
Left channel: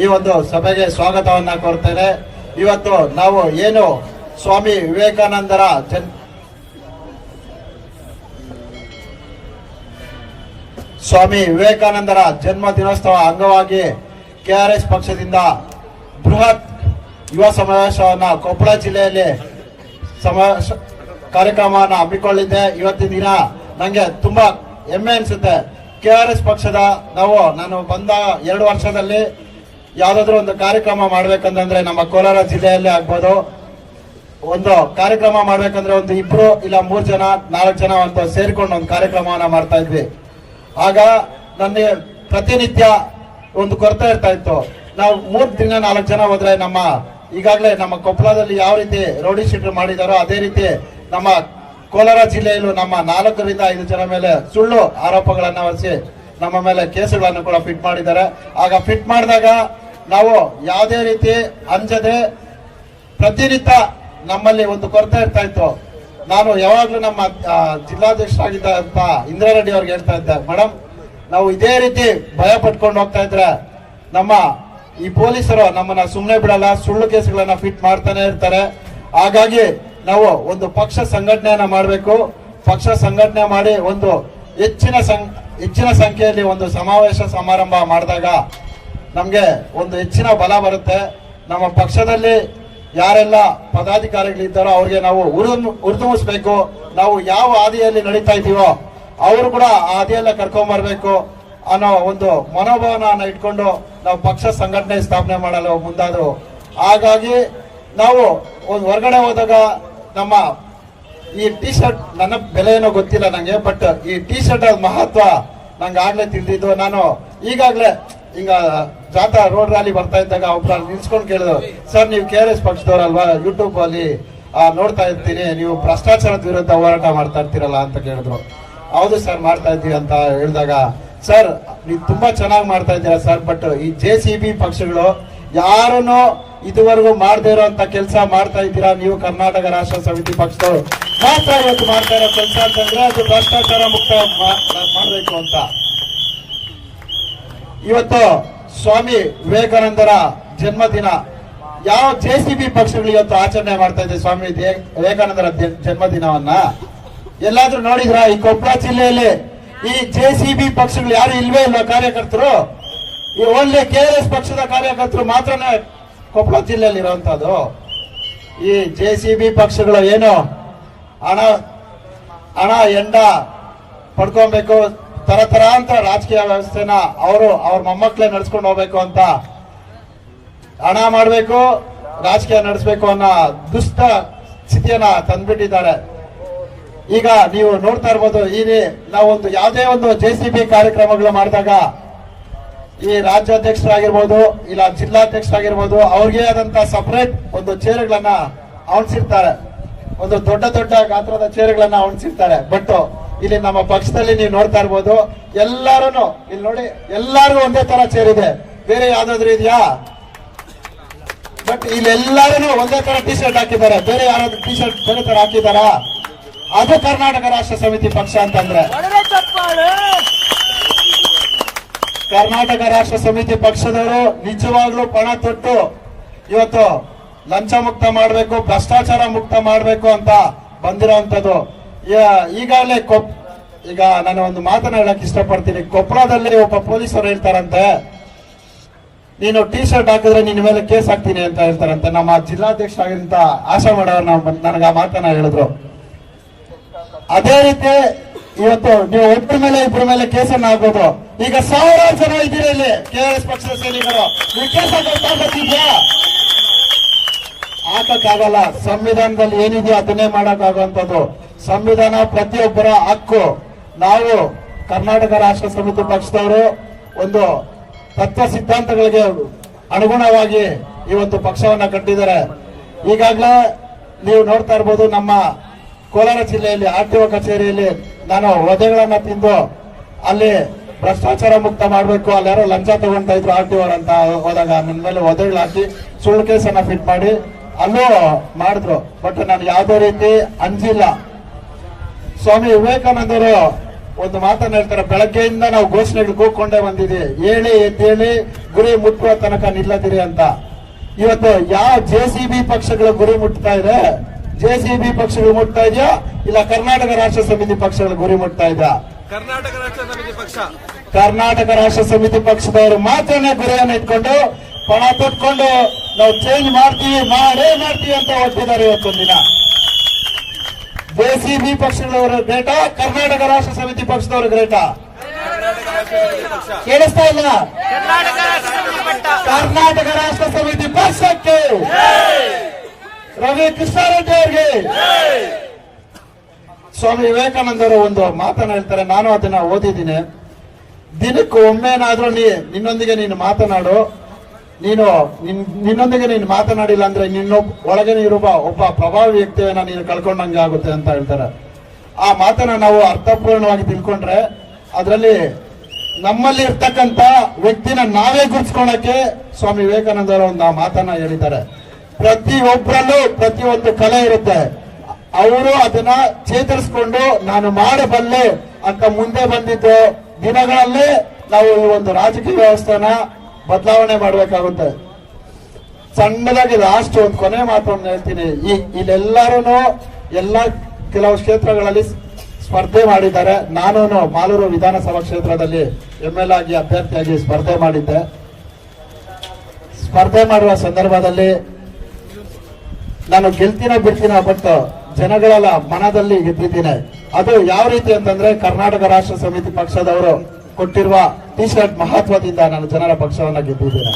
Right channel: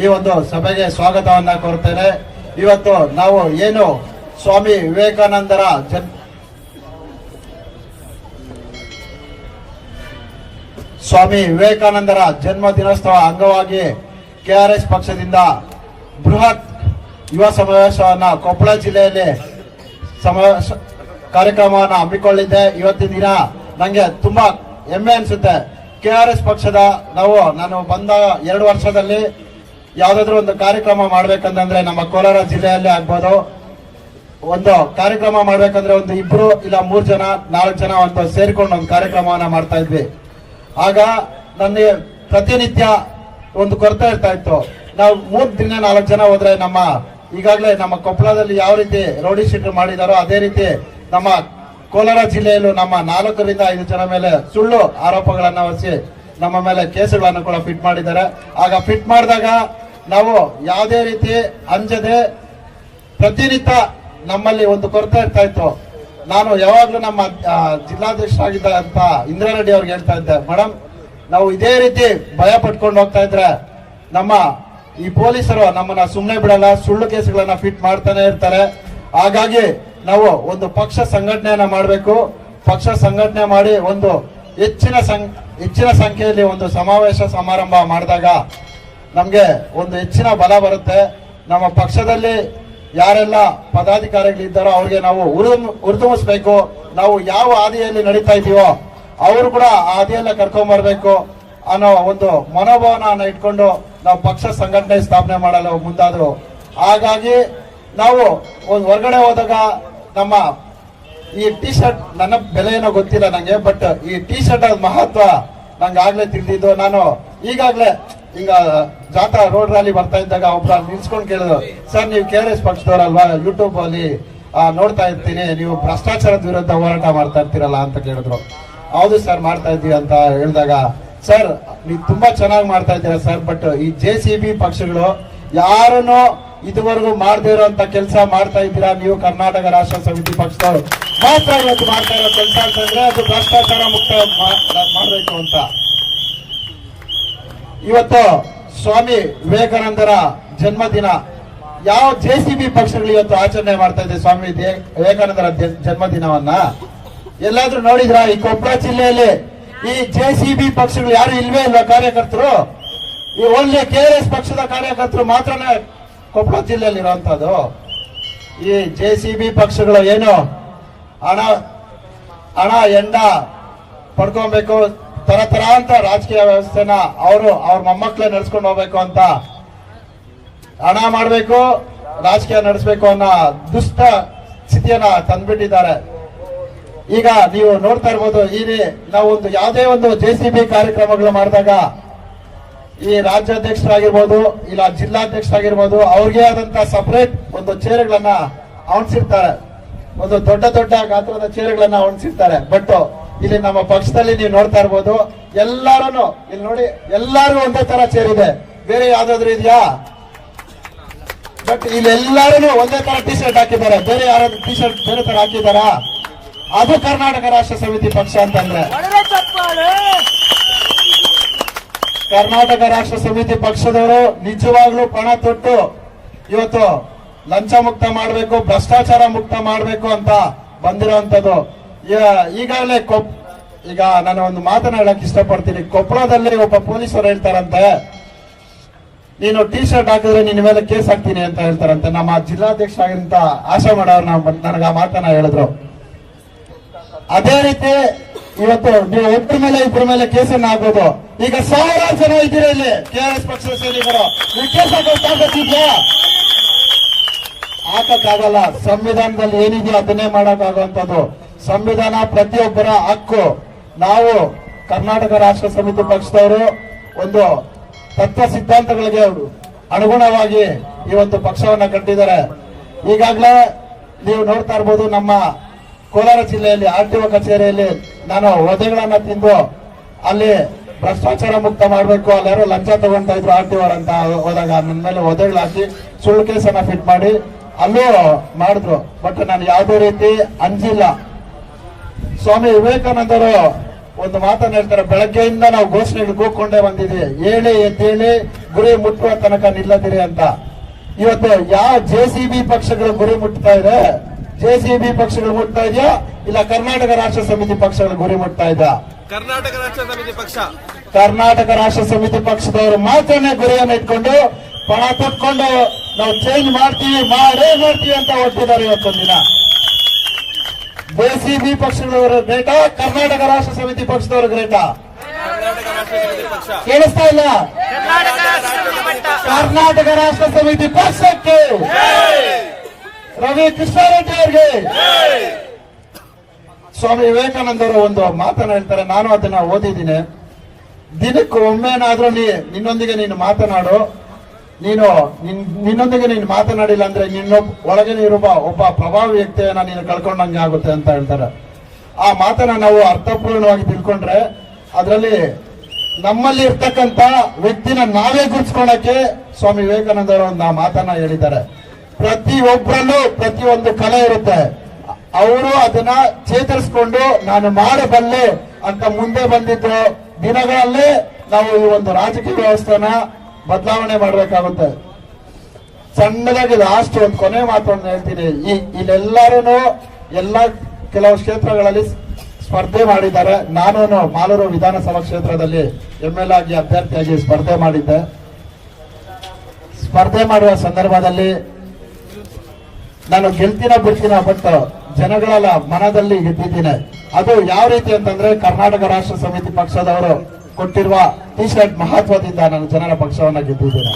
ಈ ಒಂದು ಸಭೆಗೆ ಸ್ವಾಗತವನ್ನ ಕೋರ್ತೇನೆ. ಇವತ್ತು ನಾವು ಏನು ಸ್ವಾಮಿ ವಿವೇಕಾನಂದರ ಜನ್ಮ ದಿನೋತ್ಸವ ಅಂಗವಾಗಿ ಕೆಆರ್ಎಸ್ ಪಕ್ಷದಿಂದ ಬೃಹತ್ ಯುವ ಸಮಾವೇಶವನ್ನ ಕೊಪ್ಪಳ ಜಿಲ್ಲೆಯಲ್ಲಿ ಕಾರ್ಯಕ್ರಮವನ್ನು ಹಮ್ಮಿಕೊಳ್ಳಿದ್ದೆ. ಇವತ್ತಿನ ದಿನ ನಂಗೆ ತುಂಬಾ ಹೆಮ್ಮೆ ಅನ್ಸುತ್ತೆ. ಕೆಆರ್ಎಸ್ ಪಕ್ಷದ ನಾನು ಬಂದ 2 ವರ್ಷದಲ್ಲಿ ಯಾವ್ದಾದ್ರು ಒಂದು ಕಾರ್ಯಕ್ರಮ ಮಾಡ್ಬೇಕಂತಂದ್ರೆ ನಮ್ಮ ಕೋಲಾರ ಜಿಲ್ಲೆಯಲ್ಲಿ ಆಗ್ಬೋದು, ಒಂದು ಕಾರ್ಯಕ್ರಮ ಮಾಡ್ಬೇಕಂದ್ರೆ ಒಂದು 2 ಇಲ್ಲ 3 ಜನ 4 ಜನ ಅಂತ ಸೇರಿಕೊಂಡು ಒಂದು ಕಾರ್ಯಕ್ರಮವನ್ನ ಮಾಡ್ತಾ ಇದ್ವಿ. ಆಗ ನನಗೆ ಪ್ರತಿನಿತ್ಯ ಒಂದು ಕೊರತೆ ಇರ್ತಾ ಇತ್ತು. ನಾವು 3 ದಿನ 4 ಜನ ಹೋದ್ರೆ ಈಗಾಗಲೇ ನಮ್ಮ ಕೊಪ್ಪಳದಲ್ಲಿ ಯಾವ ರೀತಿ ರೌಡಿ ಶೀಟರ್ ಮಾಡಿದಾರೋ ಅದೇ ರೀತಿ ನಮ್ಮ ಕೋಲಾರ ಜಿಲ್ಲೆಯಲ್ಲೂ ನಮ್ಮ 4 ರಿಂದ 5 ಜನ ಮೇಲೆ ಸುಳ್ಳು ಆರೋಪಗಳನ್ನ ಹೊರಿಸಿ ನಮ್ಮ ಮೇಲೆ ಕೇಸುಗಳನ್ನು ಕೂಡ ಫಿಟ್ ಮಾಡಿದ್ದಾರೆ. ಆಗ ಫಿಟ್ ಮಾಡಿದಾಗ ನಾವು ಯಾವುದೇ ರೀತಿ ಅಂಜದೆ ಪ್ರತಿನಿತ್ಯ ನಮ್ಮಲ್ಲಿ ಒಂದು ಕೊರತೆ ಇರ್ತಾ ಇತ್ತು. ನಾನು ಯಾವಾಗ್ಲೂ ನಮ್ಮ ಜಿಲ್ಲಾಧ್ಯಕ್ಷರಾಗಿದ್ದಂತ ಇಂದ್ರಾರೆಡ್ಡಿ ಅವ್ರಿಗೆ ಹೇಳ್ತಾ ಇದ್ದೆ, ಮೇಡಮ್ ನಾವು ಇದೇ ರೀತಿ ಭಯ ಪಟ್ಕೊಂಡು ಹೋಗ್ತಾ ಇದ್ರೆ ನಮ್ಮ ಈ ಪೊಲೀಸರು ನಮ್ಮನ್ನ ಸುಮ್ಮನೆ ಬಿಡಲ್ಲ, ಸುಳ್ಳು ಕೇಸುಗಳನ್ನ ಫಿಟ್ ಮಾಡ್ತಾನೆ ಇರ್ತಾರೆ. ಹಾಗಾಗಿ ನಾವು ಒಂದು ಪಕ್ಷ ಸಂಘಟನೆಯನ್ನ ಮಾಡಬೇಕು. ಪಕ್ಷ ಸಂಘಟನೆ ಮಾಡಿ ಒಂದು ಹೆಚ್ಚಿನ ಸಂಖ್ಯೆಯಲ್ಲಿ ಒಂದು ಸಮಾವೇಶ ಸಮಾರಂಭ ಮಾಡಿದಾಗ ನಮ್ಗೆ ಒಂದು ಹೆಚ್ಚಿನ ಬಲ ಬರುತ್ತೆ. ನಮ್ಮ ಪಕ್ಷದಲ್ಲಿ ಯಾರೆಲ್ಲ ಪದಾಧಿಕಾರಿಗಳಿದ್ದಾರೋ ಅವ್ರಿಗೆ ನಾವು ಹುರಿದುಂಬಿಸ್ಬೇಕು. ನಾವು ಯಾವ ಹಾದಿಯಲ್ಲಿ ನಡೀತಾ ಇದೀವೋ ಅವರು ಕೂಡ ಆ ಹಾದಿಯೆಲ್ಲ ಕರ್ಕೊಂಡ್ ಬರ್ಬೇಕು ಅನ್ನೋ ಒಂದು ಮನೋಭಾವನ ಇಟ್ಕೊಂಡು ನಾವು ಪಕ್ಷ ಸಂಘಟನೆ ಸ್ಥಾಪನೆ ಮಾಡಲು ಮುಂದಾದ್ರು. ಹಾಗಾಗಿ ನಾವು ಒಂದು ಹೊರಗಡೆ ಹೋದಾಗ ನಮ್ಮ ಈ ಟಿ ಶರ್ಟ್, ನನ್ನ ಬೆಲೆ ಏನೋ ಗೊತ್ತಿಲ್ಲ ನಂಗೆ, ಬಟ್ ಈ ಟಿ ಶರ್ಟ್ ಮಹತ್ವ ನಂಗೆ ಆಗ್ಲೇ ತಿಳಿದಿದ್ದು. ನಾನು ಈಗಾಗ್ಲೇ ಈಗ ಜಾಥಾ ರೋಡ್ ರ್ಯಾಲಿ ಬರ್ತಾ ಇದ್ದಾಗ ಒಬ್ರ ನಿಲ್ಸ್ಕೊಂಡು ಕೇಳಿದ್ರು, ಸರ್ ನೀವು ಕೆಆರ್ಎಸ್ ಪಕ್ಷದವರಲ್ವಾ, ಯೂಟ್ಯೂಬ್ ಅಲ್ಲಿ ನೋಡ್ತಾ ಇರ್ತೀನಿ, ನೀವು ಭ್ರಷ್ಟಾಚಾರದ ವಿರುದ್ಧ ಹೋರಾಟ ಮಾಡ್ತಾ ಇರ್ತೀರಲ್ಲ ಅಂತ ಕೇಳಿದ್ರು. ಹೌದು ಸರ್ ಮಾಡ್ತಾ ಇದ್ದೀವಿ ಅಂತ ಹೇಳಿದಾಗ, ಸರ್ ನೀವು ತುಂಬಾ ಚೆನ್ನಾಗಿ ಮಾಡ್ತಾ ಇದ್ದೀರಾ ಸರ್, ಬಟ್ ಈ JCB ಪಕ್ಷಗಳು ಯಾರನ್ನು ಇದುವರೆಗೂ ಮಾಡದೇ ಇರುವಂತ ಕೆಲಸ ಮಾಡ್ತಾ ಇದ್ದೀರಾ. ನೀವು ಕರ್ನಾಟಕ ರಾಷ್ಟ್ರ ಸಮಿತಿ ಪಕ್ಷದವರು ಮಾತ್ರ ಇವತ್ತು ಮಾಡ್ತಾ ಇರೋ ಕೆಲಸ ಅಂತಂದ್ರೆ ಅದು ಭ್ರಷ್ಟಾಚಾರ ಮುಕ್ತ ಮಾಡಬೇಕು ಅಂತ. ಇವತ್ತು ಸ್ವಾಮಿ ವಿವೇಕಾನಂದರ ಜನ್ಮದಿನ ಯಾವ JCB ಪಕ್ಷಗಳು ಇವತ್ತು ಆಚರಣೆ ಮಾಡ್ತಾ ಇದೆ ಸ್ವಾಮಿ ವಿವೇಕಾನಂದರ ಜನ್ಮದಿನವನ್ನ ಎಲ್ಲಾದ್ರೂ ನೋಡಿದ್ರ? ಈ ಕೊಪ್ಪಳ ಜಿಲ್ಲೆಯಲ್ಲಿ ಈ JCB ಪಕ್ಷಗಳು ಯಾರು ಇಲ್ವೇ ಇಲ್ವಾ ಕಾರ್ಯಕರ್ತರು? ಈ ಓನ್ಲಿ ಕೆಆರ್ಎಸ್ ಪಕ್ಷದ ಕಾರ್ಯಕರ್ತರು ಮಾತ್ರನೇ ಕೊಪ್ಪಳ ಜಿಲ್ಲೆಯಲ್ಲಿ ಇರುವಂತದ್ದು. ಈ JCB ಪಕ್ಷಗಳು ಏನು ಹಣ ಎಂಡ ಪಡ್ಕೊಬೇಕು, ತರ ಅಂತ ರಾಜಕೀಯ ವ್ಯವಸ್ಥೆನ ಅವ್ರ ಮೊಮ್ಮಕ್ಕಳೇ ನಡ್ಸ್ಕೊಂಡು ಹೋಗ್ಬೇಕು ಅಂತ ಹಣ ಮಾಡಬೇಕು, ರಾಜಕೀಯ ನಡೆಸಬೇಕು ಅನ್ನೋ ದುಷ್ಟ ಸ್ಥಿತಿಯನ್ನ ತಂದ್ಬಿಟ್ಟಿದ್ದಾರೆ. ಈಗ ನೀವು ನೋಡ್ತಾ ಇರ್ಬೋದು, ನಾವು ಯಾವುದೇ ಒಂದು JCB ಕಾರ್ಯಕ್ರಮಗಳು ಮಾಡಿದಾಗ ಈ ರಾಜ್ಯಾಧ್ಯಕ್ಷರಾಗಿರ್ಬೋದು ಇಲ್ಲ ಜಿಲ್ಲಾಧ್ಯಕ್ಷರಾಗಿರ್ಬೋದು ಅವ್ರಿಗೆ ಆದಂತ ಸಪರೇಟ್ ಒಂದು ಚೇರ್ಗಳನ್ನ ಅವಣಿಸಿರ್ತಾರೆ, ಒಂದು ದೊಡ್ಡ ಗಾತ್ರದ ಚೇರ್ಗಳನ್ನ ಅವಣಿಸಿರ್ತಾರೆ. ಬಟ್ ಇಲ್ಲಿ ನಮ್ಮ ಪಕ್ಷದಲ್ಲಿ ನೀವು ನೋಡ್ತಾ ಇರ್ಬೋದು, ಎಲ್ಲಾರು ಇಲ್ಲಿ ನೋಡಿ, ಎಲ್ಲಾರು ಒಂದೇ ತರ ಚೇರ್ ಇದೆ. ಬೇರೆ ಯಾವ್ದಾದ್ರು ಇದೆಯಾ? ಬಟ್ ಇಲ್ಲೆಲ್ಲರೂ ಒಂದೇ ತರ ಟಿ ಶರ್ಟ್ ಹಾಕಿದ್ದಾರೆ. ಬೇರೆ ಯಾರಾದ್ರೂ ಟಿ ಶರ್ಟ್ ಬೇರೆ ತರ ಹಾಕಿದಾರಾ? ಅದು ಕರ್ನಾಟಕ ರಾಷ್ಟ್ರ ಸಮಿತಿ ಪಕ್ಷ ಅಂತಂದ್ರೆ. ಕರ್ನಾಟಕ ರಾಷ್ಟ್ರ ಸಮಿತಿ ಪಕ್ಷದವರು ನಿಜವಾಗ್ಲೂ ಪಣ ತೊಟ್ಟು ಇವತ್ತು ಲಂಚ ಮುಕ್ತ ಮಾಡಬೇಕು, ಭ್ರಷ್ಟಾಚಾರ ಮುಕ್ತ ಮಾಡಬೇಕು ಅಂತ ಬಂದಿರೋಂಥದ್ದು. ಈಗಾಗಲೇ ಈಗ ನಾನು ಒಂದು ಮಾತನ್ನ ಹೇಳಕ್ ಇಷ್ಟಪಡ್ತೀನಿ. ಕೊಪ್ಪಳದಲ್ಲಿ ಒಬ್ಬ ಪೊಲೀಸರು ಹೇಳ್ತಾರಂತೆ, ನೀನು ಟಿ ಶರ್ಟ್ ಹಾಕಿದ್ರೆ ನಿನ್ನ ಮೇಲೆ ಕೇಸ್ ಹಾಕ್ತೀನಿ ಅಂತ ಹೇಳ್ತಾರಂತೆ. ನಮ್ಮ ಜಿಲ್ಲಾಧ್ಯಕ್ಷ ಆಗಿರಂತ ಆಶಾ ಮಾಡೋರು ನನಗೆ ಆ ಮಾತನ್ನ ಹೇಳಿದ್ರು. ಅದೇ ರೀತಿ ಇವತ್ತು ನೀವು ಒಬ್ಬರ ಮೇಲೆ ಇಬ್ಬರ ಮೇಲೆ ಕೇಸನ್ನು ಹಾಕೋದು. ಈಗ ಸಾವಿರಾರು ಜನ ಇದ್ದೀರಾ ಇಲ್ಲಿ ಕೆಆರ್ಎಸ್ ಪಕ್ಷದ ಸೈನಿಕರು, ನೀವು ಕೇಸ್ ಹಾಕೋದಿದ್ಯಾ? ಹಾಕಕ್ಕಾಗಲ್ಲ. ಸಂವಿಧಾನದಲ್ಲಿ ಏನಿದೆಯೋ ಅದನ್ನೇ ಮಾಡಕ್ಕಾಗುವಂಥದ್ದು. ಸಂವಿಧಾನ ಪ್ರತಿಯೊಬ್ಬರ ಹಕ್ಕು. ನಾವು ಕರ್ನಾಟಕ ರಾಷ್ಟ್ರ ಸಮಿತಿ ಪಕ್ಷದವರು ಒಂದು ತತ್ವ ಸಿದ್ಧಾಂತಗಳಿಗೆ ಅನುಗುಣವಾಗಿ ಈ ಒಂದು ಪಕ್ಷವನ್ನ ಕಟ್ಟಿದ್ದಾರೆ. ಈಗಾಗಲೇ ನೀವು ನೋಡ್ತಾ ಇರ್ಬೋದು, ನಮ್ಮ ಕೋಲಾರ ಜಿಲ್ಲೆಯಲ್ಲಿ ಆರ್ಟಿಒ ಕಚೇರಿಯಲ್ಲಿ ನಾನು ಒದೆಗಳನ್ನ ತಿಂದು ಅಲ್ಲಿ ಭ್ರಷ್ಟಾಚಾರ ಮುಕ್ತ ಮಾಡಬೇಕು, ಅಲ್ಲಿ ಯಾರೋ ಲಂಚ ತಗೊಂತ ಇದ್ರು ಆರ್ಟಿಒ ಅಂತ ಹೋದಾಗ ನನ್ನ ಮೇಲೆ ಒದೆಗಳು ಹಾಕಿ ಸುಳ್ಳು ಕೇಸನ್ನ ಫಿಟ್ ಮಾಡಿ ಅಲ್ಲೂ ಮಾಡಿದ್ರು. ಬಟ್ ನಾನು ಯಾವುದೇ ರೀತಿ ಅಂಜಿಲ್ಲ. ಸ್ವಾಮಿ ವಿವೇಕಾನಂದರು ಒಂದು ಮಾತನ್ನ ಹೇಳ್ತಾರೆ, ಬೆಳಗ್ಗೆಯಿಂದ ನಾವು ಘೋಷಣೆಗಳು ಕೂಗ್ಕೊಂಡೇ ಬಂದಿದ್ದೀವಿ, ಹೇಳಿ ಎದ್ದೇಳಿ ಗುರಿ ಮುಟ್ಟುವ ತನಕ ನಿಲ್ಲದಿರಿ ಅಂತ. ಇವತ್ತು ಯಾವ ಜೆಸಿಬಿ ಪಕ್ಷಗಳು ಗುರಿ ಮುಟ್ತಾ ಇದೆ? ಜೆಸಿಬಿ ಪಕ್ಷಗಳು ಮುಟ್ತಾ ಇದೆಯಾ ಇಲ್ಲ ಕರ್ನಾಟಕ ರಾಷ್ಟ್ರ ಸಮಿತಿ ಪಕ್ಷಗಳು ಗುರಿ ಮುಟ್ತಾ ಇದೆಯಾ? ಕರ್ನಾಟಕ ರಾಷ್ಟ್ರ ಸಮಿತಿ ಪಕ್ಷ. ಕರ್ನಾಟಕ ರಾಷ್ಟ್ರ ಸಮಿತಿ ಪಕ್ಷದವರು ಮಾತ್ರನೇ ಗುರಿಯನ್ನು ಇಟ್ಕೊಂಡು ಪಣ ತೊಟ್ಕೊಂಡು ನಾವು ಚೇಂಜ್ ಮಾಡ್ತೀವಿ, ಮಾಡೇ ಮಾಡ್ತೀವಿ ಅಂತ ಹೊರಟಿದ್ದಾರೆ ಇವತ್ತೊಂದು ದಿನ. ಜೆಸಿಬಿ ಪಕ್ಷದವರು ಗ್ರೇಟಾ, ಕರ್ನಾಟಕ ರಾಷ್ಟ್ರ ಸಮಿತಿ ಪಕ್ಷದವರು ಗ್ರೇಟಾ? ಕೇಳಿಸ್ತಾ ಇಲ್ಲ? ಕರ್ನಾಟಕ ರಾಷ್ಟ್ರ ಸಮಿತಿ ಪಟ್ಟ. ಕರ್ನಾಟಕ ರಾಷ್ಟ್ರ ಸಮಿತಿ ಪಕ್ಷಕ್ಕೆ ರವಿ ಕೃಷ್ಣಾರೆಡ್ಡಿ ಅವರಿಗೆ. ಸ್ವಾಮಿ ವಿವೇಕಾನಂದರು ಒಂದು ಮಾತನ್ನ ಹೇಳ್ತಾರೆ, ನಾನು ಅದನ್ನ ಓದಿದ್ದೀನಿ. ದಿನಕ್ಕೆ ಒಮ್ಮೆನಾದ್ರೂ ನಿನ್ನೊಂದಿಗೆ ನೀನು ಮಾತನಾಡು, ನಿನ್ನೊಂದಿಗೆ ನೀನು ಮಾತನಾಡಿಲ್ಲ ಅಂದ್ರೆ ನಿನ್ನ ಒಳಗೆ ಇರುವ ಒಬ್ಬ ಪ್ರಭಾವಿ ವ್ಯಕ್ತಿಯನ್ನ ನೀನು ಕಳ್ಕೊಂಡಂಗೆ ಆಗುತ್ತೆ ಅಂತ ಹೇಳ್ತಾರೆ. ಆ ಮಾತನ್ನ ನಾವು ಅರ್ಥಪೂರ್ಣವಾಗಿ ತಿಳ್ಕೊಂಡ್ರೆ ಅದರಲ್ಲಿ ನಮ್ಮಲ್ಲಿ ಇರ್ತಕ್ಕಂತ ವ್ಯಕ್ತಿನ ನಾವೇ ಗುರುತಿಸ್ಕೊಳ್ಳಕ್ಕೆ ಸ್ವಾಮಿ ವಿವೇಕಾನಂದರ ಒಂದು ಮಾತನ್ನ ಹೇಳಿದ್ದಾರೆ. ಪ್ರತಿಯೊಬ್ಬರಲ್ಲೂ ಪ್ರತಿಯೊಂದು ಕಲೆ ಇರುತ್ತೆ, ಅವರು ಅದನ್ನ ಚೇತರಿಸಿಕೊಂಡು ನಾನು ಮಾಡಬಲ್ಲೆ ಅಂತ ಮುಂದೆ ಬಂದಿದ್ದು ದಿನಗಳಲ್ಲೇ ನಾವು ಈ ಒಂದು ರಾಜಕೀಯ ವ್ಯವಸ್ಥೆನ ಬದಲಾವಣೆ ಮಾಡಬೇಕಾಗುತ್ತೆ. ಸಣ್ಣದಾಗಿ ಲಾಸ್ಟ್ ಒಂದು ಕೊನೆ ಮಾತನ್ನು ಹೇಳ್ತೀನಿ. ಇಲ್ಲೆಲ್ಲರೂ ಎಲ್ಲ ಕೆಲವು ಕ್ಷೇತ್ರಗಳಲ್ಲಿ ಸ್ಪರ್ಧೆ ಮಾಡಿದ್ದಾರೆ. ನಾನು ಮಾಲೂರು ವಿಧಾನಸಭಾ ಕ್ಷೇತ್ರದಲ್ಲಿ MLA ಆಗಿ ಅಭ್ಯರ್ಥಿಯಾಗಿ ಸ್ಪರ್ಧೆ ಮಾಡಿದ್ದೆ. ಸ್ಪರ್ಧೆ ಮಾಡುವ ಸಂದರ್ಭದಲ್ಲಿ ನಾನು ಗೆಲ್ತೀನೋ ಬಿಡ್ತೀನೋ ಬಟ್ ಜನಗಳ ಮನದಲ್ಲಿ ಗೆದ್ದಿದ್ದೀನಿ. ಅದು ಯಾವ ರೀತಿ ಅಂತಂದ್ರೆ ಕರ್ನಾಟಕ ರಾಷ್ಟ್ರ ಸಮಿತಿ ಪಕ್ಷದವರು ಕೊಟ್ಟಿರುವ ಟಿ ಶರ್ಟ್ ಮಹತ್ವದಿಂದ ನಾನು ಜನರ ಪಕ್ಷವನ್ನ ಗೆದ್ದಿದ್ದೇನೆ.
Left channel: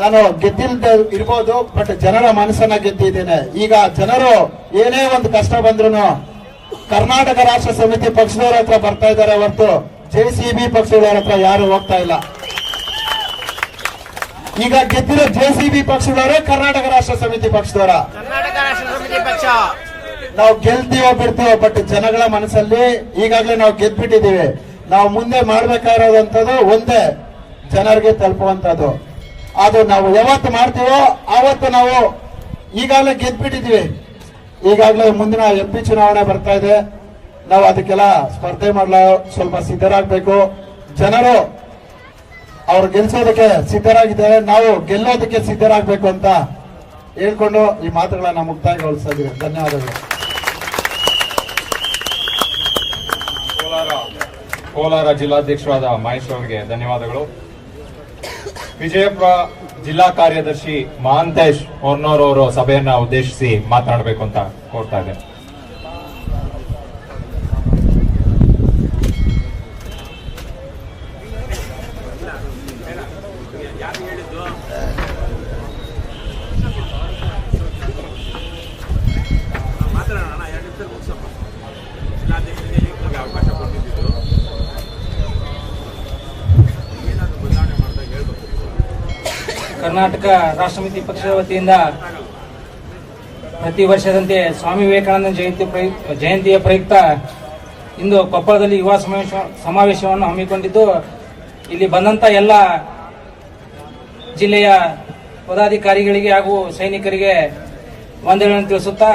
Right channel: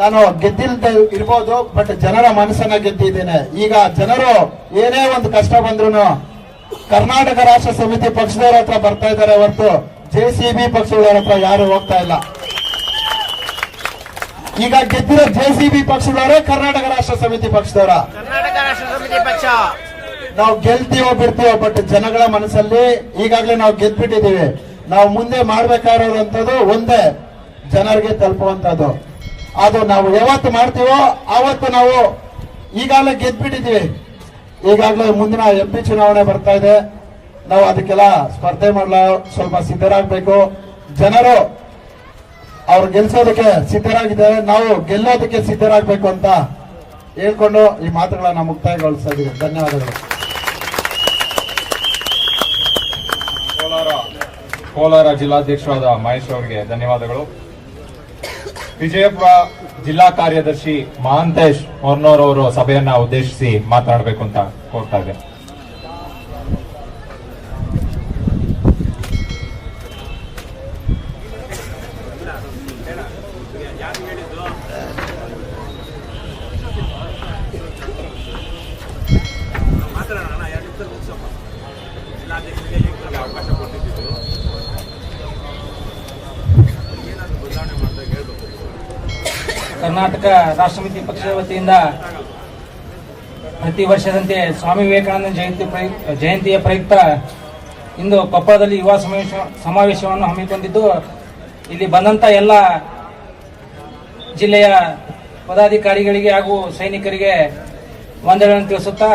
ನಾನು ಗೆದ್ದಿಲ್ದ ಇರ್ಬೋದು, ಬಟ್ ಜನರ ಮನಸ್ಸನ್ನ ಗೆದ್ದಿದ್ದೇನೆ. ಈಗ ಜನರು ಏನೇ ಒಂದು ಕಷ್ಟ ಬಂದ್ರು ಕರ್ನಾಟಕ ರಾಷ್ಟ್ರ ಸಮಿತಿ ಪಕ್ಷದವರ ಹತ್ರ ಬರ್ತಾ ಇದ್ದಾರೆ ಹೊರತು ಜೆಸಿಬಿ ಪಕ್ಷದವರ ಹತ್ರ ಯಾರು ಹೋಗ್ತಾ ಇಲ್ಲ. ಈಗ ಗೆದ್ದಿರೋ ಜೆಸಿಬಿ ಪಕ್ಷದವರ ಕರ್ನಾಟಕ ರಾಷ್ಟ್ರ ಸಮಿತಿ ಪಕ್ಷದವರ? ಕರ್ನಾಟಕ ರಾಷ್ಟ್ರ ಸಮಿತಿ ಪಕ್ಷ. ನಾವು ಗೆಲ್ತೀವೋ ಬಿಡ್ತೀವೋ ಬಟ್ ಜನಗಳ ಮನಸ್ಸಲ್ಲಿ ಈಗಾಗಲೇ ನಾವು ಗೆದ್ಬಿಟ್ಟಿದ್ದೀವಿ. ನಾವು ಮುಂದೆ ಮಾಡ್ಬೇಕಾಗಿರೋದಂಥದ್ದು ಒಂದೇ, ಜನರಿಗೆ ತಲುಪುವಂತದ್ದು. ಅದು ನಾವು ಯಾವತ್ತು ಮಾಡ್ತೀವೋ ಆವತ್ತು ನಾವು ಈಗಾಗಲೇ ಗೆದ್ಬಿಟ್ಟಿದ್ದೀವಿ. ಈಗಾಗಲೇ ಮುಂದಿನ MP ಚುನಾವಣೆ ಬರ್ತಾ ಇದೆ. ನಾವು ಅದಕ್ಕೆಲ್ಲ ಸ್ಪರ್ಧೆ ಮಾಡಲು ಸ್ವಲ್ಪ ಸಿದ್ಧರಾಗಬೇಕು. ಜನರು ಅವ್ರು ಗೆಲ್ಸೋದಕ್ಕೆ ಸಿದ್ಧರಾಗಿದ್ದಾರೆ, ನಾವು ಗೆಲ್ಲೋದಕ್ಕೆ ಸಿದ್ಧರಾಗಬೇಕು ಅಂತ ಹೇಳ್ಕೊಂಡು ಈ ಮಾತುಗಳನ್ನ ಮುಕ್ತಾಯಗೊಳಿಸ್ತಾ ಇದ್ದೀವಿ. ಧನ್ಯವಾದಗಳು. ಕೋಲಾರ ಜಿಲ್ಲಾಧ್ಯಕ್ಷರಾದ ಮಹೇಶ್ ಅವರಿಗೆ ಧನ್ಯವಾದಗಳು. ವಿಜಯಪುರ ಜಿಲ್ಲಾ ಕಾರ್ಯದರ್ಶಿ ಮಹಾಂತೇಶ್ ಹೊರ್ನೂರ್ ಅವರು ಸಭೆಯನ್ನ ಉದ್ದೇಶಿಸಿ ಮಾತನಾಡಬೇಕು ಅಂತ ಕೋರ್ತಾ ಇದ್ದೇನೆ. ಮಾತಾಡೋಣ, 2 ನಿಮಿಷ ಮುಗಿಸಪ್ಪ. ಜಿಲ್ಲಾಧ್ಯಕ್ಷರಿಗೆ ಯುವಕರಿಗೆ ಅವಕಾಶ ಕೊಟ್ಟಿದ್ದು ಏನಾದರೂ ಬದಲಾವಣೆ ಮಾಡಿದಾಗ ಹೇಳ್ಬೇಕು. ಕರ್ನಾಟಕ ರಾಷ್ಟ್ರ ಸಮಿತಿ ಪಕ್ಷದ ವತಿಯಿಂದ ಪ್ರತಿ ವರ್ಷದಂತೆ ಸ್ವಾಮಿ ವಿವೇಕಾನಂದ ಜಯಂತಿಯ ಪ್ರಯುಕ್ತ ಇಂದು ಕೊಪ್ಪಳದಲ್ಲಿ ಯುವ ಸಮಾವೇಶವನ್ನು ಹಮ್ಮಿಕೊಂಡಿದ್ದು, ಇಲ್ಲಿ ಬಂದಂತ ಎಲ್ಲ ಜಿಲ್ಲೆಯ ಪದಾಧಿಕಾರಿಗಳಿಗೆ ಹಾಗೂ ಸೈನಿಕರಿಗೆ ವಂದನೆಗಳನ್ನು ತಿಳಿಸುತ್ತಾ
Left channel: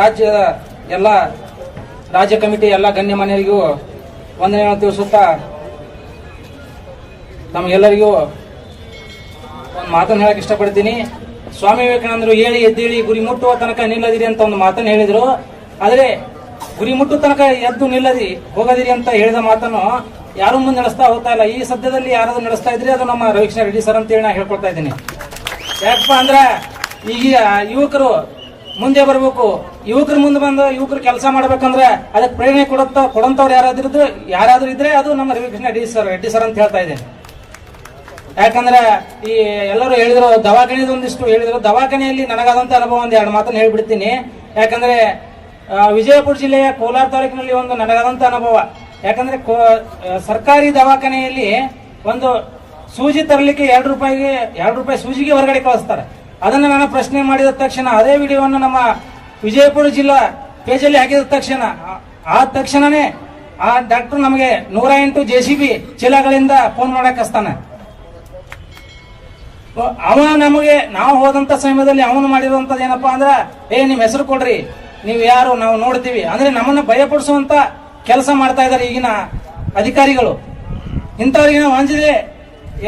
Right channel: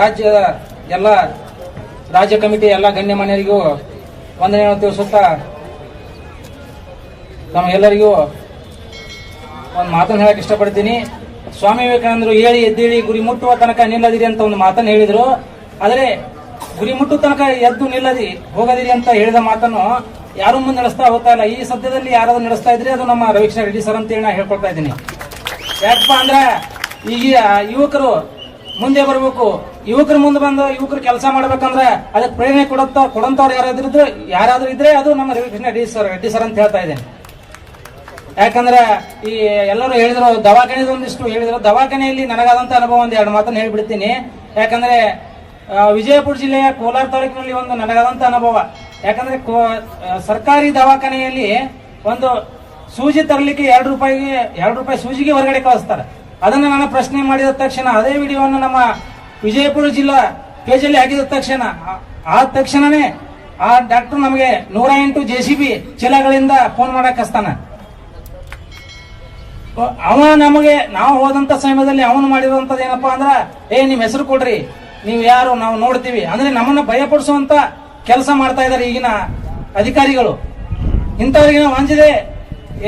ರಾಜ್ಯದ ಎಲ್ಲ ರಾಜ್ಯ ಕಮಿಟಿ ಎಲ್ಲ ಗಣ್ಯಮಾನ್ಯರಿಗೂ ವಂದನೆಗಳನ್ನು ತಿಳಿಸುತ್ತಾ ನಮ್ಮೆಲ್ಲರಿಗೂ ಒಂದು ಮಾತನ್ನು ಹೇಳಕ್ ಇಷ್ಟಪಡ್ತೀನಿ. ಸ್ವಾಮಿ ವಿವೇಕಾನಂದರು ಹೇಳಿ ಎದ್ದೇಳಿ ಗುರಿ ಮುಟ್ಟುವ ತನಕ ನಿಲ್ಲದಿರಿ ಅಂತ ಒಂದು ಮಾತನ್ನು ಹೇಳಿದ್ರು. ಆದರೆ ಗುರಿ ಮುಟ್ಟುವ ತನಕ ಎದ್ದು ನಿಲ್ಲದಿ ಹೋಗದಿರಿ ಅಂತ ಹೇಳಿದ ಮಾತನ್ನು ಯಾರು ಮುಂದೆ ನಡೆಸ್ತಾ ಹೋಗ್ತಾ ಇಲ್ಲ. ಈ ಸದ್ಯದಲ್ಲಿ ಯಾರಾದ್ರೂ ನಡೆಸ್ತಾ ಇದ್ರೆ ಅದು ನಮ್ಮ ರವಿಕೃಷ್ಣ ರೆಡ್ಡಿ ಸರ್ ಅಂತೇಳಿ ನಾ ಹೇಳ್ಕೊಳ್ತಾ ಇದ್ದೀನಿ. ಯಾಕಪ್ಪ ಅಂದ್ರೆ ಈಗ ಯುವಕರು ಮುಂದೆ ಬರಬೇಕು. ಯುವಕರು ಮುಂದೆ ಬಂದು ಯುವಕರು ಕೆಲಸ ಮಾಡ್ಬೇಕಂದ್ರೆ ಅದಕ್ಕೆ ಪ್ರೇರಣೆ ಕೊಡಂತವ್ರು ಯಾರಾದ್ರೂ ಇದ್ರೆ ಅದು ನಮ್ಮ ರವಿಕೃಷ್ಣ ರೆಡ್ಡಿ ಸರ್ ಅಂತ ಹೇಳ್ತಾ ಇದ್ದೇನೆ. ಯಾಕಂದ್ರೆ ಈ ಎಲ್ಲರೂ ಹೇಳಿದ್ರು ದವಾಖಾನೆದೊಂದಿಷ್ಟು ಹೇಳಿದ್ರು. ದವಾಖಾನೆಯಲ್ಲಿ ನನಗಾದಂತ ಅನುಭವ ಒಂದು 2 ಮಾತನ್ನು ಹೇಳ್ಬಿಡ್ತೀನಿ. ಯಾಕಂದ್ರೆ ವಿಜಯಪುರ ಜಿಲ್ಲೆಯ ಕೋಲಾರ ತಾಲೂಕಿನಲ್ಲಿ ಒಂದು ನನಗಾದಂತ ಅನುಭವ. ಯಾಕಂದ್ರೆ ಸರ್ಕಾರಿ ದವಾಖಾನೆಯಲ್ಲಿ ಒಂದು ಸೂಜಿ ತರಲಿಕ್ಕೆ 2 ರೂಪಾಯಿ ಸೂಜಿಗೆ ಹೊರಗಡೆ ಕಳಿಸ್ತಾರೆ. ಅದನ್ನ ನಾನು ಪ್ರಶ್ನೆ ಮಾಡಿದ ತಕ್ಷಣ ಅದೇ ವಿಡಿಯೋವನ್ನು ನಮ್ಮ ವಿಜಯಪುರ ಜಿಲ್ಲಾ ಪೇಜಲ್ಲಿ ಹಾಕಿದ ತಕ್ಷಣನೇ ಆ ಡಾಕ್ಟರ್ ನಮಗೆ 108 JCB ಚೀಲಗಳಿಂದ ಫೋನ್ ಮಾಡಕ್ ಹಚ್ತಾನ. ಅವ ನಮಗೆ ನಾವು ಹೋದಂತ ಸಮಯದಲ್ಲಿ ಅವನು ಮಾಡಿರುವಂತದ್ದು ಏನಪ್ಪಾ ಅಂದ್ರ ನಿಮ್ ಹೆಸರು ಕೊಡ್ರಿ, ನೀವು ಯಾರು ನಾವು ನೋಡ್ತೀವಿ ಅಂದ್ರೆ ನಮ್ಮನ್ನ ಭಯಪಡಿಸುವಂತ ಕೆಲಸ ಮಾಡ್ತಾ ಇದ್ದಾರೆ ಈಗಿನ ಅಧಿಕಾರಿಗಳು. ಇಂಥವ್ರಿಗೆ ನಾವು ಅಂಜದೆ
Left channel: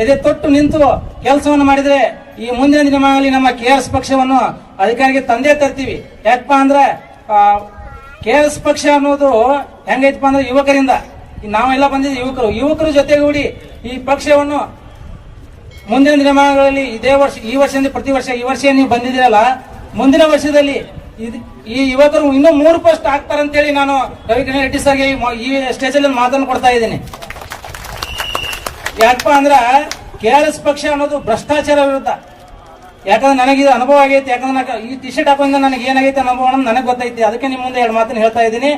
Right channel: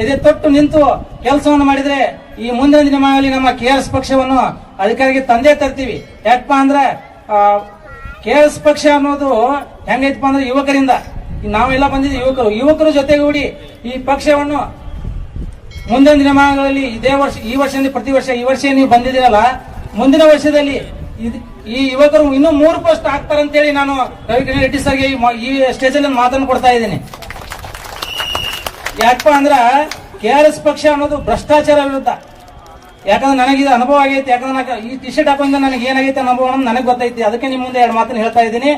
ಎದೆ ತೊಟ್ಟು ನಿಂತು ಕೆಲಸವನ್ನು ಮಾಡಿದ್ರೆ ಈ ಮುಂದಿನ ದಿನಗಳಲ್ಲಿ ನಮ್ಮ KRS ಪಕ್ಷವನ್ನು ಅಧಿಕಾರಿಗೆ ತಂದೆ ತರ್ತೀವಿ. ಯಾಕಪ್ಪ ಅಂದ್ರೆ KRS ಪಕ್ಷ ಅನ್ನೋದು ಹೆಂಗೈತಪ್ಪ ಅಂದ್ರೆ ಯುವಕರಿಂದ ನಾವೆಲ್ಲ ಬಂದಿದ್ದೀವಿ. ಯುವಕರ ಜೊತೆಗೂಡಿ ಈ ಪಕ್ಷವನ್ನು ಮುಂದಿನ ದಿನಮಾನಗಳಲ್ಲಿ ಈ ವರ್ಷದಿಂದ ಪ್ರತಿ ವರ್ಷ ಈ ವರ್ಷ ನೀವು ಬಂದಿದ್ದೀರಲ್ಲ, ಮುಂದಿನ ವರ್ಷದಲ್ಲಿ ಈ ಯುವಕರು ಇನ್ನೂ 3 ಪೋಸ್ಟ್ ಹಾಕ್ತಾರಂತೇಳಿ ನಾನು ರವಿಕೃಷ್ಣ ರೆಡ್ಡಿ ಸರ್ಗೆ ಈ ಸ್ಟೇಜ್ ಅಲ್ಲಿ ಮಾತನ್ನು ಕೊಡ್ತಾ ಇದ್ದೀನಿ. ಯಾಕಪ್ಪ ಅಂದ್ರ KRS ಪಕ್ಷ ಅನ್ನೋದು ಭ್ರಷ್ಟಾಚಾರ ವಿರುದ್ಧ. ಯಾಕಂದ್ರೆ ನನಗೆ ಇದು ಅನುಭವ ಆಗೈತಿ. ಯಾಕಂದ್ರೆ ಈ ಟಿ ಶರ್ಟ್ ಹಾಕೊಂಡ್ರೆ ನನಗೆ ಏನಾಗೈತೆ ಅನುಭವ ನನಗೆ ಗೊತ್ತೈತಿ. ಅದಕ್ಕೆ ನಿಮ್ಮ ಮುಂದೆ 2 ಮಾತನ್ನು ಹೇಳ್ತಾ ಇದ್ದೀನಿ.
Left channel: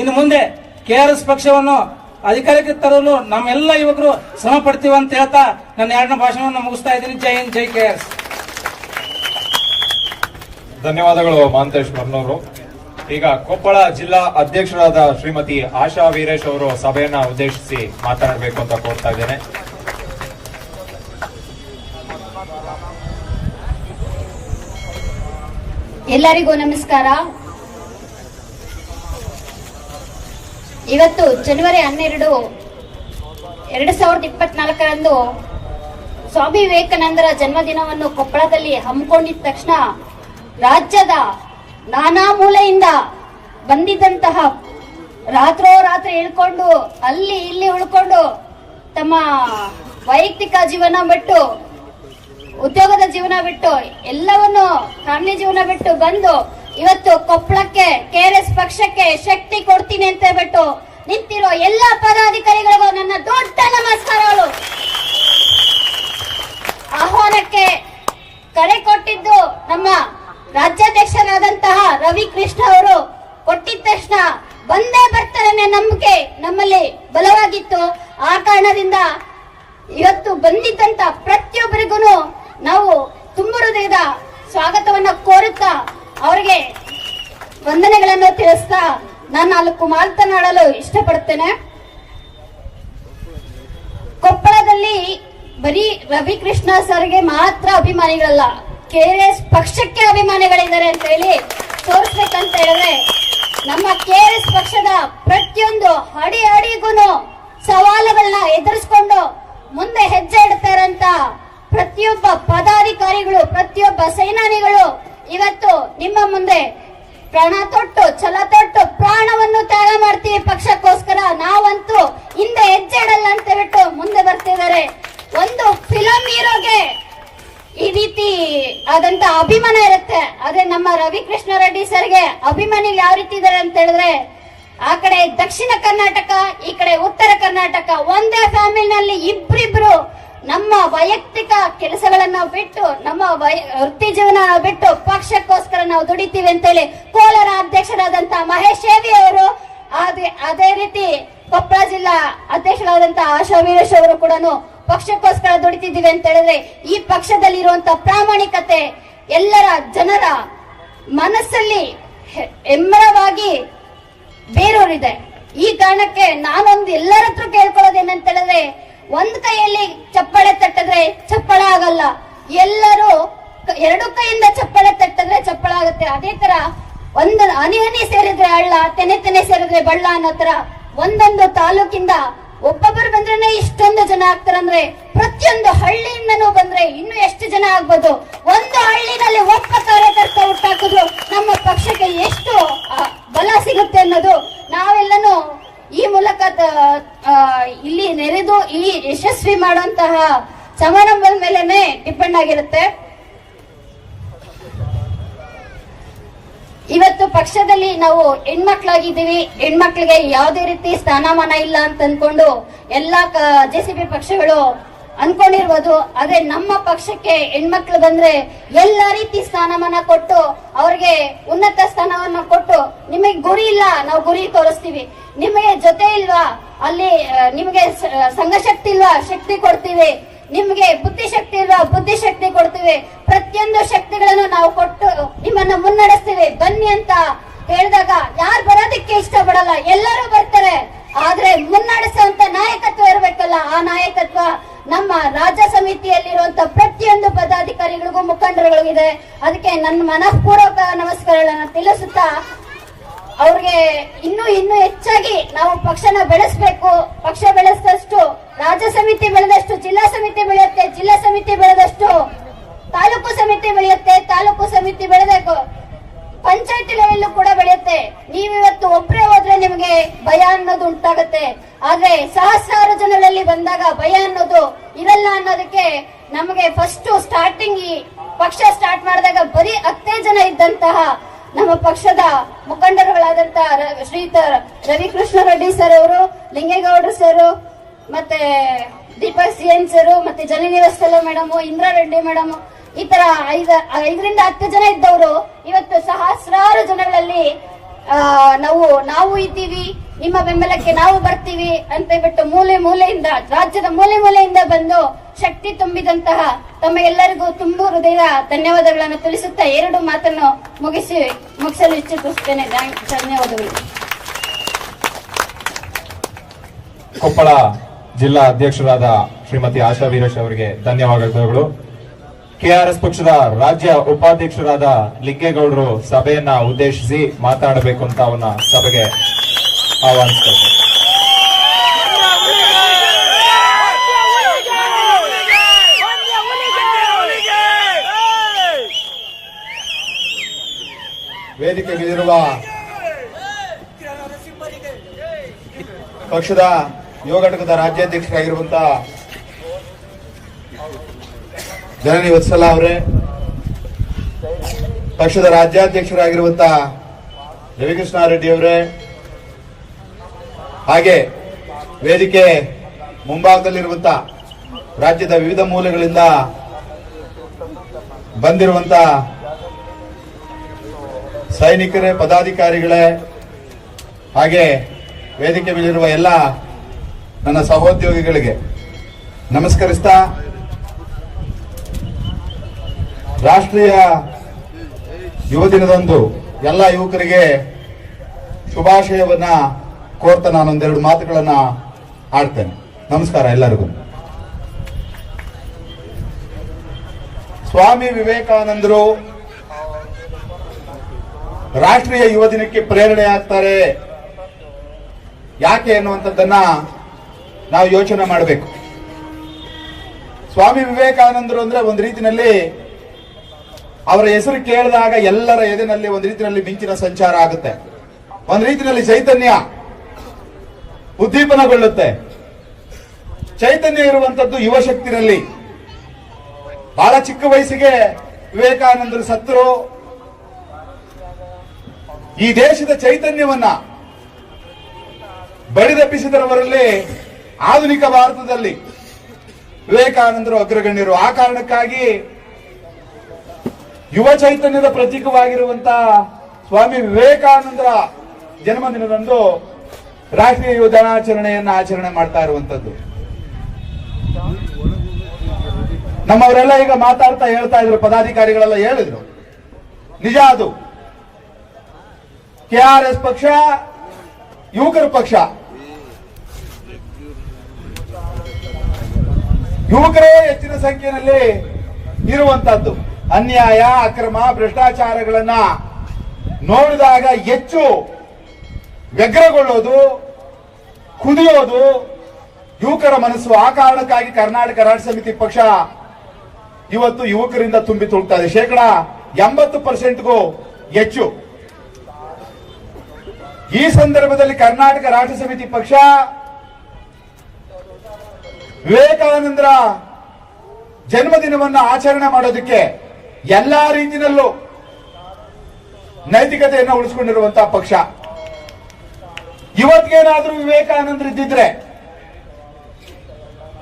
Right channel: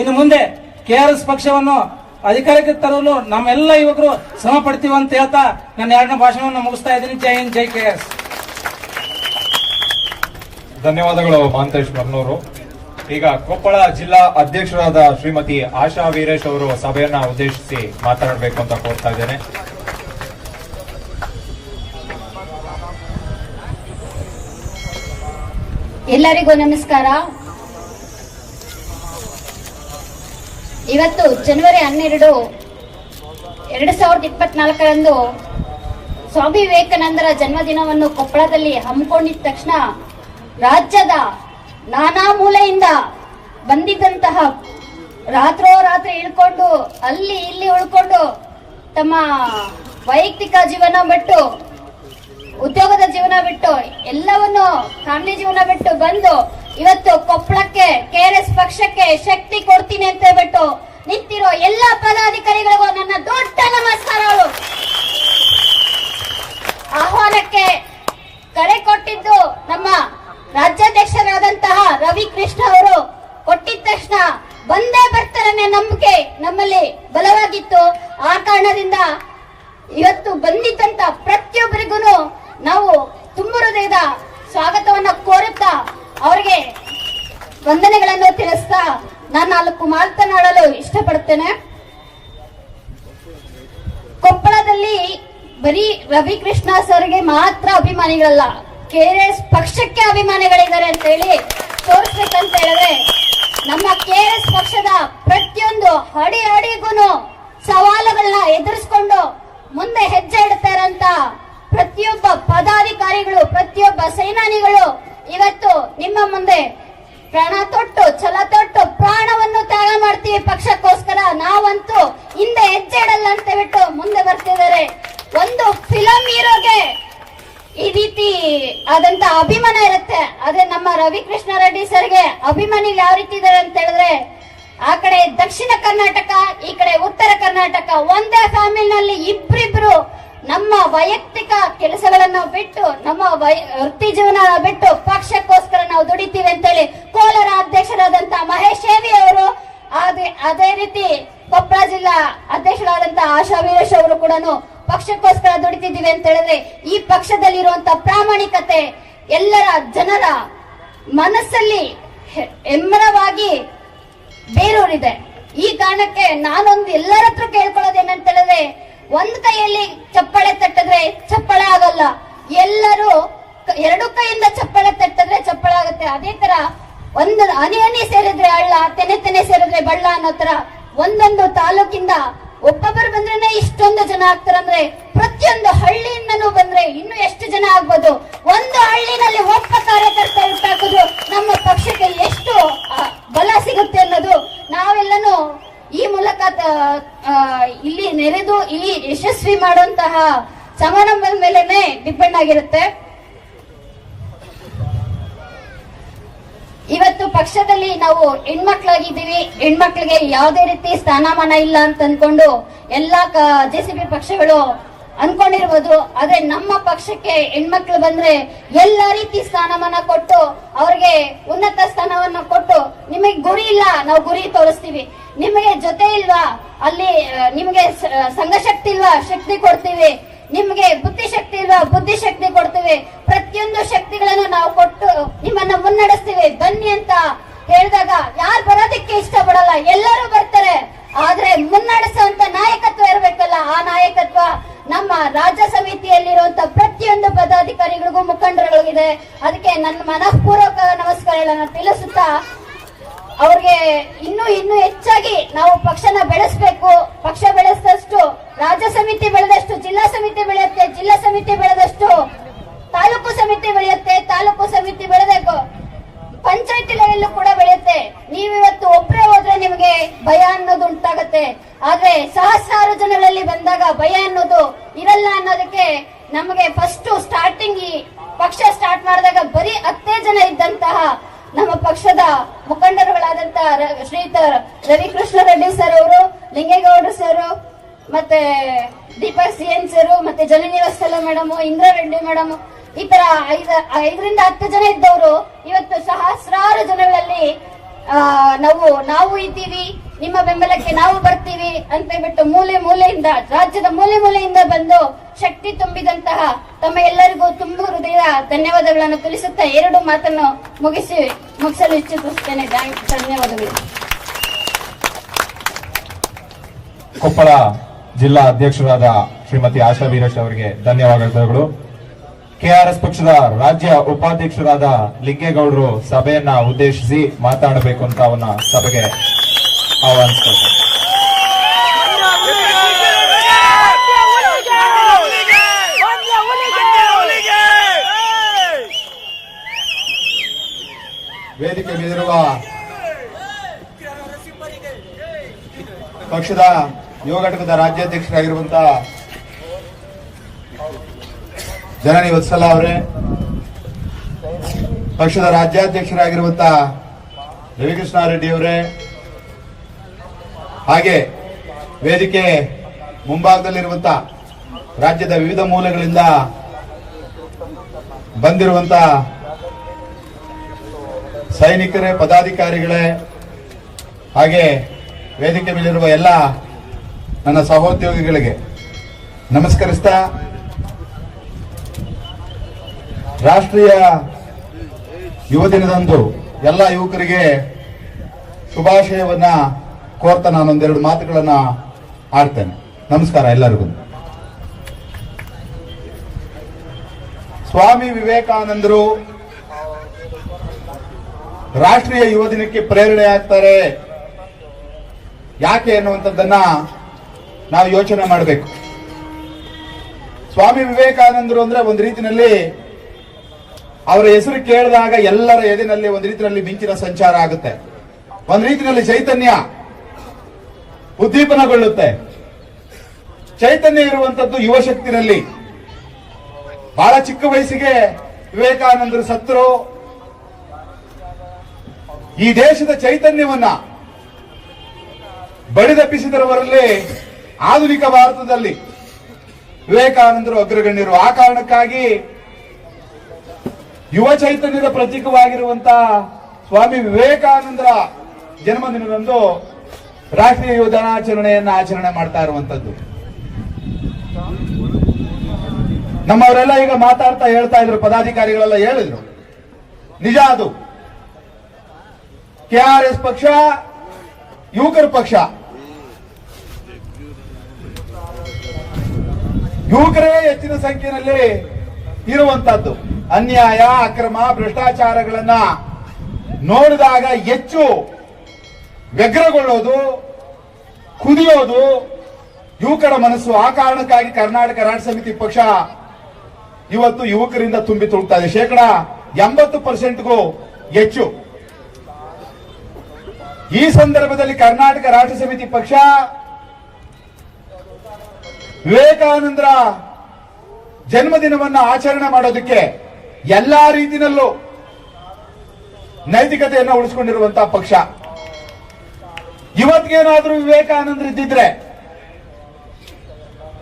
ಇನ್ನು ಮುಂದೆ KRS ಪಕ್ಷವನ್ನು ಅಧಿಕಾರಕ್ಕೆ ತರಲು ನಮ್ಮೆಲ್ಲ ಯುವಕರು ಶ್ರಮ ಪಡ್ತೀವಿ ಅಂತ ಹೇಳ್ತಾ ನನ್ನ 2ನೇ ಭಾಷಣವನ್ನು ಮುಗಿಸ್ತಾ ಇದ್ದೀನಿ. ಜೈ ಹಿಂದ್, ಜೈ KRS. ಧನ್ಯವಾದಗಳು ಮಹಾಂತೇಶ್ ಬ್ರಹ್ಮನವರು. ಈಗ ಕೊಪ್ಪಳ ಜಿಲ್ಲಾ ಅಧ್ಯಕ್ಷರಾದ ಶ್ರೀಮತಿ ಆಶಾ ವೀರೇಶ್ ಅವರು ಸಭೆಯನ್ನ ಉದ್ದೇಶಿಸಿ ಮಾತನಾಡಬೇಕು ಅಂತ ಕೋರ್ತಾ ಇದ್ದೇನೆ. ಎಲ್ಲರಿಗೂ ನಮಸ್ಕಾರ. ಇವತ್ತು ಜನವರಿ 12, 2024ರಂದು ಸ್ವಾಮಿ ವಿವೇಕಾನಂದರ ಜನ್ಮದಿನವನ್ನು ಕೊಪ್ಪಳದಲ್ಲಿ ಹಮ್ಮಿಕೊಂಡಿದ್ದ ತಕ್ಷಣ ರಾಜ್ಯದ ನಾನಾ ಮೂಲೆಯಿಂದ ಬಂದಿದ್ದಂತಹ ರಾತ್ರೋರಾತ್ರಿ ಇಳ್ಕೊಂಡು ಅಲ್ಲಿ ಇಲ್ಲಿ ಉಳ್ಕೊಂಡು ತಮ್ಮ ವೈಯಕ್ತಿಕ ಜೀವನ ಬಿಟ್ಟು, ಉದ್ಯೋಗದ ಜೀವನ ಬಿಟ್ಟು, ಎಲ್ಲವನ್ನು ಫ್ಯಾಮಿಲಿ ಜೀವನ ಬಿಟ್ಟು ಬಂದು ಇವತ್ತು ಕೊಪ್ಪಳಕ್ಕೆ KRS ಪಕ್ಷಕ್ಕೆ ಶಕ್ತಿ ಕೊಡ್ತೀನಿ ಅಂತ ಹೇಳ್ಬಿಟ್ಟು ನಿಂತಿರೋ ಎಲ್ಲ ಪದಾಧಿಕಾರಿಗಳಿಗೂ ನನ್ನ ದೊಡ್ಡ ನಮಸ್ಕಾರಗಳು. ಆಹ್ವಾನಕ್ಕೆ ಕರೆ ಕೊಟ್ಟಿದ್ದು ನಮ್ಮ ರಾಜ್ಯಾಧ್ಯಕ್ಷರಾದಂತಹ ರವಿಕೃಷ್ಣ ಅವರು ಕೊಟ್ಟಿದ ತಕ್ಷಣ ಬಂದೇ ಬರ್ತಾರೆ ಅನ್ನೋ ನಂಬಿಕೆ ನಮ್ಮಲ್ಲಿ ಬಲವಾಗಿತ್ತು. ಆ ಕಾರಣದಿಂದ ಇವತ್ತು ಬಂದಿದ್ದಂತ ಪ್ರತಿಯೊಬ್ಬರಿಗೂ ನಾವು ತುಂಬು ಹೃದಯದ ಸ್ವಾಗತವನ್ನ ಕೋರುತ್ತಾ ಅವರಿಗೆ ವಂದನೆಗಳನ್ನು ತಿಳಿಸ್ತಾ ನಾನು 4 ಮಾತನಾಡಲು ಇಷ್ಟಪಡ್ತೇನೆ. ಕೊಪ್ಪಳದಲ್ಲಿ ಬರೀ ರವಿಕೃಷ್ಣ ಸರ್ಗೆ ಮಾತ್ರ ಅಭಿಮಾನಿಗಳಲ್ಲ, KRS ಪಕ್ಷಕ್ಕೆ ಅಭಿಮಾನಿಗಳಿದ್ದಾರೆ ಅಂತ ಹೇಳಿ ತೋರಿಸ್ಬೇಕಂತ ಹೇಳಿದ್ರೆ ನಮ್ಮ KRS ಪಕ್ಷದ ಪ್ರತಿಯೊಂದು ಅಡಿಗೂ ಸವಾಲುಗಳನ್ನ ಎದುರಿಸಿಕೊಂಡು ಮುಂದೆ ಹೆಜ್ಜೆ ಇಡ್ತಾರಂತ ಪ್ರತಿಯೊಬ್ಬ ಪದಾಧಿಕಾರಿಗಳು, ಪ್ರತಿಯೊಬ್ಬ ಸೇನಾನಿಗಳು ಇವತ್ತು ನಿಮ್ಮ ಮುಂದೆ ಪ್ರಾಣ ತೊಟ್ಟು, ಛಲ ತೊಟ್ಟು ಪ್ರಾಣವನ್ನು ತ್ಯಾಗ ಮಾಡ್ತೀವಿ ಪಕ್ಷಕ್ಕೋಸ್ಕರ, ನಾವಂತೂ ಹಿಂದೆ ಹೆಜ್ಜೆ ಇಡಲ್ಲ ಅಂತ ಬಿಟ್ಟು ಮುಂದೆ ಬರ್ತಿದ್ದಾರೆ. ಒಂದು ಫಿಲಂ ಹೀರೋಗೆ ಈ ರೀತಿ ಆದಂತ ಅಭಿಮಾನ ಇರುತ್ತೆ. ಅದೇ ನಮ್ಮ ರವಿಕೃಷ್ಣ ರೆಡ್ಡಿ ಸರ್ಗೆ ಅಭಿಮಾನಿಗಳು ಯಾವ ರೀತಿ ಇದ್ದಾರೆ ಅಂತ ಹೇಳಿದ್ರೆ, ಆ ಕಡೆ ದಕ್ಷಿಣ ಕರ್ನಾಟಕ, ಈ ಕಡೆ ಉತ್ತರ ಕರ್ನಾಟಕ, ಒಂದೇ ಫ್ಯಾಮಿಲಿನಲ್ಲಿ ಇಬ್ರಿಬ್ರು ನಮ್ಮ ವೈಯಕ್ತಿಕ ಕೆಲಸಗಳನ್ನು ಬಿಟ್ಟು, ನಮ್ಮ ವೃತ್ತಿ ಜೀವನ ಬಿಟ್ಟು ಪಕ್ಷಕ್ಕೋಸ್ಕರ ನಾವು ದುಡಿತೀವಿ ಅಂತೇಳಿ ಕೋಲಾರ ಅಧ್ಯಕ್ಷರಾದಂತ ಮಹೇಶ್ ಶೇವಿ ಅವರು, ಅದೇ ರೀತಿ ಕೊಪ್ಪಳ ಜಿಲ್ಲಾ ಅಧ್ಯಕ್ಷರಾದಂತ ಆಶಾ ವೀರೇಶ್ ಅವರು ಕೂಡ ಪಕ್ಷಕ್ಕೋಸ್ಕರ ದುಡಿತಿದ್ದೀವಿ ಅಂತ ಹೇಳಿದ್ರೆ ಈ ಪಕ್ಷದಲ್ಲಿರುವಂತ ಪ್ರಾಮಾಣಿಕತೆ ಎಲ್ಲರ ಜನರ ಮನಸ್ಸಲ್ಲಿ ಹೆಮ್ಮರವಾಗಿ ಬೇರೂರಿದೆ. ಈ ಕಾರಣಕ್ಕೆ ನಾನೊಂದು ಎಲ್ಲರ ಹತ್ರ ಕೇಳ್ಕೊಳ್ಳೋದೇನಂತ ಹೇಳಿದ್ರೆ, ಒಂದ್ ಕೈಯಲ್ಲಿ ಚಪ್ಪಾಳೆ ತಟ್ಟಿದ್ರೆ ಚಪ್ಪಾಳೆ ಆಗಲ್ಲ, ಎಲ್ಲರೂ ಎರಡು ಕೈಯಿಂದ ಚಪ್ಪಾಳೆ ತಟ್ಟಿದ್ರೆ ಚಪ್ಪಾಳೆ ಆಗುತ್ತೆ. ಅದೇ ತರ ಒಂದು ಹನಿ ಹನಿ ಸೇರಿದ್ರೆ ಹಳ್ಳ, ತೆನೆ ತೆನೆ ಸೇರಿದ್ರೆ ಬಳ್ಳ ಅನ್ನೋ ತರ ಒಂದೊಂದು ತಾಲೂಕಿಂದ ಒಬ್ಬೊಬ್ಬರು ಬಂದ್ರೆ ಇಷ್ಟೊಂದು ಜನ ಆಗ್ತಾರಂದ್ರೆ ಪ್ರತಿಯೊಂದು ಹಳ್ಳಿಯಿಂದನೂ ಬಂದ್ರೆ ಇನ್ನು ಎಷ್ಟು ಜನ ಆಗ್ಬೋದು. ಒಂದು ಹಳ್ಳಿನಲ್ಲಿ ಒಬ್ಬ ಕಾರ್ಯಕರ್ತ ಹುಟ್ಟಾಕೋದು ನಮ್ಮ ಪಕ್ಷಕ್ಕೆ ಎಷ್ಟು ಬಲ ಸಿಗುತ್ತೆ ಅನ್ನೋದು ನಾವೆಲ್ಲನೂ ಈ ಮೂಲಕ ಇಲ್ಲಿ ನೆರೆದು ಈ ಯಶಸ್ವಿ ಮಾಡುವಂತಹ ಸಮಾರಂಭದ ಮೇಲೆನೆ ಡಿಪೆಂಡ್ ಆಗಿರುತ್ತೆ. ಇವತ್ತು ಪಕ್ಷದಲ್ಲಿ ನಾವು ಹೆಣ್ಮಕ್ಳಾಗಿದ್ದೀವಿ, ಹೆಣ್ಮಕ್ಳಿಗೆ ಯಾವುದೇ ರೀತಿ ಸ್ಥಾನಮಾನ ಇಲ್ಲ ಅಂತ ಅನ್ಕೊಂಡು ಎಲ್ಲಾ ಜೆಸಿಬಿ ಪಕ್ಷಗಳು ಅನ್ಕೊಂಡಿರ್ಬೋದು. ಆದ್ರೆ ನಮ್ಮ ಪಕ್ಷಕ್ಕೆ ಹೆಣ್ಮಕ್ಳು ಬಂದ್ರೆ ಎಲ್ಲ ರೀತಿ ಸ್ಥಾನಮಾನ ಕೊಟ್ಟು ಅವ್ರಿಗೆ ಉನ್ನತ ಸ್ಥಾನವನ್ನು ಕೊಟ್ಟು, ನಿಮಗೆ ಗುರಿ ಇಲ್ಲ ನಾವು ಗುರಿ ತೋರಿಸ್ತೀವಿ, ನಿಮಗೆ ಜೊತೆ ಇಲ್ವಾ ಅಲ್ಲಿ ನಿಮ್ಗೆ ಸಂಘಶಕ್ತಿ ಇಲ್ವಾ ಶಕ್ತಿ ಕೊಡ್ತೀವಿ, ನಿಮ್ಗೆ ಬುದ್ಧಿಶಕ್ತಿ ಇಲ್ವಾ ಬುದ್ಧಿಶಕ್ತಿ ಕೊಡ್ತೀವಿ, ಪ್ರತಿಯೊಂದು ಶಕ್ತಿಗಳನ್ನು ನಾವು ಕೊಟ್ಟು ನಿಮ್ಮನ್ನ ಮುನ್ನಡೆಸ್ತೀವಿ ಬನ್ನಿ ಅಂತ ಹೇಳಿದಾಗ ಯಾರು ಬರೋದಕ್ಕೆ ಇಷ್ಟಪಡಲ್ಲ, ಎಲ್ಲರೂ ಬರ್ತಾರೆ. ಆದ್ರೆ ಮುನ್ನಡೆಸುವಂತ ನಾಯಕತ್ವ ಇರಬೇಕಲ್ಲ, ಆ ನಾಯಕತ್ವ ನಮ್ಮ ರಾಜ್ಯ ಸಮಿತಿಯಲ್ಲಿರುವಂತ ಪ್ರತಿಯೊಂದು ಪದಾಧಿಕಾರಿಗಳಿಗೂ ಮುಖಂಡರುಗಳಿದೆ. ಅದಕ್ಕೆ ನನ್ನ ಮನಃಪೂರ್ವಕ ನಮಸ್ಕಾರಗಳನ್ನು ತಿಳಿಸುತ್ತಾ ಅವ್ರಿಗೆ ಇನ್ನೂ ಹೆಚ್ಚಾಗಿ ನಾವು ಪಕ್ಷನ ಬೆಳೆಸಬೇಕು. ಪಕ್ಷ ಬೆಳೆದಷ್ಟು ರಾಜ್ಯ ಸಮಿತಿ ಬೆಳೆದಷ್ಟು ಜಿಲ್ಲಾ ಸಮಿತಿ ಬೆಳೆಯುತ್ತೆ, ಜಿಲ್ಲಾ ಸಮಿತಿ ಬೆಳೆದಷ್ಟು ತಾಲೂಕು ಸಮಿತಿ ಬೆಳೆಯುತ್ತೆ, ತಾಲೂಕು ಸಮಿತಿ ಬೆಳೆಬೇಕು ಪಂಚಾಯತಿ ಲೆವೆಲ್ ಕೂಡ ಬೆಳೆಯುತ್ತೆ. ನೀವಿವತ್ತು ಒಬ್ಬರೇ ಹೋದ್ರೆ ನಿಮಗೆ ಭಯ ಅನ್ನೋದು ಉಂಟಾಗತ್ತೆ, ಆದ್ರೆ ಸಹಸ್ರಾರು ಜನರಲ್ಲಿ ಬಂದಾಗ ಭಯ ಅನ್ನೋದು ಇರಲ್ಲ ಅನ್ನೋದಕ್ಕೆ ನಮಗೆ ಫಸ್ಟ್ ಸ್ಟಾರ್ಟಿಂಗ್ ಈ ಪಕ್ಷ ಸ್ಟಾರ್ಟ್ ಮಾಡಿದಾಗ ಬರೀ 10 ಜನ ಇದ್ದಂತಹ ನಮ್ಮ ಪಕ್ಷದ ಮುಖಂಡರುಗಳಾದಂತಹ ಶ್ರೀಯುತ ರವಿಕೃಷ್ಣ ರೆಡ್ಡಿ ಸರ್ ಅವರು, ಲಿಂಗೇಗೌಡರು ಸರ್, ಮತ್ತೆ ದೀಪಕ್ ಸಿಎನ್ ಸರ್, ಮತ್ತೆ ಜಲನಿವಾಸ ಮೇಡಮ್, ಇಂದ್ರಾ ರೆಡ್ಡಿ ಮೇಡಮ್, ಈ ತರ 5ರಿಂದ 10 ಜನ ಇದ್ದವರು ಇವತ್ತು ಸಹಸ್ರಾರು ಜನಗಳಲ್ಲಿ ನಾವು ಇದ್ದೀವಿ, ನಿಮ್ಮ ಬೆಂಬಲಕ್ಕೆ ನಾವು ಬರ್ತೀವಿ ಅಂತ ಹೇಳ್ಬಿಟ್ಟು ಮೂಲೆಯಿಂದ ರಾಜ್ಯದ ಮೂಲೆಯಿಂದ ಬಂದು ಶಕ್ತಿ ತುಂಬಿದಂತಹ ತಮ್ಮ ಎಲ್ಲರಿಗೂ ತುಂಬ ಹೃದಯ ಧನ್ಯವಾದಗಳನ್ನು ತಿಳಿಸುತ್ತಾ 2 ಮಾತನ್ನು ಮುಗಿಸಲು ಇಚ್ಛಿಸುತ್ತೇನೆ. ಧನ್ಯವಾದಗಳು. ಕೊಪ್ಪಳ ಜಿಲ್ಲಾ ಅಧ್ಯಕ್ಷರಾದ ಶ್ರೀಮತಿ ಆಶಾ ವೀರೇಶ್ ಅವರಿಗೆ ಧನ್ಯವಾದಗಳು. ಕೆಆರ್ಎಸ್ ಪಕ್ಷದ ರಾಜ್ಯ ಉಪಾಧ್ಯಕ್ಷರಾದ ಲಿಂಗೇಗೌಡರು ಸಭೆಯನ್ನ ಉದ್ದೇಶಿಸಿ ಮಾತನಾಡಬೇಕು ಅಂತ ಅವನ್ನ ಸಭೆಗೆ ಆಹ್ವಾನಿಸ್ತಾರೆ. ವೇದಿಕೆ ಮೇಲಿರುವ ಪಕ್ಷದ ಯುವ ಘಟಕದ ರಾಜ್ಯಾಧ್ಯಕ್ಷರಾಗಿರುವಂತಹ ಜನನಿ ವತ್ಸಲ ಅವರೇ, ಪಕ್ಷದ ರಾಜ್ಯಾಧ್ಯಕ್ಷರಾಗಿರುವಂತಹ ರವಿಕೃಷ್ಣ ರೆಡ್ಡಿ ಅವರೇ, ಹಾಗೆ ವೇದಿಕೆ ಮುಂಭಾಗದಲ್ಲಿರುವಂತಹ ರಾಜ್ಯದ ವಿವಿಧ ಮೂಲೆಗಳಿಂದ ಬಂದಿರುವಂತಹ ಸೈನಿಕರೇ, ಪದಾಧಿಕಾರಿಗಳೇ, ಹಾಗೆ ವೇದಿಕೆ ಮೇಲಿರುವ ಎಲ್ಲ ನನ್ನ ಸಹೋದ್ಯೋಗಿಗಳಿಗೆ ನಮಸ್ಕರಿಸ್ತಾ ರಾಷ್ಟ್ರೀಯ ಯುವ ದಿನದಂದು ಎಲ್ಲ ಯುವಕರಿಗೆ ಶುಭಾಶಯವನ್ನ ಕೋರ್ತಾ ನಾನೊಂದೆರಡು ಮಾತುಗಳನ್ನ ಆಡ್ತೇನೆ. ನಮಸ್ಕಾರ ಎಲ್ಲರಿಗೂ. ಸ್ವಾಮಿ ವಿವೇಕಾನಂದರು ರಾಷ್ಟ್ರೀಯ ಯುವ ದಿನಕ್ಕೆ ಪ್ರೇರಣೆ ಆಗ್ತಾರೆ ಯಾಕೆ ಅನ್ನುವಂಥದ್ದನ್ನ ನಾವು ಯೋಚನೆ ಮಾಡಬೇಕು. ಸ್ವಾಮಿ ವಿವೇಕಾನಂದರು ಅಂದ್ರೆ ಒಂದು ರೀತಿಯಲ್ಲಿ ಅವರ ಹೆಸರು ಕೇಳಿದಾಗ ಎಲ್ಲರ ಎದೆನಲ್ಲಿ ಒಂದು ರೀತಿಯಲ್ಲಿ ಮಿಂಚಿನ ಸಂಚಾರ ಆಗುತ್ತೆ, ಒಂದು ರೀತಿಯಲ್ಲಿ ಚೈತನ್ಯ ಉದ್ದೀಪನಗೊಳ್ಳುತ್ತೆ. ಚೈತನ್ಯ ಇರುವಂತದ್ದು ಯುವ ಶಕ್ತಿನಲ್ಲಿ. ಬಹಳ ಚಿಕ್ಕ ವಯಸ್ಸಿಗೆ ವಿವೇಕಾನಂದರು ಸತ್ರು. ಈ ದೇಶದ ಚೈತನ್ಯವನ್ನ ಬಡಿದೆಬ್ಬಿಸಿದವರಲ್ಲಿ ಆಧುನಿಕ ಭಾರತದಲ್ಲಿ ವಿವೇಕಾನಂದರು ಅಗ್ರಗಣ್ಯರು. ಆ ಕಾರಣಕ್ಕಾಗಿ ಯುವ ಚೈತನ್ಯದ ಪ್ರತೀಕವಾಗಿರುವಂತಹ ಸ್ವಾಮಿ ವಿವೇಕಾನಂದರ ಜನ್ಮದಿನದಂದು ರಾಷ್ಟ್ರೀಯ ಯುವ ದಿನಾಚರಣೆಯನ್ನ ಆಚರಣೆ ಮಾಡ್ತಾ ಇರುವಂತದ್ದು. ನಮ್ಮವರೆಲ್ಲ ಈಗ ಮಾತಾಡ್ತಾ ಹೇಳ್ತಾ ಇದ್ರು, ಪದಾಧಿಕಾರಿಗಳೆಲ್ಲ ಹೇಳಿದ್ರು, ನಿಜ ಅದು. ಕೆಆರ್ಎಸ್ ಪಕ್ಷ ಯುವಕರ ಪಕ್ಷ. ಯುವಕರೇ ಹೆಚ್ಚಿನ ಸಂಖ್ಯೆಯಲ್ಲಿ ಇರುವಂತದ್ದು. ಅನ್ಯಾಯ, ಅಕ್ರಮ, ಭ್ರಷ್ಟಾಚಾರಗಳನ್ನ ನೋಡಿದಾಗ ಹೆಚ್ಚು ವ್ಯಗ್ರಗೊಳ್ಳೋದು, ಕುದಿಯೋದು ಯುವಕರ ಮನಸ್ಸು. ಆ ಕಾರಣಕ್ಕಾಗಿ ಕರ್ನಾಟಕ ರಾಷ್ಟ್ರ ಸಮಿತಿ ಪಕ್ಷ ಇವತ್ತು ಯುವಕರಿಂದ ತುಂಬಿ ತುಳುಕ್ತಾ ಇದೆ. 80%ಗೂ ಹೆಚ್ಚು. ಈ ಸಂದರ್ಭದಲ್ಲಿ ಕರ್ನಾಟಕ ರಾಷ್ಟ್ರ ಸಮಿತಿ ಪಕ್ಷ ವಿವೇಕಾನಂದರ ಜನ್ಮದಿನವನ್ನು ಆಚರಣೆ ಮಾಡೋದಕ್ಕೆ ಎಲ್ಲಾ ರೀತಿಯಲ್ಲೂ ನೈತಿಕತೆಯನ್ನು ಉಳಿಸಿಕೊಂಡಿರುವಂತಹ ಪಕ್ಷ. ಇವತ್ತಿಗೇನಾದ್ರೂ ವಿವೇಕಾನಂದರಿದ್ದಿದ್ರೆ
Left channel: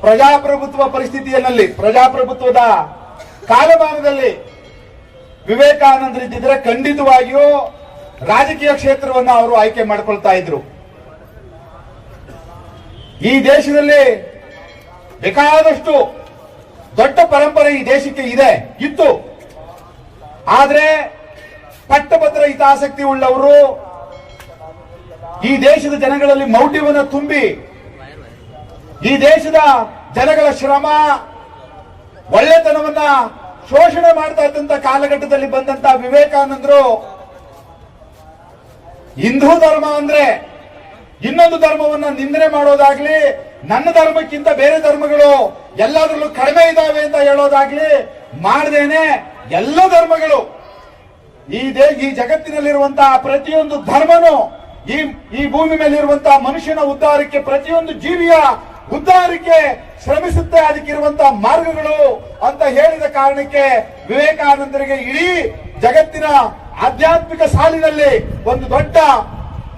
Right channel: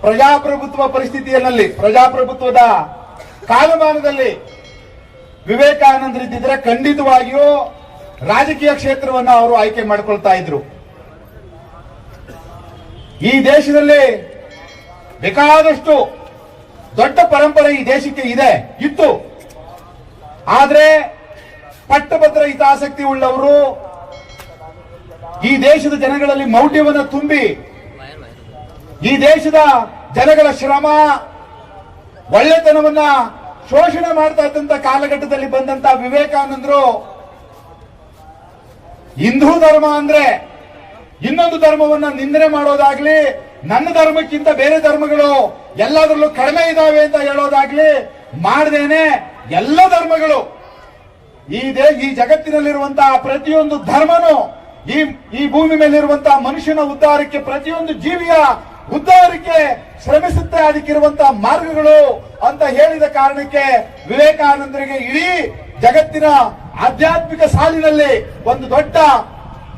ಪ್ರಜಾಪ್ರಭುತ್ವ ಪರಿಸ್ಥಿತಿಯಲ್ಲಿ, ಪ್ರಜಾಪ್ರಭುತ್ವದ ಕಾಲಮಾನದಲ್ಲಿ ವಿವೇಕಾನಂದರಿದ್ದಿದ್ರೆ ಖಂಡಿತವಾಗಿಯೂ ರಾಜಕೀಯ ಕ್ಷೇತ್ರವನ್ನು ಅವರು ಆಯ್ಕೆ ಮಾಡಿಕೊಳ್ತಾ ಇದ್ರು. ಈ ದೇಶದಲ್ಲಿ ಬೇಕಾದಷ್ಟು ದೊಡ್ಡ ಪರಂಪರೆ ಈ ದೇಶಕ್ಕೆ ಇತ್ತು. ಆದ್ರೆ ಪಟ್ಟಭದ್ರ ಹಿತಾಸಕ್ತಿ ಉಳ್ಳವರು ಈ ದೇಶದ ಜನಗಳಲ್ಲಿ ಮೌಢ್ಯವನ್ನು ತುಂಬಿ, ಈ ದೇಶದ ಜನಗಳ ಶ್ರಮ, ಒಳ್ಳೆತನವನ್ನ ಶೋಷಣೆ ಮಾಡ್ತಾ ಇದ್ದಂತ ಕಾಲಘಟ್ಟದಲ್ಲಿ ಬಂದಂತ ವಿವೇಕಾನಂದರು ಹಿಂದೂ ಧರ್ಮ ಅಂದ್ರೆ ಇನ್ನೊಂದು ಧರ್ಮವನ್ನ ನಿಂದನೆ ಮಾಡೋದಾಗ್ಲಿ, ನನ್ನ ಧರ್ಮಕ್ಕಿಂತ ಬೇರೆ ಧರ್ಮಗಳು ಎಲ್ಲದರಲ್ಲೂ ಕಡಿಮೆ ಇದಾವೆ ಅಂತ ಹೇಳೋದಾಗ್ಲಿ ಮಾಡದೇನೆ ಎಲ್ಲ ಧರ್ಮಗಳು, ಈ ಜಗತ್ತಿನಲ್ಲಿರುವಂತಹ ಪ್ರತಿಯೊಂದು ಧರ್ಮನು ಈ ಭೂಮಿ ಮೇಲಿರುವಂತಹ ಮನುಷ್ಯನ ಉದ್ಧಾರಕ್ಕೆ, ಪ್ರತಿಯೊಂದು ಜೀವಿಯ ಉದ್ಧಾರಕ್ಕೆ ಶ್ರಮಿಸುತ್ತೆ. ಅದಕ್ಕಿರುವಂತಹ ಮಾರ್ಗಗಳು ಅಂತ ಹೇಳಿದ ಕಾರಣಕ್ಕೆ ವಿವೇಕಾನಂದರಿಗೆ ಇಡೀ ಜಗತ್ತಿನ ಆಧ್ಯಾತ್ಮಿಕ ಸಾಲಿನಲ್ಲಿ ಒಂದು ದೊಡ್ಡ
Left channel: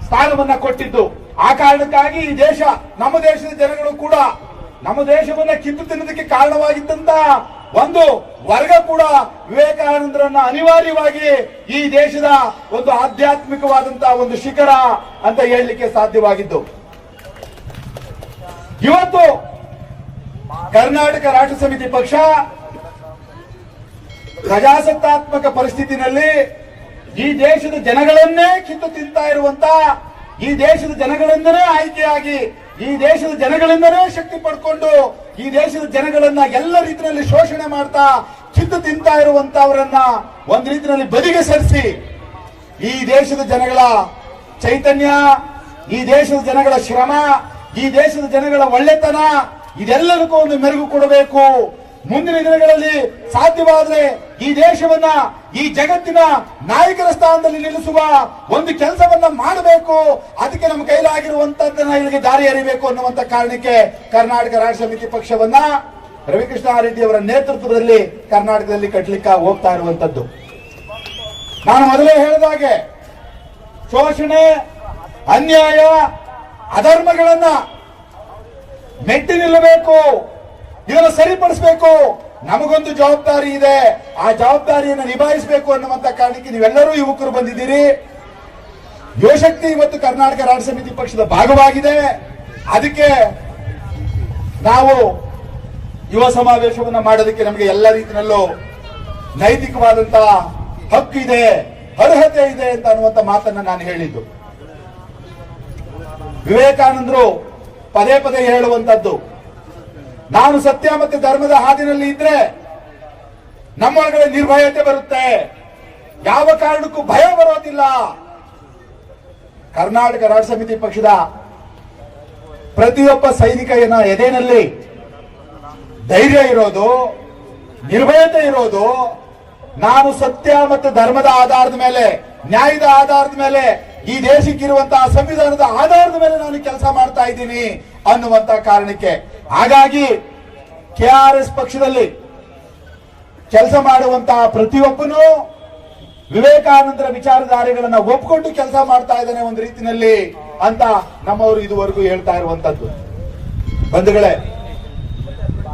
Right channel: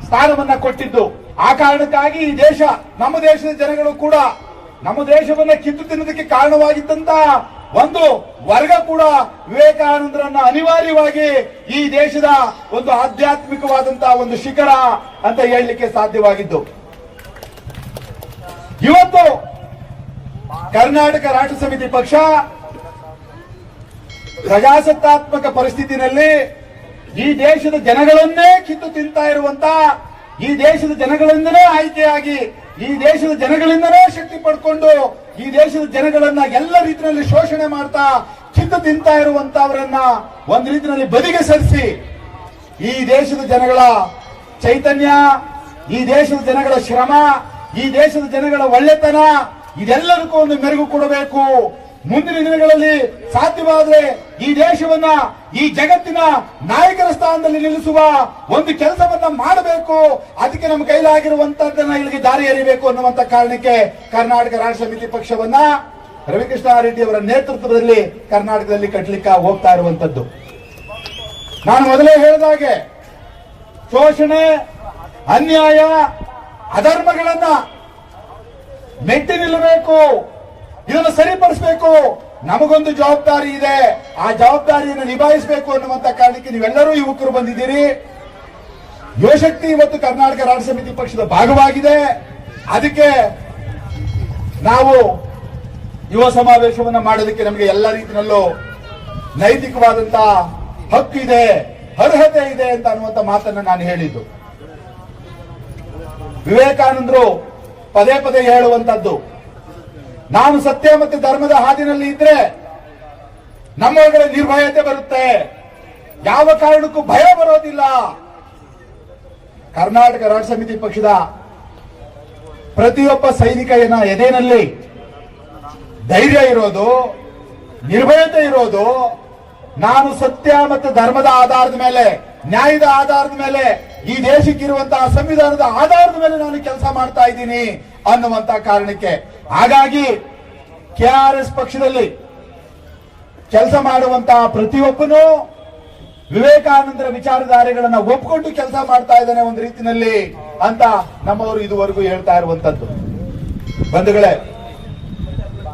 ಸ್ಥಾನವನ್ನ ಕೊಟ್ಟಿದ್ದು. ಆ ಕಾರಣಕ್ಕಾಗಿ ಈ ದೇಶ, ನಮ್ಮ ದೇಶದ ಜನಗಳು ಕೂಡ ನಮ್ಮ ದೇಶವನ್ನ ಕಿತ್ತು ತಿನ್ನೋದಕ್ಕೆ ಕಾರಣವಾಗಿದ್ದಂತಹ ಒಂದು ವರ್ಗ ಕೂಡ ವಿವೇಕಾನಂದರನ್ನ ಅನಿವಾರ್ಯವಾಗಿ ಈ ದೇಶದ ಒಂದು ಆಧ್ಯಾತ್ಮಿಕವಾದಂತಹ ಒಂದು ಶಿಖರ ಅಂತ ಹೇಳಲಿಕ್ಕೆ ಸಾಧ್ಯವಾಗಿದ್ದು. ಇವತ್ತು ಕರ್ನಾಟಕ ರಾಷ್ಟ್ರ ಸಮಿತಿ ಪಕ್ಷ ಪ್ರಜಾಸತ್ತಾತ್ಮಕ ಪರಿಸ್ಥಿತಿನಲ್ಲಿ ಈ ದೇಶದ ಜನಗಳನ್ನೇ ಕಿತ್ತು ತಿಂತಾ ಇರುವಂತ, ಈ ದೇಶದ ಜನಗಳಿಂದಲೇ ಆಯ್ಕೆಯಾಗಿ, ಈ ದೇಶದ ಜನಗಳಿಂದಲೇ ಶಕ್ತಿ ಪಡ್ಕೊಂಡು, ಈ ದೇಶದ ಜನಗಳನ್ನ ಎಲ್ಲ ರೀತಿಯಲ್ಲಿ ಶೋಷಣೆ ಮಾಡ್ತಾ ಕಿತ್ತು ತಿಂತಾ ಇರುವಂತವರನ್ನ ಒಂದು ರೀತಿಯಲ್ಲಿ ಬದಿಗೆ ಸರಿಸಿ, ಈ ದೇಶದ ಜನಗಳ ಚೈತನ್ಯ, ಈ ದೇಶದ ಜನಗಳ ಶ್ರಮ, ಈ ದೇಶದ ಜನಗಳ ಒಳ್ಳೆತನ ಇದೆಲ್ಲದಕ್ಕೂ ಒಂದು ಮೆರುಗು ಕೊಡಬೇಕು. ಮುಂದಿನ ದಿನಗಳಲ್ಲಿ ಸಾಧ್ಯವಾದರೆ ಈ ದೇಶವನ್ನ ಈ ಜಗತ್ತಿನ ನಾಯಕರ ಸ್ಥಾನದಲ್ಲಿ ನಿಲ್ಲಿಸುವ ಒಂದು ಕೆಲಸವನ್ನ ಮಾಡಬೇಕು. ಅದಕ್ಕೆ ನಮ್ಮ ಕೈಲಾಗಿರುವಂತದ್ದನ್ನ ಇಲ್ಲಿಗೆ ದಾರಿ ಎರಿಬೇಕು ಅನ್ನುವಂತ ಕಾರಣಕ್ಕೆ ಕರ್ನಾಟಕ ರಾಷ್ಟ್ರ ಸಮಿತಿ ಪಕ್ಷವನ್ನ ರವಿಕೃಷ್ಣಾರೆಡ್ಡಿ ಅವರ ನೇತೃತ್ವದಲ್ಲಿ ಕರ್ನಾಟಕದಲ್ಲಿ ಕಟ್ಟಲಿಕ್ಕೆ ಹೋಗ್ತಾ ಇರುವಂತದ್ದು. ನಾನು ಮೊದಲೇ ಹೇಳಿದಾಗೆ ಶೋಷಣೆ, ಅನ್ಯಾಯ, ಅಧರ್ಮಗಳನ್ನ ಮೆಟ್ಟಿ ನಿಲ್ಲಬೇಕು, ಇದನ್ನು ಸರಿಪಡಿಸಬೇಕು. ನಮಗೊಂದು ಜವಾಬ್ದಾರಿ ಇದೆ, ಆ ಜವಾಬ್ದಾರಿಯನ್ನು ನಿಭಾಯಿಸಬೇಕು ಅನ್ನುವಂತ ಕಾರಣಕ್ಕೆ ನೀವೆಲ್ಲರೂ ಯುವಕರು ಬಂದಿದ್ದೀರಿ. ಯುವಶಕ್ತಿ ಇವತ್ತು ಕರ್ನಾಟಕ ರಾಷ್ಟ್ರ ಸಮಿತಿ ಪಕ್ಷದ ಭಾಗವಾಗಿದೆ. ಅದಕ್ಕೆ ನಾವು ಯುವ ಸಮಾವೇಶವನ್ನು ಮಾಡೋದಕ್ಕೆ ನಮಗೆ ಎಲ್ಲ ರೀತಿಯಲ್ಲೂ ನೈತಿಕವಾದಂತಹ ಹಕ್ಕಿದೆ, ಅರ್ಹತೆ ಇದೆ ಅಂತ ಅನ್ನುವಂತ ಮಾತನ್ನ ನಾನು ಹೇಳಿದ್ದು. ವಿವೇಕಾನಂದರು ಪದೇ ಪದೇ ಹೇಳುವಂತದ್ದು, ನಾನು ಸತ್ಯ ಮತ್ತು ಧರ್ಮದ ಹಾದಿನಲ್ಲಿ ಇದ್ರೆ ನಮ್ಮೊಳಗಡೆ ನಿರ್ಭಯತೆ ಬರುತ್ತೆ, ಯಾವ ಕಾರಣಕ್ಕೂ ಭಯ ಬರೋದಿಲ್ಲ. ಕರ್ನಾಟಕ ರಾಷ್ಟ್ರ ಸಮಿತಿ ಪಕ್ಷದ ಪ್ರತಿಯೊಬ್ಬ ಸೈನಿಕನ ಎದೆನಲ್ಲಿ ಧೈರ್ಯ ಇರೋದು, ನಿರ್ಭಯತೆ ಇರೋದು, ನಾನು ಸತ್ಯ ಮತ್ತು ಧರ್ಮದ ಆಧಾರದ ಮೇಲೆ, ನ್ಯಾಯದ ಆಧಾರದ ಮೇಲೆ, ಈ ದೇಶಕ್ಕಿರುವಂತಹ ಸಂವಿಧಾನದ ಆಧಾರದ ಮೇಲೆ ನಾನು ಕೆಲಸ ಮಾಡ್ತಾ ಇದ್ದೀನಿ ಅನ್ನುವಂತಹ ಕಾರಣಕ್ಕೆ. ಹಾಗಾಗಿ ಕೆಆರ್ಎಸ್ ಪಕ್ಷದಲ್ಲಿ ಕೆಲಸ ಮಾಡುವಂತಹ ಪ್ರತಿಯೊಬ್ಬನು ವಿವೇಕಾನಂದರ ವಿಚಾರಧಾರೆಗಳನ್ನ ಒಪ್ಪಿಕೊಂಡು ಕೆಲಸ ಮಾಡ್ತಾ ಇದ್ದಾನೆ ಒಂದು ರೀತಿಯಲ್ಲಿ ಅಂತ ನಮ್ಮವರು ಇದುವರೆಗೂ ಹೇಳ್ತಾ ಇರುವಂತದ್ದು. ಬಂಧುಗಳೇ,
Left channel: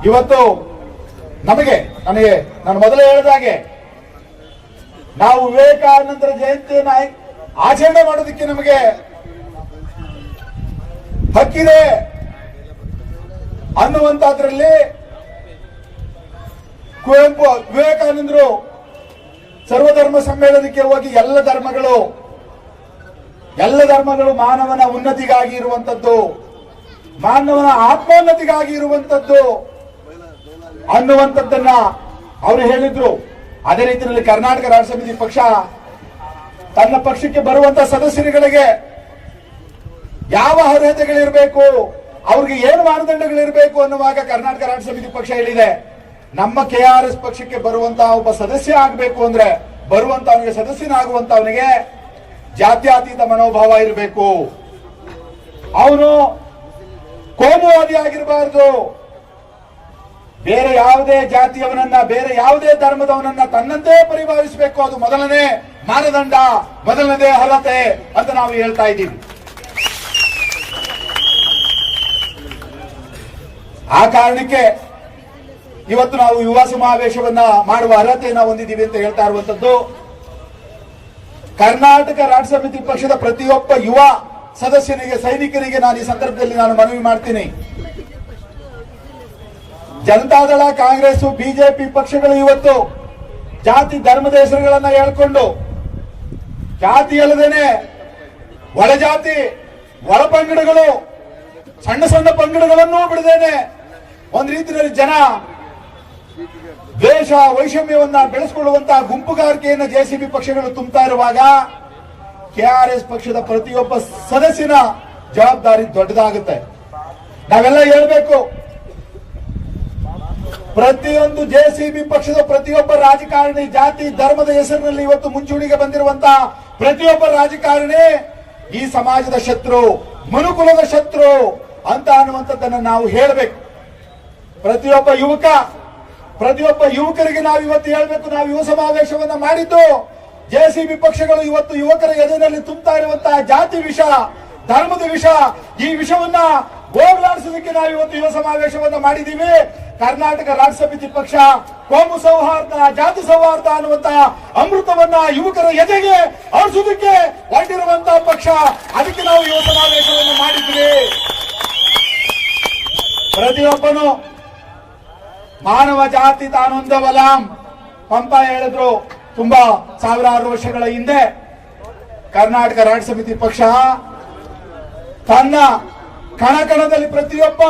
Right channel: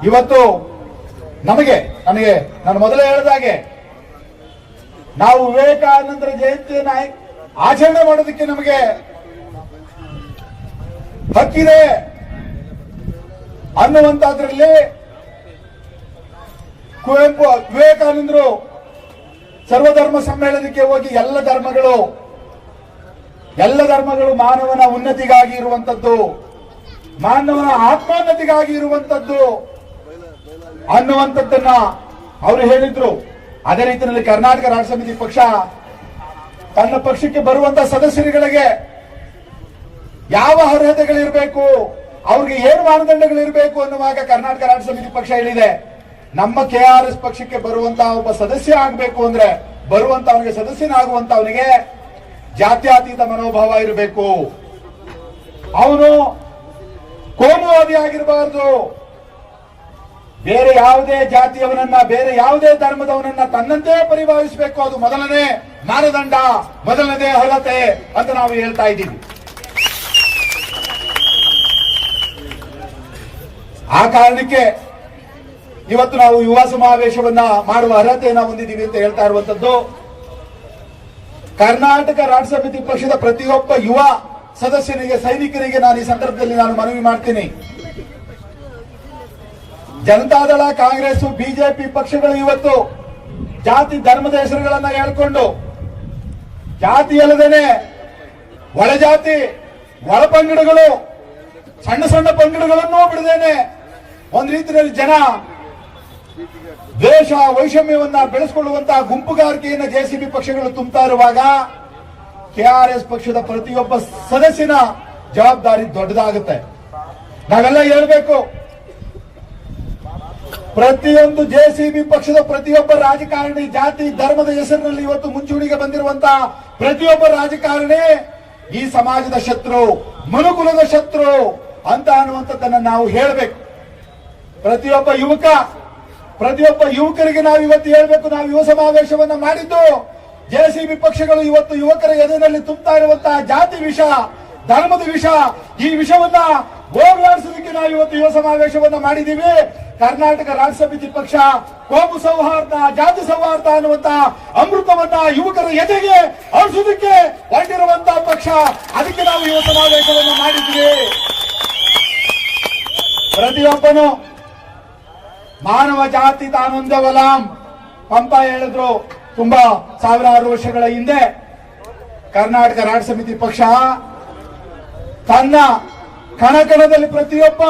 ಇವತ್ತು ನನಗೆ ನಾನು ಮೊದಲೇ ಹೇಳಿದಾಗೆ ನಾವು ವಿವೇಕಾನಂದರ ಜಯಂತಿಯನ್ನು ಆಚರಣೆ ಮಾಡೋದಕ್ಕೆ ನಮಗೆ ಹಕ್ಕಿದೆ ಅನ್ನುವಂತದ್ರಲ್ಲಿ ಕುವೆಂಪು ವಿವೇಕಾನಂದರು ಸರ್ವಧರ್ಮ ಸಮ್ಮೇಳನಕ್ಕೆ ಹೋಗಿ ಎಲ್ಲ ಧರ್ಮಗಳು ಮಾನವನ ಉನ್ನತಿಗಾಗಿ ಇರುವಂತದ್ದು, ಮಾನವನ ಆತ್ಮೋನ್ನತಿಗಾಗಿ ಇರುವಂತದ್ದು, ಅನ್ನುವಂಥದ್ದನ್ನ ಅವರು ಹೇಳಿದ್ರು. ಅದೇ ರೀತಿಯಲ್ಲಿ ಕರ್ನಾಟಕ ರಾಷ್ಟ್ರ ಸಮಿತಿ ಪಕ್ಷ ತನ್ನ ಪಕ್ಷಕ್ಕೆ ಬರುವಂತ ಸದಸ್ಯರುಗಳಿಗೆ ಯಾವ ಅರ್ಹತೆಗಳಿರಬೇಕು, ಅವ್ರಿಗೆ ಏನು ಮಾನದಂಡಗಳಿರಬೇಕು ಅನ್ನುವಾಗ ಕರ್ನಾಟಕ ರಾಷ್ಟ್ರ ಸಮಿತಿ ಪಕ್ಷ ಹೇಳಿದೆ, ನಮ್ಮ ಕೆಆರ್ಎಸ್ ಪಕ್ಷಕ್ಕೆ ಬರುವಂತಹ ಒಬ್ಬ ಸದಸ್ಯ ಆಗಬೇಕು ಅಂದ್ರೆ ಬರುವಂತವನಿಗೆ ಸದಸ್ಯನಾಗುವಂತವನಿಗೆ ಜಾತ್ಯತೀತ ಮನೋಭಾವ ಇರಬೇಕು, ಅವನು ಕೋಮುವಾದಿ ಆಗಿರಬಾರದು, ಬೇರೆ ಯಾವುದೇ ಜಾತಿಯವನನ್ನ ಬೇರೆ ಯಾವುದೇ ಧರ್ಮದವನನ್ನ ತನ್ನಂತೆ ಪರಿಭಾವಿಸಬೇಕು. ಅದು ಮೊದಲನೇ ಮಾನದಂಡ, ಮೊದಲನೇ ಅರ್ಹತೆ ಅಂತ ನಾವು ಹೇಳ್ತಾ ಇದ್ದೀವಿ. ಆ ಕಾರಣಕ್ಕೆ ಇವತ್ತು ನಾವು ಯುವ ಸಮಾವೇಶವನ್ನ ಮಾಡುವ ಅರ್ಹತೆಯನ್ನ ಹೊಂದಿದ್ದೀವಿ ಅಂತ ಹೇಳ್ತಾ ಇರುವಂತದ್ದು. ಕರ್ನಾಟಕ ರಾಷ್ಟ್ರ ಸಮಿತಿ ಪಕ್ಷದ ಪ್ರತಿಯೊಬ್ಬ ಯುವ ಸದಸ್ಯರಿಗೆ, ಸೈನಿಕರಿಗೆ ನಾನು ಈ ಸಂದರ್ಭದಲ್ಲಿ ಮನವಿ ಮಾಡ್ತೀನಿ. ಜನತಾದಳ, ಕಾಂಗ್ರೆಸ್, ಬಿಜೆಪಿ ಪಕ್ಷಗಳು ಇವತ್ತು ಜಾತಿ ಧರ್ಮದ ಹೆಸರುಗಳನ್ನ ಹೇಳ್ಕೊಂಡು ಜಾತಿ ಅಲ್ಲದೇನೆ ಒಳಜಾತಿ, ಒಳ ಪಂಗಡಗಳು, ಸಣ್ಣ ಸಣ್ಣ ಪಂಗಡಗಳನ್ನು ಬಿಡದೇನೆ ಒಂದ್ ರೀತಿಯಲ್ಲಿ ಜನ ದ್ವೇಷ, ವೈಷಮ್ಯವನ್ನ ಬೆಳೆಸಿಕೊಳ್ಳುವಂತಹ ಗುಂಪುಗಾರಿಕೆಯನ್ನು ಜೆಸಿಬಿ ಪಕ್ಷಗಳು ತುಂಬುತ್ತಾ ಇರುವಾಗ ಕೆಆರ್ಎಸ್ ಪಕ್ಷದ ಪ್ರತಿಯೊಬ್ಬ ಸದಸ್ಯನ ಜವಾಬ್ದಾರಿ ದೊಡ್ಡದಾಗುತ್ತೆ. ನಾವೆಲ್ಲ ಹೇಳ್ಬೇಕು, ಪ್ರತಿಯೊಂದು ಜೆಸಿಬಿ ಪಕ್ಷದ ಪ್ರತಿಯೊಬ್ಬ ರಾಜಕಾರಣಿ ಜಾತಿ ಧರ್ಮದ ಹೆಸರಿನಲ್ಲಿ ಇವತ್ತು ಮುಂಚೂಣಿಗೆ ಬಂದಿರುವಂತಹ ಪ್ರತಿಯೊಬ್ಬ ರಾಜಕಾರಣಿ ಈ ಸಮಾಜದ ಶತ್ರು, ಮನುಕುಲದ ಶತ್ರು ಅಂತ ಅನ್ನುವಂಥದ್ದನ್ನ ನಾವು ಹೇಳಬೇಕು. ಪ್ರತಿಯೊಬ್ಬ ಯುವಕರಿಗೆ ನಾವು ಇವತ್ತು ಹೇಳಬೇಕು, ನಾವು ಯುವ ಸಮಾವೇಶವನ್ನು ಮಾಡಿದ್ದು ಜೆಸಿಬಿ ಪಕ್ಷಗಳು ಇವತ್ತು ಯುವಕರ ಎದುರಿನಲ್ಲಿ ತುಂಬುತ್ತಾ ಇರುವಂತಹ ಜಾತಿ ವಿಷ, ಧರ್ಮದ ವಿಷ, ಈ ವಿಷವನ್ನ ಹೋಗಲಾಡಿಸೋದಕ್ಕೆ ನಾವು ಇವತ್ತು ಯುವ ಸಮಾವೇಶವನ್ನು ಮಾಡಿದ್ದೀವಿ. ಕರ್ನಾಟಕ ರಾಷ್ಟ್ರ ಸಮಿತಿ ಪಕ್ಷ ಕೋಮು ಸೌಹಾರ್ದ, ಜಾತಿ ಸೌಹಾರ್ದ ಅನ್ನುವಂತಹ ಅಮೃತವನ್ನ ಯುವಕರ ಎದೆಗೆ ಹರಿಸೋದಕ್ಕೆ ಹೊರಟಿರುವಂತಹ ಪಕ್ಷ. ಅದಕ್ಕೆ ನಾವು ಯುವ ಸಮಾವೇಶವನ್ನು ಮಾಡಿದ್ವಿ. ಪ್ರತಿಯೊಬ್ಬನು ಮಾನವ ಜಾತಿ ತಾನೊಂದೇ ವಲಾಂ ಪಂಪ ಹೇಳಿದ್ರು. ತುಂಬಾ ಸಾವಿರಾರು ವರ್ಷಗಳ ಹಿಂದೆ ಕರ್ನಾಟಕ ರಾಷ್ಟ್ರ ಸಮಿತಿ ಪಕ್ಷ ತನ್ನ ಕಣಕಣದಲ್ಲಿ, ಪ್ರತಿಯೊಬ್ಬ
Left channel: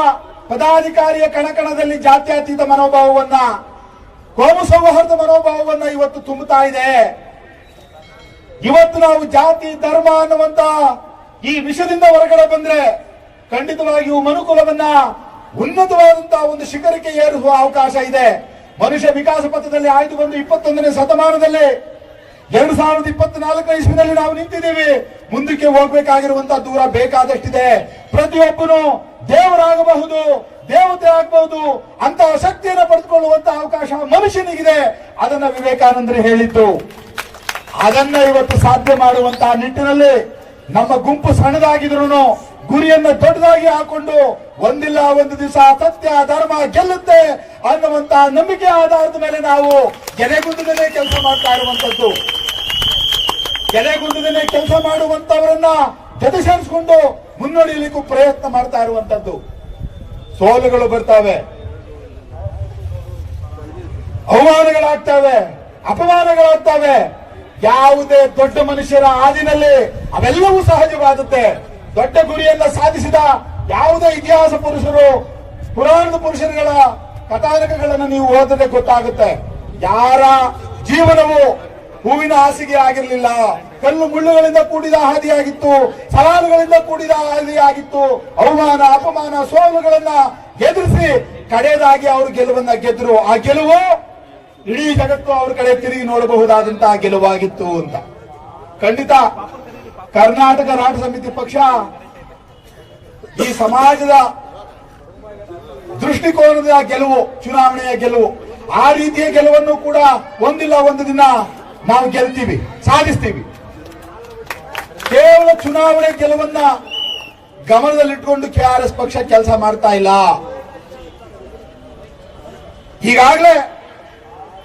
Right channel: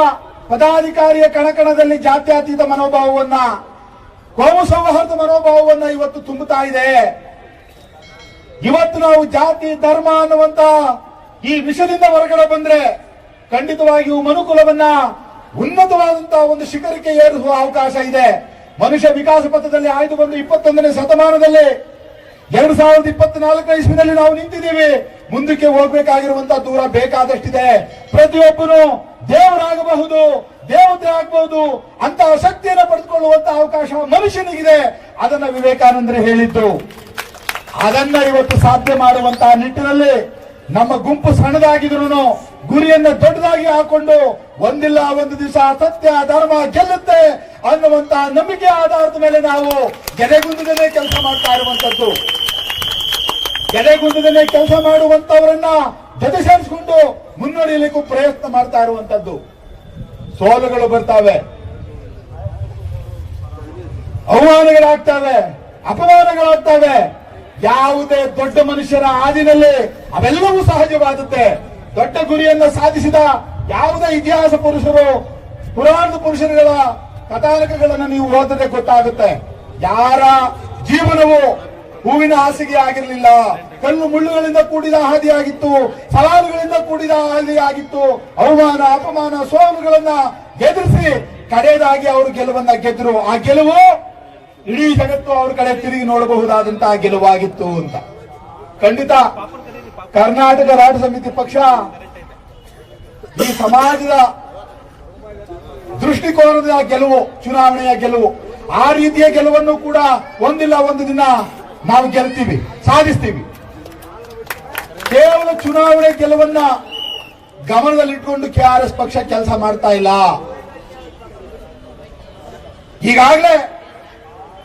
ಪದಾಧಿಕಾರಿಯ ಕಣಕಣದಲ್ಲಿ ಜಾತ್ಯತೀತ ಮನೋಭಾವವನ್ನ, ಕೋಮು ಸೌಹಾರ್ದ ಮನೋಭಾವವನ್ನ ಇವತ್ತು ತುಂಬುತ್ತಾ ಇದೆ. ಇವತ್ತು ನಾವು ಜಾತಿ ಧರ್ಮ ಅನ್ನುವಂತ ಈ ವಿಷಯದಿಂದ ಹೊರಗಡೆ ಬಂದ್ರೆ ಖಂಡಿತವಾಗಿಯೂ ಮನುಕುಲವನ್ನ ಉನ್ನತವಾದಂತಹ ಒಂದು ಶಿಖರಕ್ಕೆ ಏರಿಸುವ ಅವಕಾಶ ಇದೆ. ಮನುಷ್ಯ ವಿಕಾಸ ಪಥದಲ್ಲಿ ಆಯ್ದು ಬಂದು 21ನೇ ಶತಮಾನದಲ್ಲಿ 2024 ಇಸ್ವಿನಲ್ಲಿ ನಾವು ನಿಂತಿದ್ದೀವಿ. ಮುಂದಕ್ಕೆ ಹೋಗಬೇಕಾಗಿರುವಂತಹ ದೂರ ಬೇಕಾದಷ್ಟಿದೆ. ಪ್ರತಿಯೊಬ್ಬನು ದೇವರಾಗಬಹುದು, ದೇವತೆ ಆಗಬಹುದು ಅಂತ ಶಕ್ತಿಯನ್ನು ಪಡೆದುಕೊಳ್ಳುವಂತಹ ಅವಕಾಶ ಮನುಷ್ಯನಿಗಿದೆ. ಅದನ್ನ ವಿವೇಕಾನಂದರು ಹೇಳಿದ್ದು. ಅದನ್ನ ಇವತ್ತು ಸಾಧ್ಯ ಮಾಡುವಂತಹ ನಿಟ್ಟಿನಲ್ಲಿ ನಮ್ಮ ಗುಂಪು ಸಣ್ಣದಾಗಿದ್ರು ಗುರಿಯನ್ನು ದೊಡ್ಡದಾಗಿ ಹಾಕೊಂಡು ಒಂದಿಲ್ಲ ಒಂದು ದಿವಸ ಸತ್ಯ ಧರ್ಮ ಗೆಲ್ಲುತ್ತೆ ಅನ್ನುವಂತಹ ನಂಬಿಕೆ ಆಧಾರದ ಮೇಲೆ ನಾವು ಗೆರೆಗುಂದದಲ್ಲಿ ಕೆಲಸ ಮಾಡ್ತಾ ಇರುವಂತದ್ದು. ಗೆರೆಗುಂದದಲ್ಲಿ ಕೆಲಸ ಮಾಡುವಂತವರನ್ನ ಜೊತೆ ಸೇರಿಸಿಕೊಂಡು ಮುನ್ನಡೆಯಲಿಕ್ಕೂ ಪ್ರಯತ್ನ ಮಾಡ್ತಾ ಇರುವಂತದ್ದು. ಸೋಲುಗಳು ಬರ್ತಾವೆ, ಅವಮಾನಗಳಾಗ್ತವೆ, ಅಪಮಾನಗಳಾಗ್ತವೆ. ಯಾವುದೇ ದೊಡ್ಡ ಮನುಷ್ಯರ ಹಾದಿನಲ್ಲಿ ಅವೆಲ್ಲವೂ ಸಹಜವಾಗುತ್ತೆ. ದೊಡ್ಡ ಗುರಿಯನ್ನ ಸಾಧಿಸಿದ ಯಾವುದೇ ಇತಿಹಾಸ ಪುರುಷರು, ಪುರಾಣದ ಪುರುಷರುಗಳ ಕಥಾನಕಗಳನ್ನು ನೀವು ಓದಿದ್ರೆ ಗೊತ್ತಾಗುತ್ತೆ. ಯಾರ ಜೀವನವು ಹೂವಿನ ಹಾಸಿಗೆ ಆಗಿರಲಿಲ್ಲ, ಕಲ್ಲು ಮುಳ್ಳುಗಳಿಂದ ಕೂಡಿದ ಹಾದಿಯಾಗಿತ್ತು, ಸವಾಲುಗಳಿಂದ ಕೂಡಿದ ಹಾದಿಯಾಗಿತ್ತು. ಅವಮಾನ, ಅಪಮಾನ, ಸೋಲುಗಳನ್ನ ಎದುರಿಸಿ ಕಡೆಯದಾಗಿ ಅವರು ಗೆಲುವನ್ನ ಗೆದ್ರು. ಆ ಗೆಲುವು ಇಡೀ ಜಗತ್ತು ಅವರ ಕಡೆ ತಿರುಗಿ ನೋಡಬಹುದಾದಂತಹ ಗೆಲುವಾಗಿತ್ತು ಅಂತ. ಖಂಡಿತ ಕರ್ನಾಟಕ ರಾಷ್ಟ್ರ ಸಮಿತಿ ಪಕ್ಷ ಈ ಸಮಾಜದ ದೃಷ್ಟಿಕೋನದ ಗೆಲುವು, ಚುನಾವಣೆಯ ಗೆಲುವು, ಆ ರೀತಿಯ ಗೆಲುವನ್ನು ಕೂಡ ಒಂದಿಲ್ಲ ಒಂದು ದಿನ ನಾವು ಗೆಲ್ತೀವಿ, ಸಾಧಿಸ್ತೀವಿ. ಕೇವಲ ಚುನಾವಣೆ ಗೆಲುವನ್ನ ಗಮನದಲ್ಲಿಟ್ಟುಕೊಂಡು ಕೆಆರ್ಎಸ್ ಪಕ್ಷ ಕೆಲಸ ಮಾಡ್ತಾ ಇಲ್ಲ. ಈಗಾಗಲೇ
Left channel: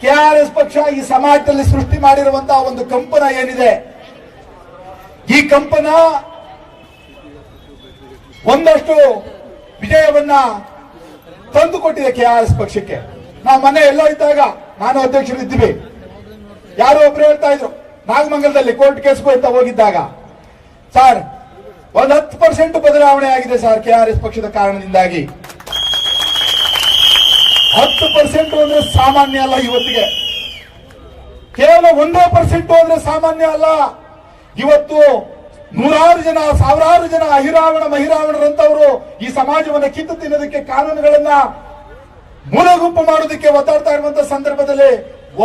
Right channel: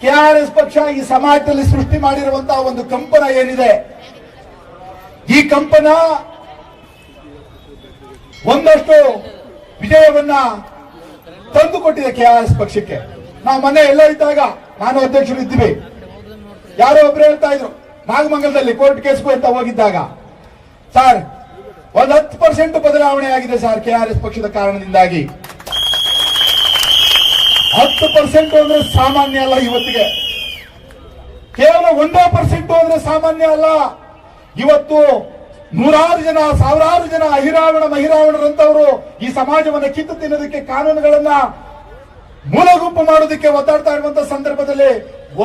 ಕೆಆರ್ಎಸ್ ಪಕ್ಷ ಈ ಸಮಾಜದಲ್ಲಿ ಸೃಷ್ಟಿ ಮಾಡಿರುವಂತಹ ಒಂದು ಕಂಪನ ಏನಿದೆ, ಈ ಕಂಪನ ಒಂದಷ್ಟು ವಿಜಯವನ್ನ ತಂದುಕೊಟ್ಟಿದೆ ಕೆಆರ್ಎಸ್ ಪಕ್ಷಕ್ಕೆ. ನಾವು ಮನೆ ಎಲ್ಲ ಇದ್ದಾಗ, ನಾನು ಅಧ್ಯಕ್ಷರು ಇದ್ದೀವಿ, ಯಾರೋ ಒಬ್ರು ಹೇಳ್ತಾ ಇದ್ರು ನಾಗಮಂಗಲದಲ್ಲಿ ಕೋರ್ಟ್ ಕೇಸ್ಗೂ ಅಂತ ಹೋಗಿದ್ದಾಗ, ಸರ್ ಒಂದು 10% ಬದಲಾವಣೆ ಆಗಿದೆ ಸರ್ ಕೆಆರ್ಎಸ್ ಪಕ್ಷದ ಕಾರಣದಿಂದಾಗಿ. 10% ಅಂದ್ರೆ ಸಾಮಾನ್ಯ ಅಲ್ಲ. ಇವತ್ತಿಗೆ ಕೇವಲ 1% ಅಂದ್ರೆ ಸಾಮಾನ್ಯ ಅಲ್ಲ. ಇವತ್ತು ನೂರಾರು ಜನ, ಸಾವಿರಾರು ಜನ ಅಹಿರಾವಣ ಮಹಿರಾವಣರಂತವರು ಈ ಸಮಾಜವನ್ನು ಕಿತ್ತು ತಿನ್ನೋದಕ್ಕೆ, ಕಾನೂನುಗಳನ್ನ ಮೂಲಗುಂಪು ಮಾಡೋದಕ್ಕೆ ಒತ್ತಾಡ್ತಾ ಇರುವಂತಹ ಸಂದರ್ಭದಲ್ಲಿ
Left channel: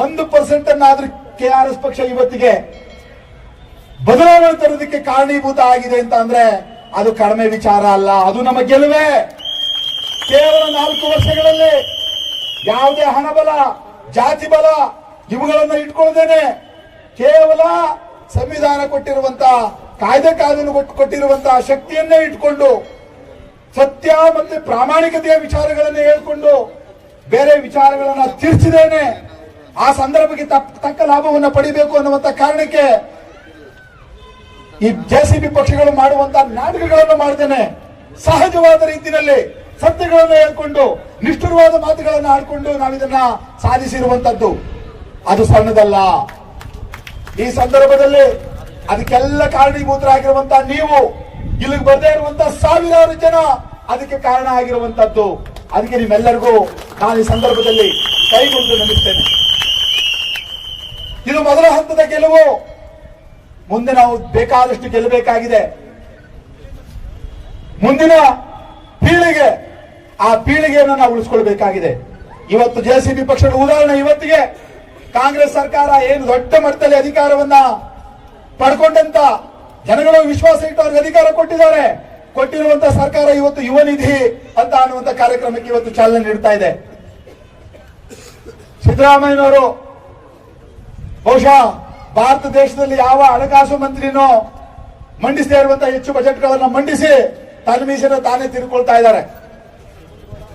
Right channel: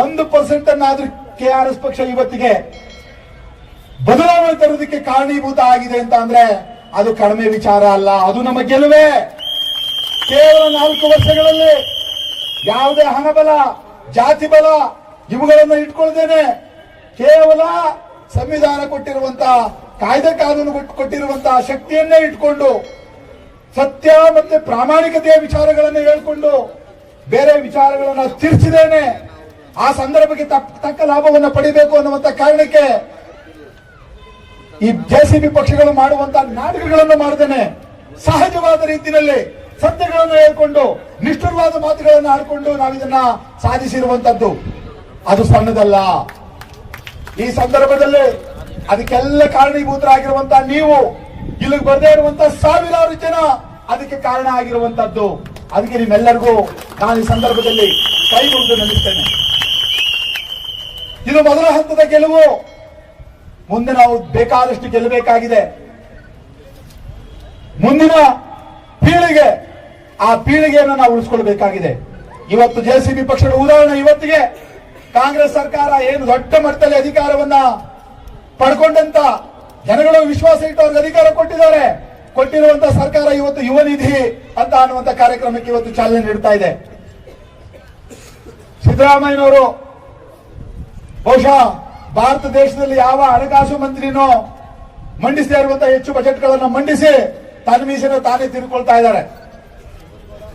1% ಅನ್ನಾದ್ರೂ KRS ಪಕ್ಷ ಇವತ್ತಿಗೆ ಬದಲಾವಣೆ ತರೋದಕ್ಕೆ ಕಾರಣೀಭೂತ ಆಗಿದೆ ಅಂತ ಅಂದ್ರೆ ಅದು ಕಡಿಮೆ ವಿಚಾರ ಅಲ್ಲ, ಅದು ನಮ್ಮ ಗೆಲುವೇ. ಕೇವಲ 4 ವರ್ಷಗಳಲ್ಲಿ ಯಾವುದೇ ಹಣಬಲ, ಜಾತಿ ಬಲ ಇವುಗಳನ್ನು ಇಟ್ಕೊಳ್ಳದೇನೆ ಕೇವಲ ಸಂವಿಧಾನ ಕೊಟ್ಟಿರುವಂತಹ, ಕಾಯ್ದೆ ಕಾನೂನು ಕೊಟ್ಟಿರುವಂತಹ ಶಕ್ತಿಯನ್ನೇ ಇಟ್ಕೊಂಡು ಸತ್ಯ ಮತ್ತೆ ಪ್ರಾಮಾಣಿಕತೆಯ ವಿಚಾರಗಳನ್ನು ಹೇಳ್ಕೊಂಡು ಬೇರೆ ವಿಚಾರಗಳನ್ನ ತಿರ್ಚಿದೇನೆ ಆ ಸಂದರ್ಭಕ್ಕೆ ತಕ್ಕ ಲಾಭವನ್ನು ಪಡಿಬೇಕು ಅನ್ನುವಂತ ಕಾರಣಕ್ಕೆ ಈ JCB ಪಕ್ಷಗಳು ಮಾಡುವಂತಹ ನಾಟಕಗಳನ್ನು ಮಾಡದೇನೆ ಸಹಜವಾದ ರೀತಿಯಲ್ಲಿ ಸತ್ಯಗಳನ್ನು ಹೇಳ್ಕೊಂಡು ನಿಷ್ಠುರವಾದ ಮಾತುಗಳನ್ನು ಆಡ್ಕೊಂಡು ನಾವಿದನ್ನ ಸಾಧಿಸಿರುವಂತದ್ದು. ಅದು ಸಣ್ಣದಲ್ಲ. ಈ ಸಂದರ್ಭದಲ್ಲಿ ಅದಕ್ಕೆಲ್ಲ ಕಾರಣೀಭೂತರಾಗಿರುವಂತಹ ನೀವು, ಇಲ್ಲಿಗೆ ಬರದೇ ಇರುವಂತಹ ಸಾವಿರಾರು ಜನ ಅದಕ್ಕೆ ಕಾರಣ ಆಗಿರುವಂತದ್ದು. ಅದಕ್ಕೆ ನಿಮ್ಮೆಲ್ಲರಿಗೂ ನಾನು ಈ ಸಂದರ್ಭದಲ್ಲಿ ಕೈ ಮುಗಿದು ನಿಲ್ಲಿಸ್ತೇನೆ. ಇದು ಮೊದಲ ಹಂತದ ಗೆಲುವು. ಮುಂದೆ ನಾವು ಬೇಕಾದಷ್ಟು ಗೆಲ್ಲಬೇಕಾಗಿದೆ. ಮುಂದಿನ ಪೀಳಿಗೆ, ಆ ಪೀಳಿಗೆಯನ್ನು ನಾವು ಉಳಿಸ್ಕೊಳ್ಬೇಕಾಗಿದೆ. ಇವತ್ತು JCB ಪಕ್ಷದ ಉದಾಹರಣೆ, ಇವತ್ತಿಗೆ ಕಾಂಗ್ರೆಸ್ ಸರ್ಕಾರ ಏನು ದೊಡ್ಡ ಮಟ್ಟದಲ್ಲಿ ಅಧಿಕಾರವನ್ನ ಪಡ್ಕೊಂಡಂತ ಜನಗಳ ವಿಶ್ವಾಸ ಇಟ್ಟು ಅವ್ರಿಗೆ ಅಧಿಕಾರ ಕೊಟ್ಟಿದ್ದಾರೆ. ಕೊಟ್ಟಿರುವಂತಹ ಸರ್ಕಾರ ಇವತ್ತು ಯುವ ನಿಧಿ ಅಂತ ಅನ್ನುವಂತ ಕಾರ್ಯಕ್ರಮಕ್ಕೆ ಇವತ್ತು ಚಾಲನೆ ನೀಡುತ್ತಾ ಇದೆ. ಸಿದ್ದರಾಮಯ್ಯನವರು ಬಹುಶಃ ಭಾರತ ದೇಶದಲ್ಲಿ ಯಾವ ಹಣಕಾಸು ಮಂತ್ರಿನೋ ಮಂಡಿಸದೇ ಇರುವಂತಹ ಹೆಚ್ಚು ಬಜೆಟ್ಗಳನ್ನು ಮಂಡಿಸಿ ತನ್ನ ಮೀಸೆನ ತಾನೇ ತಿರ್ಕೊಳ್ತಾ ಇದ್ದಾರೆ.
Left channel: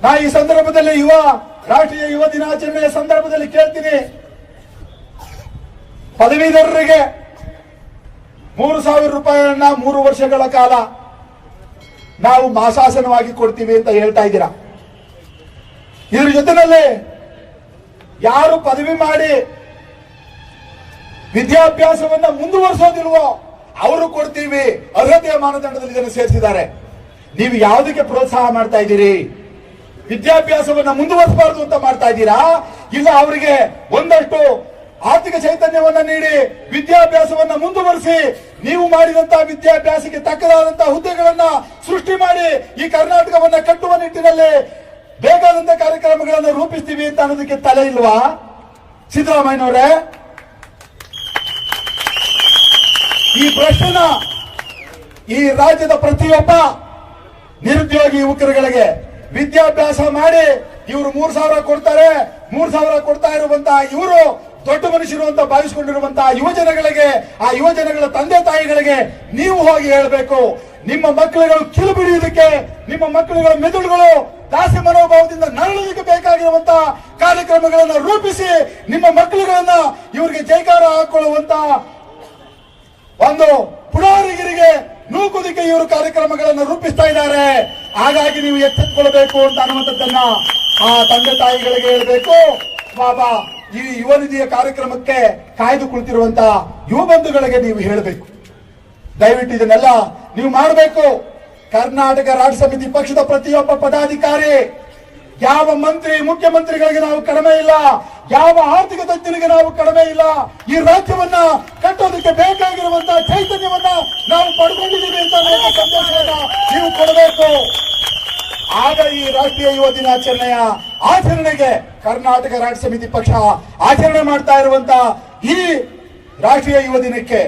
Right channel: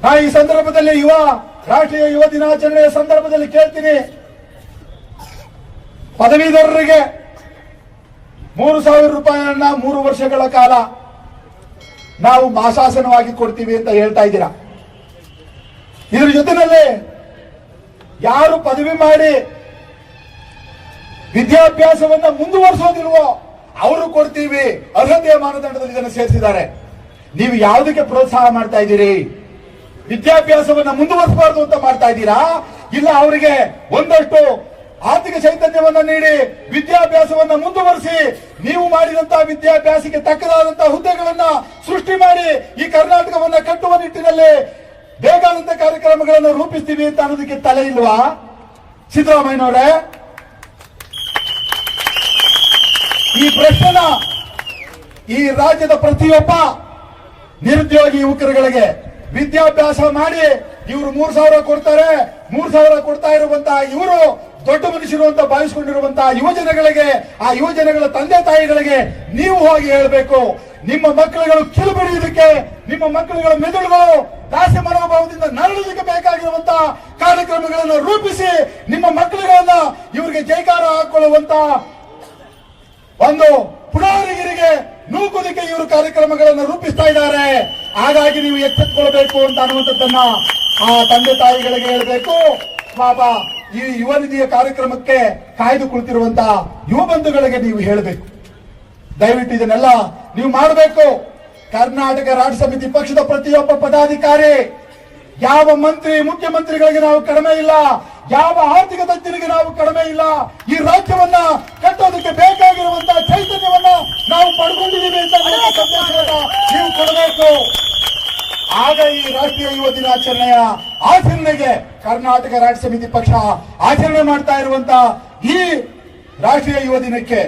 ನಾ ಈ ಸಂದರ್ಭದಲ್ಲಿ ರಾಷ್ಟ್ರೀಯ ಯುವ ದಿನಾಚರಣೆಯ ಸಂದರ್ಭದಲ್ಲಿ ಕೇಳ್ತೀನಿ, ಪದವೀಧರರಿಗೆ 3,000 ರೂಪಾಯಿಯನ್ನ 3 ವರ್ಷಗಳ ಕಾಲ ನಾವು ಮಾಸಾಸನವಾಗಿ ಕೊಡ್ತೀವಿ ಅಂತ ಹೇಳ್ತಾ ಇದ್ದೀರಾ. ಇದರ ಜೊತೆಯಲ್ಲಿ ಯಾರು ಪದವಿ ಮಾಡಿ ವಿದ್ಯಾಭ್ಯಾಸವನ್ನ ಮುಂದುವರಿಸೋದಿಲ್ವೋ ಅವರು ಕೊಡ್ತೀವಿ, ಅರ್ಹತೆಯ ಮಾನದಂಡದಲ್ಲಿ ಇದನ್ನು ಸೇರಿಸಿದ್ದಾರೆ. ನೀವು ಯಾವುದಕ್ಕೆ ಪ್ರೋತ್ಸಾಹ ಮಾಡ್ತಾ ಇದ್ದೀರಿ? ವಿದ್ಯಾಭ್ಯಾಸವನ್ನ ಮುಂದುವರಿಸಬಾರದು ಅಂತ ಮಾಡ್ತಾ ಇದ್ದೀರಾ? ಇಲ್ಲ ಅವರಿಗೆ ಒಂದಷ್ಟು ಆರ್ಥಿಕ ಚೈತನ್ಯವನ್ನ ನೀಡಿ ವಿದ್ಯಾಭ್ಯಾಸವನ್ನ ಮುಂದುವರಿಸಿ ನೀವು ಮಾಡಿದಂತಹ ವಿದ್ಯಾಭ್ಯಾಸಕ್ಕೆ ತಕ್ಕದಾದಂತಹ ಹುದ್ದೆಗಳನ್ನ ಸೃಷ್ಟಿ ಮಾಡಿ ಈ ಕರ್ನಾಟಕವನ್ನ ಕಟ್ಟುವ ನಿಟ್ಟಿನಲ್ಲಿ ಬೇಕಾದಂತಹ ಕಾರ್ಯಕ್ರಮಗಳನ್ನು ರೂಪಿಸ್ತೀವಿ ಅಂತ ಅನ್ನೋದಕ್ಕೆ ತಲೆ ಇಲ್ವಾ ಸಿದ್ದರಾಮಯ್ಯನವರೇ? ಈ ಪ್ರಶ್ನೆನ ಈ ರಾಜ್ಯದ ಪ್ರತಿಯೊಬ್ಬ ನಿರುದ್ಯೋಗಿ ಯುವಕರುಗಳಿಗೆ ವಿದ್ಯಾಭ್ಯಾಸ ಮಾಡಿ ಇವರು 3,000 ಕೊಡ್ತಾರೆ, 3,000 ಕೊಡ್ತಾ ಇರುವಂತಹ ಇವರು ದೊಡ್ಡ ಮನಸ್ಸಿರುವಂತಹ ಭಾವಿಸಿಕೊಂಡಿರುವಂತಹ ಯುವಜನಗಳಿಗೆ, ಆ ಯುವಜನಗಳ ತಂದೆ ತಾಯಿಗಳಿಗೆ ನೀವು ಹೋಗಿ ಹೇಳಬೇಕು, ನಿಮ್ಮ ಮಕ್ಕಳುಗಳು ಕಿಳುಬಿಡಿಯುವುದಕ್ಕೆ, ನಿಮ್ಮ ಮಕ್ಕಳುಗಳ ಮೆದುಳುಗಳು ದಾಸಿ ಮನೋಭಾವದಿಂದ ನರಳೋದಕ್ಕೆ ಬೇಕಾಗಿರುವಂತಹ ಕಾರ್ಯಕ್ರಮಗಳನ್ನು ರೂಪಿಸಿ ನಿಮ್ಮ ಮಕ್ಕಳುಗಳನ್ನ ಇವರಿಗೆ ಜೈಕಾರ ಹಾಕೊಳ್ಳುವಂತ ಒಂದು ಪುಡಾರಿಗಿರಿಗೆ ನೂಕುವುದಕ್ಕೆ ಇವರು ಕಾರ್ಯಕ್ರಮಗಳನ್ನು ರೂಪಿಸ್ತಾ ಇದ್ದಾರೆ. ಹಾಗಾಗಿ ನೀವು ಎಚ್ಚೆತ್ತುಕೊಳ್ಬೇಕು ಅಂತ ಅನ್ನುವಂಥದ್ದನ್ನ ಆ ತಂದೆ ತಾಯಿಗಳಿಗೆ ಹೇಳಬೇಕು. ಬಾಬಾ ಈ ಯುವ ನಿಧಿಯ ಕಾರ್ಯಕ್ರಮಕ್ಕೆ ಕಾಯ್ದು ಕುಳಿತಿರುವಂತಹ ಯುವ ಬಂಧುಗಳಿಗೆ ನೀವು ಹೇಳಬೇಕು. ದಯವಿಟ್ಟು ಇದನ್ನೆಲ್ಲ ನೀವು ಮಾಡಬೇಕು. ಕರ್ನಾಟಕ ರಾಜ್ಯ ಸಮಿತಿ ಪಕ್ಷದ ಪ್ರತಿಯೊಬ್ಬ ಪದಾಧಿಕಾರಿ, ಯಾವ ಮಂತ್ರಿ ಮುಖ್ಯಮಂತ್ರಿಗಳಿಗೆ ನಾವು ಕಡಿಮೆ ಇಲ್ಲ, ಯಾವ ಆರ್ಥಿಕ ತಜ್ಞರಿಗೆ ನಾವು ಕಡಿಮೆ ಇಲ್ಲ. ಈ ರಾಜ್ಯವನ್ನ ಕಟ್ಟೋದಕ್ಕೆ ಬೇಕಾಗಿರುವಂತಹ ಚೈತನ್ಯವನ್ನ ನಾವು ಪಡ್ಕೊಂಡಿದ್ದೀವಿ ಅಂತ ನೀವು ಕೊಡಬೇಕು. ಆಗ ಈ ರಾಷ್ಟ್ರೀಯ ಯುವ ದಿನಾಚರಣೆಯ ಆಚರಣೆಗೆ ಕರ್ನಾಟಕ ರಾಜ್ಯ ಸಮಿತಿ ಪಕ್ಷ ಆಚರಣೆ ಮಾಡ್ತಾ ಇರುವಂತಹ ಈ ರಾಷ್ಟ್ರೀಯ ಯುವ ದಿನಕ್ಕೆ